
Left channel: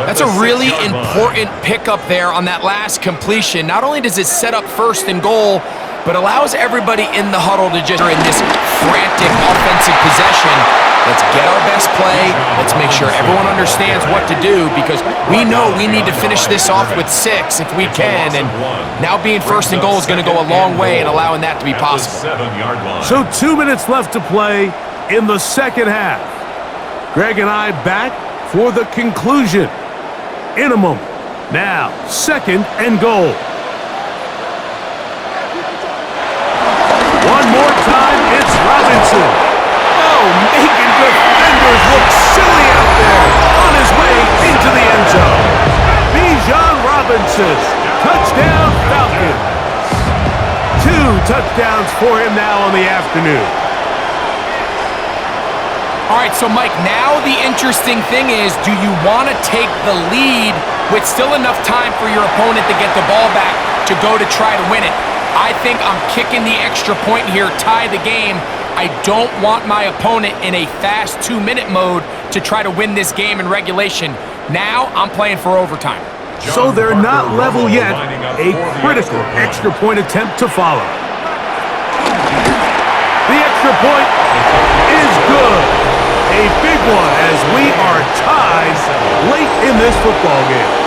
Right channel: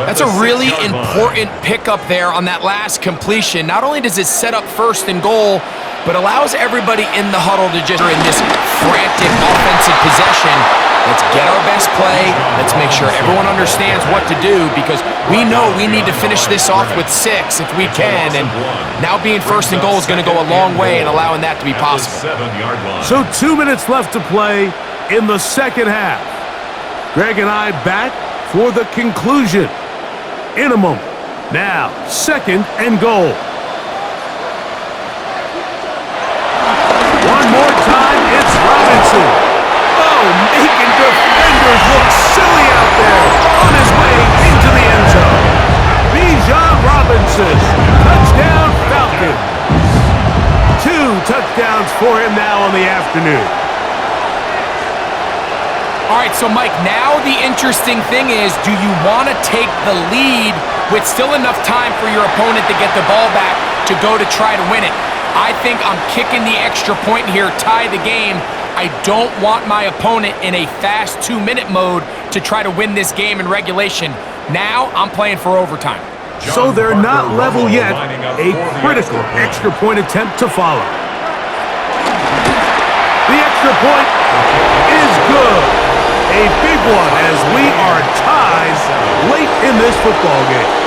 That's a really important pickup there on that last completion. Not only does it set up 1st and goal, but allows everybody in the huddle to just in this frantic offensive possession. Let's get our best play. Let's make sure everyone understands what to do, because we know we need to finish this off with 6 if we can. And now being 1st and goal is going to go a long way in allowing that to be possible. So 2 minutes left to play in the second half. Greg and I back for the conclusion in a moment. Now, 2nd and goal. One more time, it's Robinson. Oh, making defenders look silly out there on his way into the end zone. Bijan Robinson, touchdown Falcons. 2 touchdowns for him now on the afternoon. All right, so Mike, now the interesting thing is, do you want to take the lead with still enough time for your opponent to get the ball back to go to try to win it? I think I'm kicking the extra point here, tie the game. I don't want my opponent in a fast 2-minute mode to try to win this game in regulation. Now I'm playing for overtime. So they're not level yet. A critical extra point attempt to follow. The extra point is good. A big one as we are tied late in this football game.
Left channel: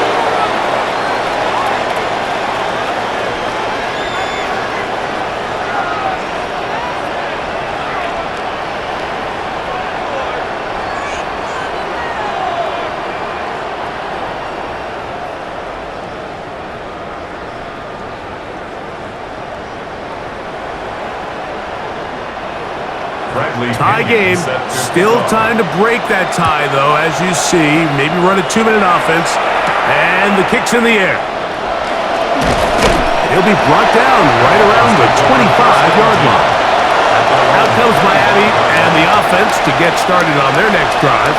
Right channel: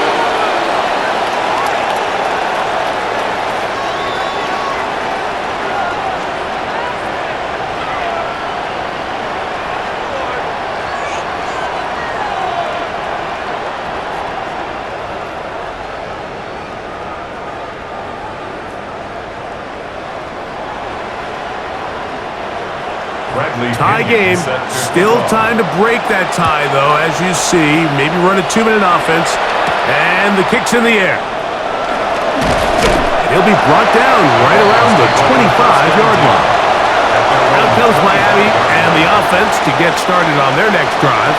Tie game. Still time to break that tie, though, as you see. Maybe run a 2-minute offense. And the kick's in the air. And he'll be brought down right around the 25-yard line. Out comes Miami and the offense to get started on their next drive.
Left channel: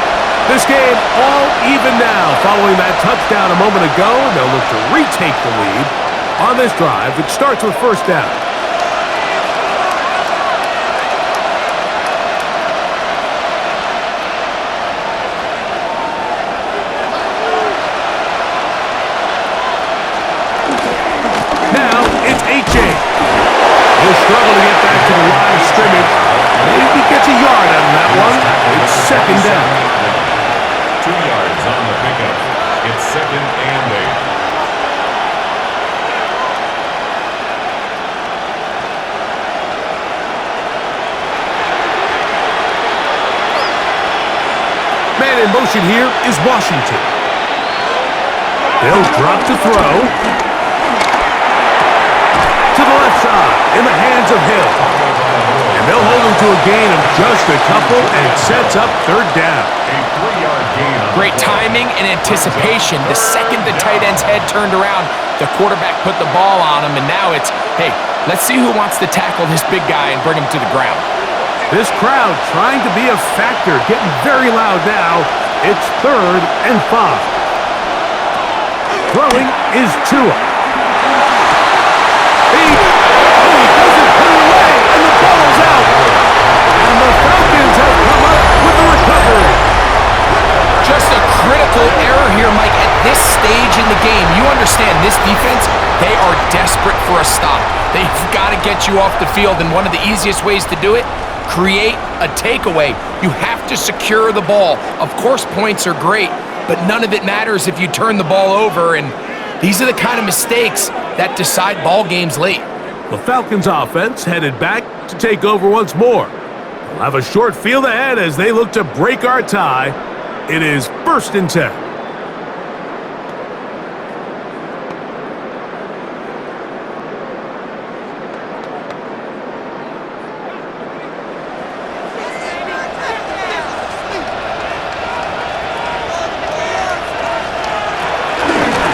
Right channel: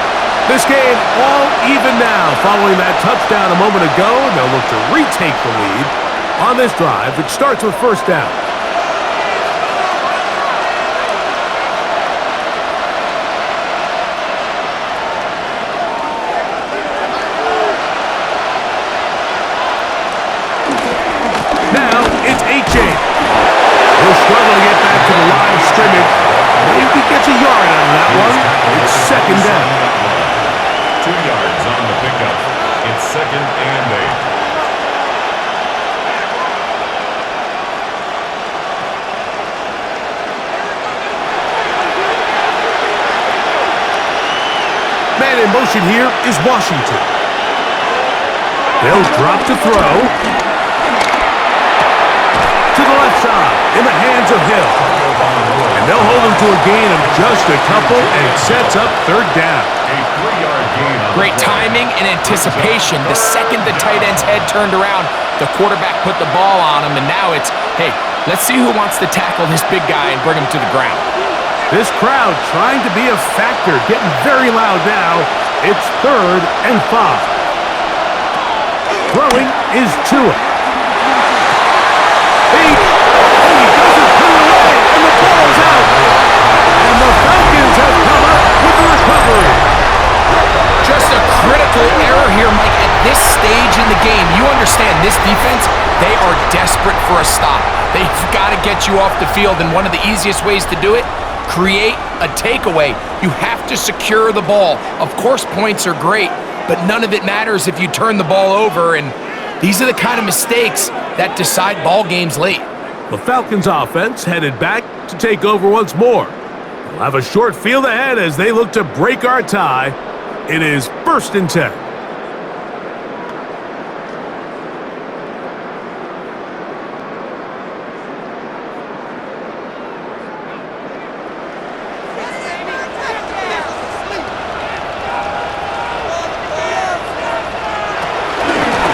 This game all even now following that touchdown a moment ago. They'll look to retake the lead on this drive, which starts with first down. He'll struggle to get back to the line of scrimmage. Maybe he gets a yard out of that one. It's second down. 2 yards on the pickup. It's 2nd and 8. Man in motion here is Washington. They'll drop to throw. To the left side, in the hands of Hill. And they'll hold him to a gain of just a couple, and it sets up third down. A 3-yard gain on Great timing and anticipation. The second the tight end's head turned around, the quarterback put the ball on him, and now it's, hey, let's see who wants to tackle this big guy and bring him to the ground. This crowd trying to be a factor, getting very loud now. It's 3rd and 5. Throwing is Tua. He doesn't put it away, and the ball's out. And the Falcons have come up with the recovery. Just a critical error here, Mike, at this stage in the game. You understand this defense, they are desperate for a stop. They've got to get you off the field, and one of the easiest ways to do it, create a takeaway. You have to secure the ball. Of course, points are great, but none of it matters if you turn the ball over, and these are the kind of mistakes that decide ball games late. The Falcons offense headed back to take over once more. They'll have a short field ahead as they look to break our tie. It is 1st and 10.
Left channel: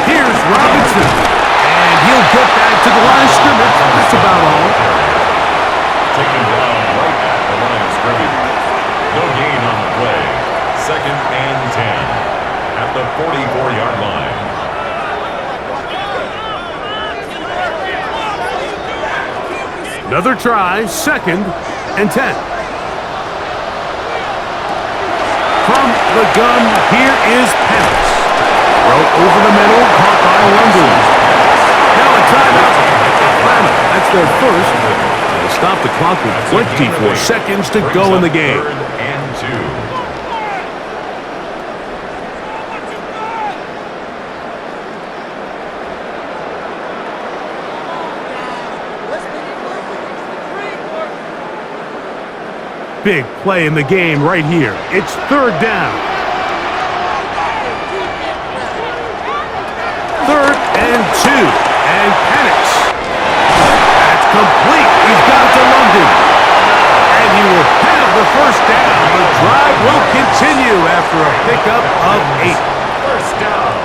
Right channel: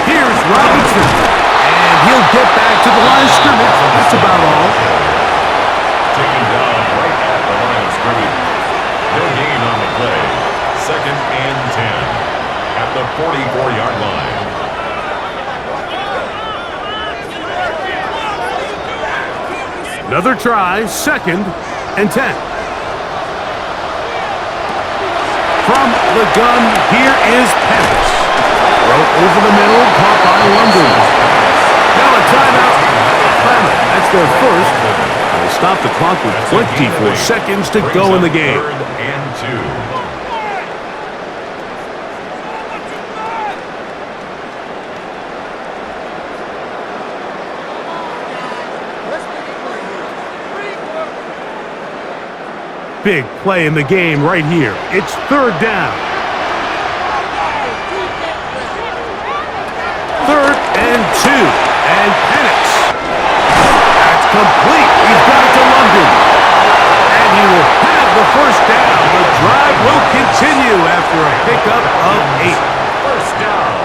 Here's Robinson, and he'll get back to the line of scrimmage. That's about all. Taken down right at the line of scrimmage. No gain on the play. 2nd and 10 at the 44-yard line. Another try, 2nd and 10. From the gun, here is Penix. Throw over the middle, caught by London. Now a timeout. Atlanta, that's their first. They stop the clock with 24 seconds to go in the game. 3rd and 2. Big play in the game right here. It's 3rd down. 3rd and 2. And Penix. That's complete. He's got it to London. And he will have the 1st down. The drive will continue after a pickup of 8. 1st down.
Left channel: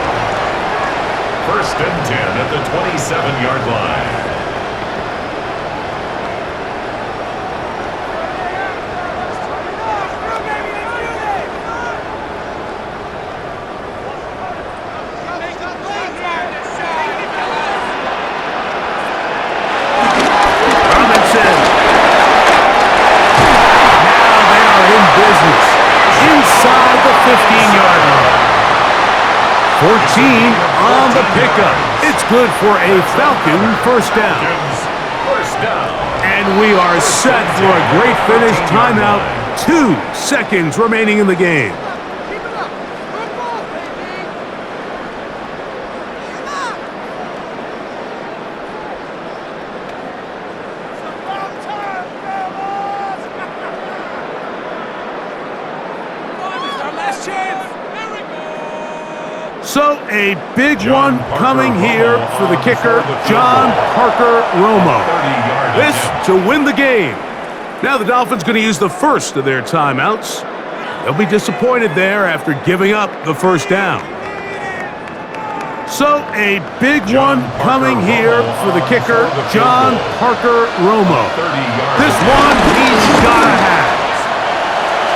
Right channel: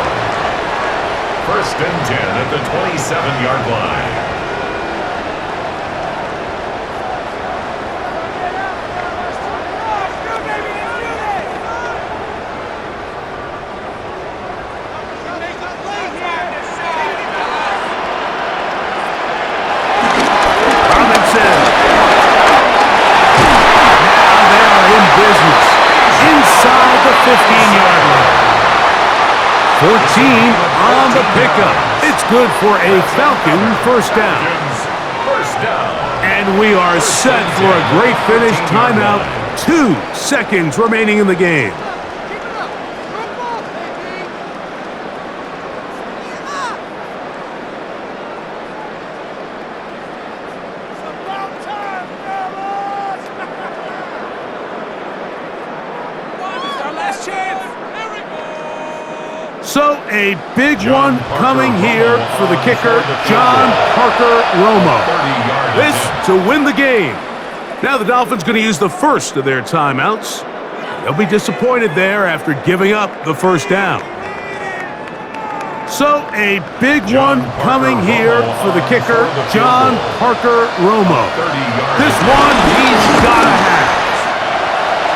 1st and 10 at the 27-yard line. Business inside the 15-yard line. 14 on the pickup. It's good for a Falcon 1st down. And we are set for a great finish. Timeout. 2 seconds remaining in the game. So a big one coming here for the kicker, John Parker Romo. This to win the game. Now the Dolphins going to use the first of their timeouts. They'll be disappointed there after giving up the 1st down. So a big one coming here for the kicker, John Parker Romo. This one he's got to have.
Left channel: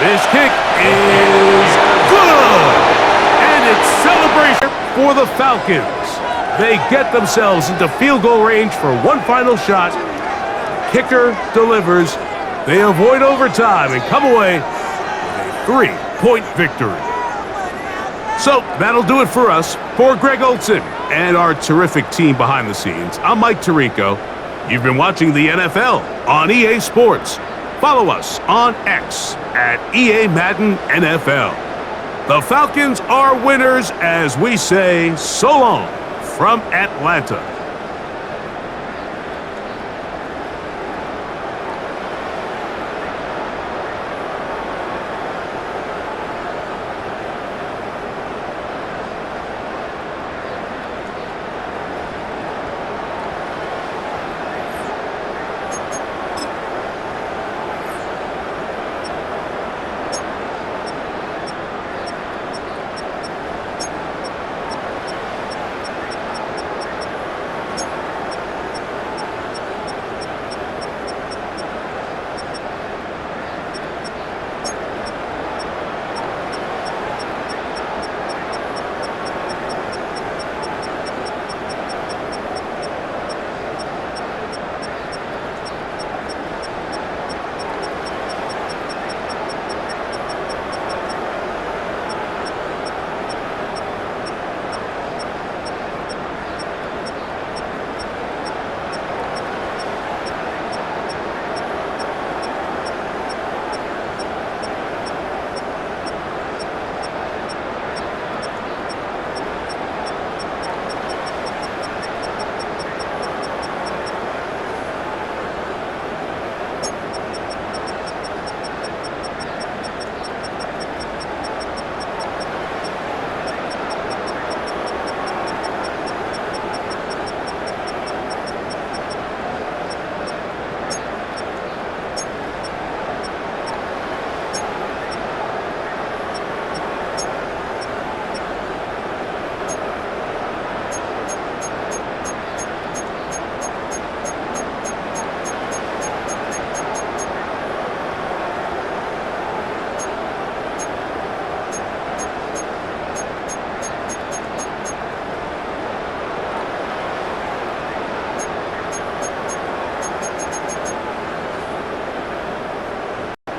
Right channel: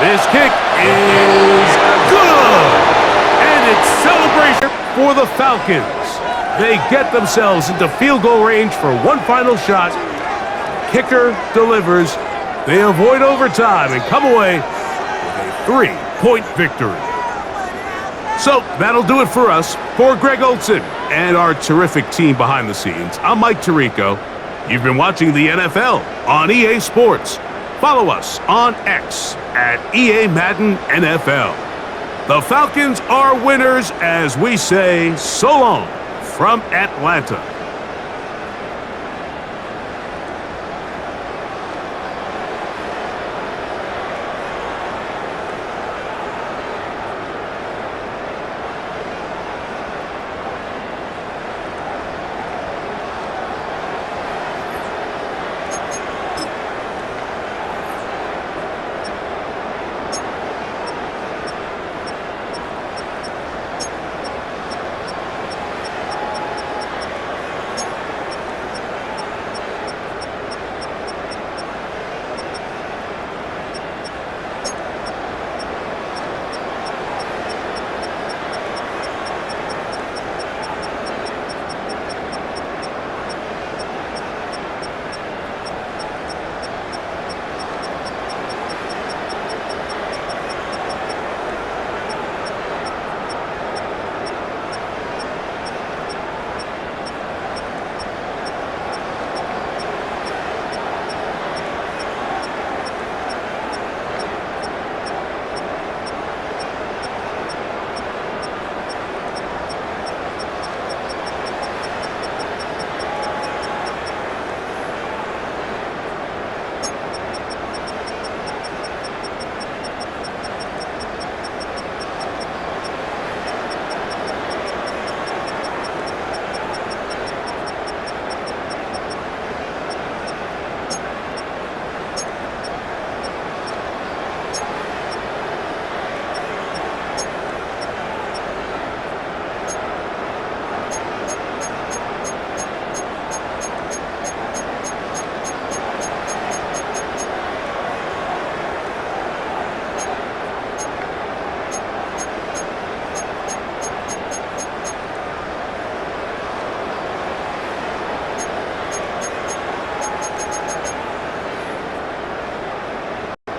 This kick is good. And it's celebration for the Falcons. They get themselves into field goal range for one final shot. Kicker delivers. They avoid overtime and come away with a 3-point victory. So that'll do it for us. For Greg Olson and our terrific team behind the scenes, I'm Mike Tirico. You've been watching the NFL on EA Sports. Follow us on X at EA Madden NFL. The Falcons are winners as we say so long from Atlanta.